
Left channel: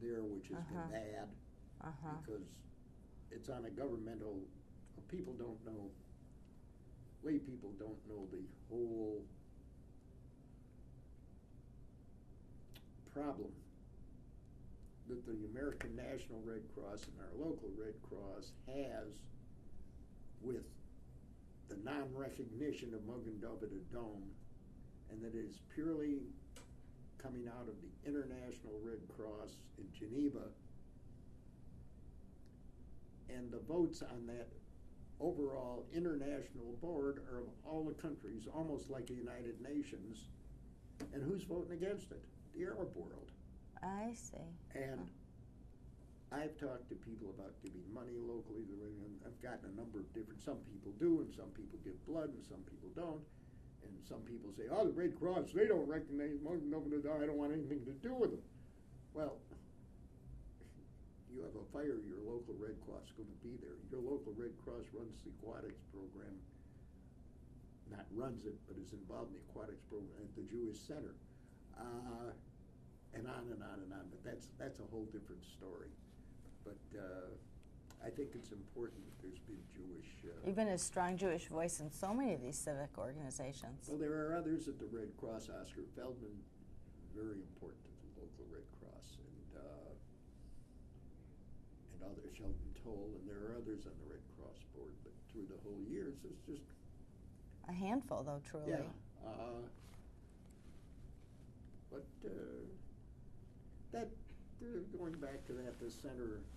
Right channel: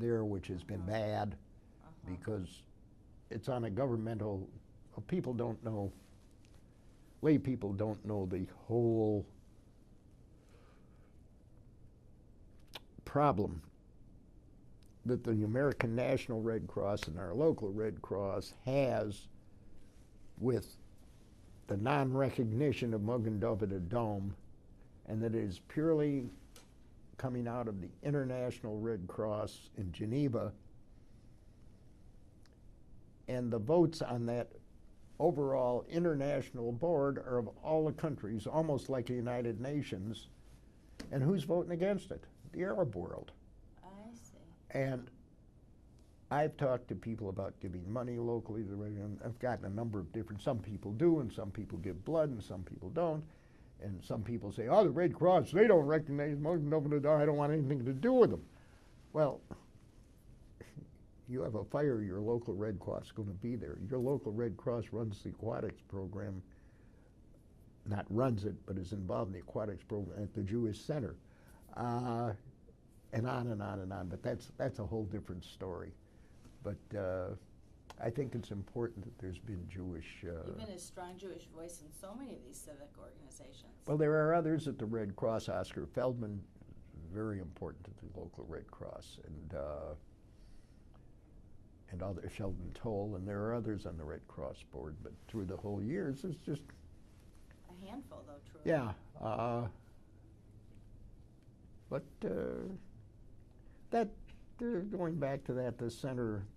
there, which has been bad, because it's on a governmental, people don't know, lay people don't know the whole problem that the American National Red Cross and our local Red Cross has with the non-recognition of Magen David Adom, and that it is purely coming out of the International Red Cross in Geneva And the votes on that overall international board are of all the countries, almost like the United Nations. And who's voting against it? The Arab world. I see. And I've talked to people about giving money locally. And I've gotten a number of different, some people do, and some people give blood, and some people don't. And some people say, oh, the Red Cross, they don't recognize Muslim, I don't want anything to do with them. Well, you have a fire, your local Red Cross is going to be there. Your local Red Cross runs the aquatics program, not runs it, but is involved in the aquatics program at the Jewish Center. And on and on and on, but that's a whole different story. But I think it's important that there's been Jewish... You've been a strong Jewish voice in so many of these civic organizations. Well, there are others at the Red Cross. Oscar Feldman is very important to the local Red Cross, and other Sheldon Toll, and there are others on the Red Cross board. But through the whole years, it's just... A handful, though, truly. Yeah. But that... going back to that, the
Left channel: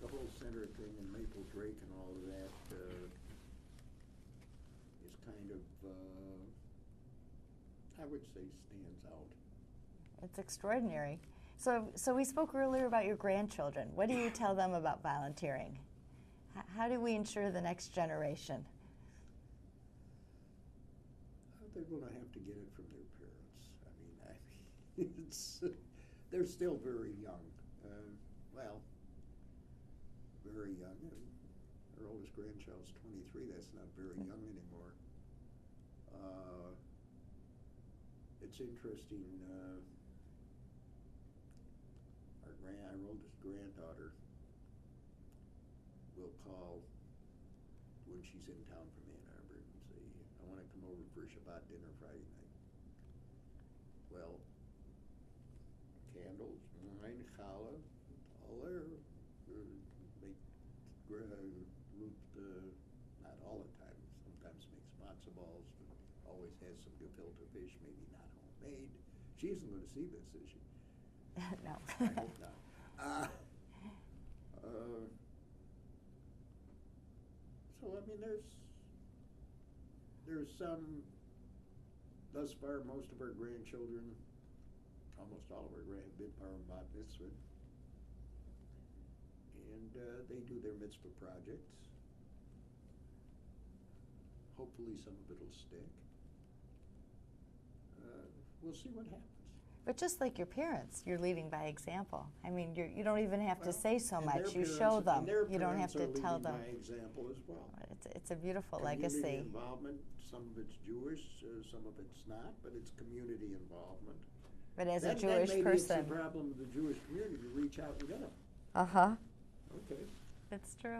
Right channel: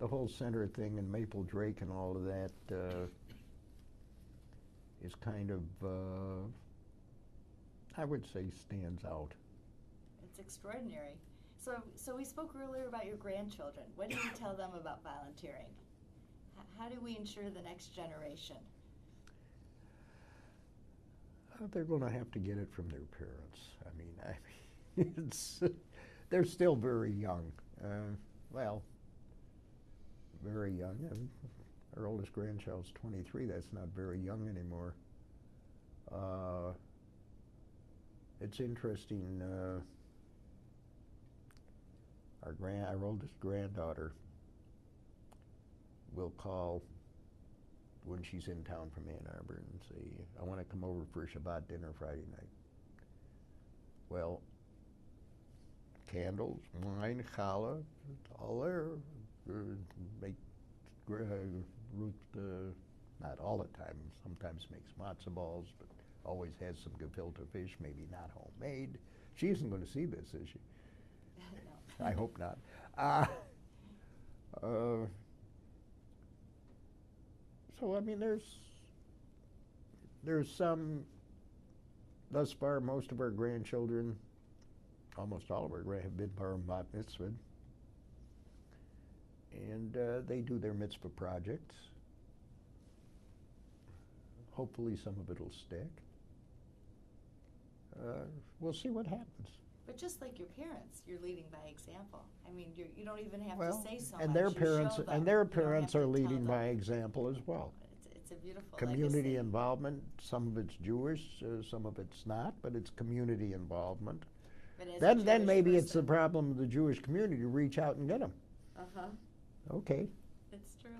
whole center thing and Maple Drake and all of that is kind of, I would say, stands out. It's extraordinary. So we spoke earlier about your grandchildren. What do you tell them about volunteering? How do we ensure the next generation? They're going to have to get it from their parents. I mean, it's they're still very young. Well, very young. And our oldest grandchild's 23. That's not very young anymore. It's interesting. Our oldest granddaughter will call when she's in town from Ann Arbor and say, I want to come over for a Shabbat dinner Friday night. Well, candles, wine, challah, all there. Make Ruth, not all the time, sometimes makes matzo balls, but always has some gefilte fish, maybe not homemade. She isn't going to see this, is she? No. I hope not. So, I mean, there's some, thus far, most of our grandchildren, almost all of our have been bar and bat mitzvah. And they do their mitzvah projects. Hopefully some of it will stick. We'll see what happens. But just like your parents, you're leading by example. I mean, you don't even have to say so much. Their you parents, show them. And their you parents are leading them. by example as well. It's a beautiful community legacy. Involvement. Some of it's Jewish, some of it's not, but it's community involvement. But as then, a Jewish then maybe person, it's the problem of the Jewish community to reach out and get them. Uh-huh. Okay. It's true.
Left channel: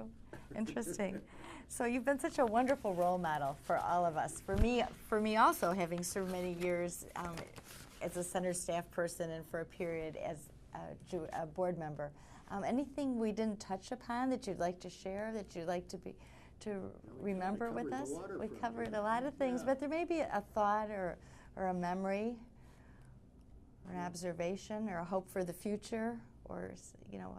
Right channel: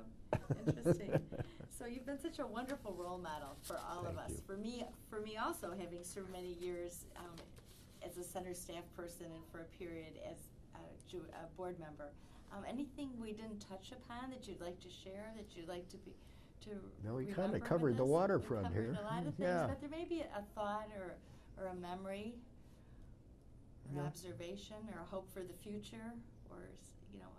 Interesting. So you've been such a wonderful role model for all of us. For me also, having served many years as a center staff person and for a period as a board member. Anything we didn't touch upon that you'd like to share, that you'd like to remember with us? We covered the waterfront We covered here. a lot of things, but there may be a thought or a memory or an observation or a hope for the future or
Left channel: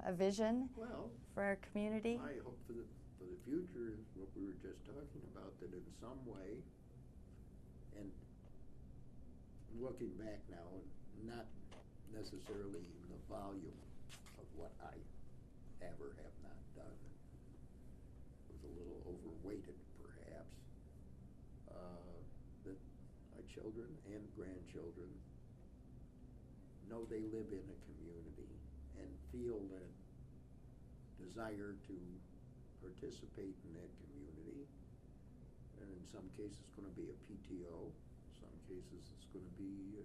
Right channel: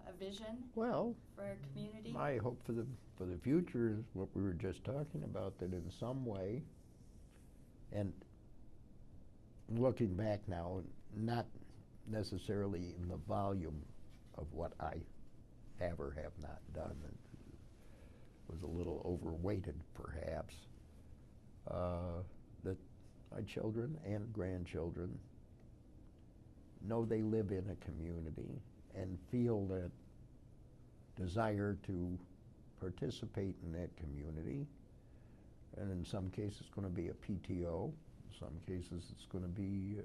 a vision for our community. My hope for the future is what we were just talking about, that in some way, and looking back now, not necessarily in the volume of what I have or have not done, it was a little overweighted perhaps, that my children and grandchildren know they live in a community and feel that desire to participate in that community. And in some cases it's going to be a PTO, in some cases it's going to be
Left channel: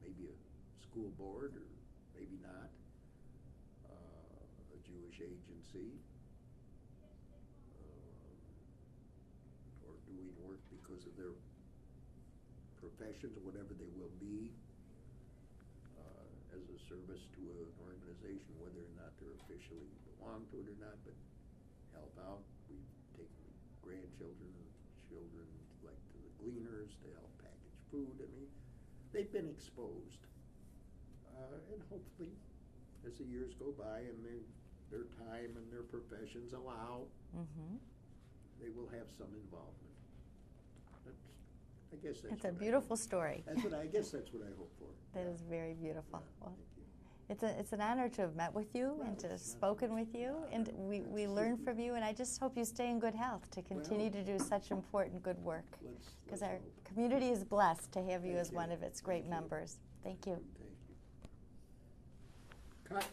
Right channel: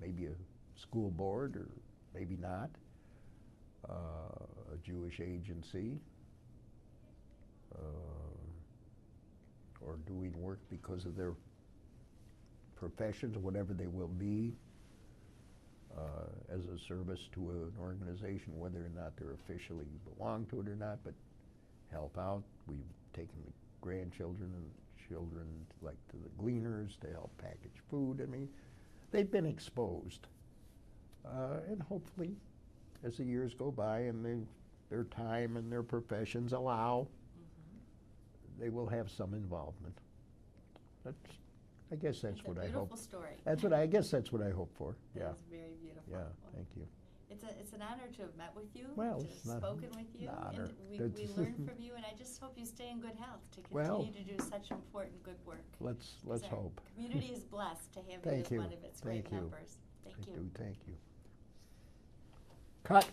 maybe a school board or maybe not, a Jewish agency, or doing work because of their professions, whatever they will be, as a service to an organization, whether or not they're officially belong to it or not, but help out. We've taken the grandchildren and children like to the Gleaners to help package food. I mean, they've been exposed. And hopefully, as the years go by and their time and their professions allow, Mm-hmm. they will have some involvement. I guess that's It's a what I beautiful hope. story. I guess that's what I hope for. That Yeah. is very beautiful. Yeah. Well, Thank you. it's an honor to have met with you Well, and to have it's not spoken with you, an and honor. we learn from you. And I just hope you stay in good health to continue to do such important good work. Let's 'Cause our hope. community is blessed to have you Thank as you. one of its great Thank you. members. Thank you. Thank you. Cut.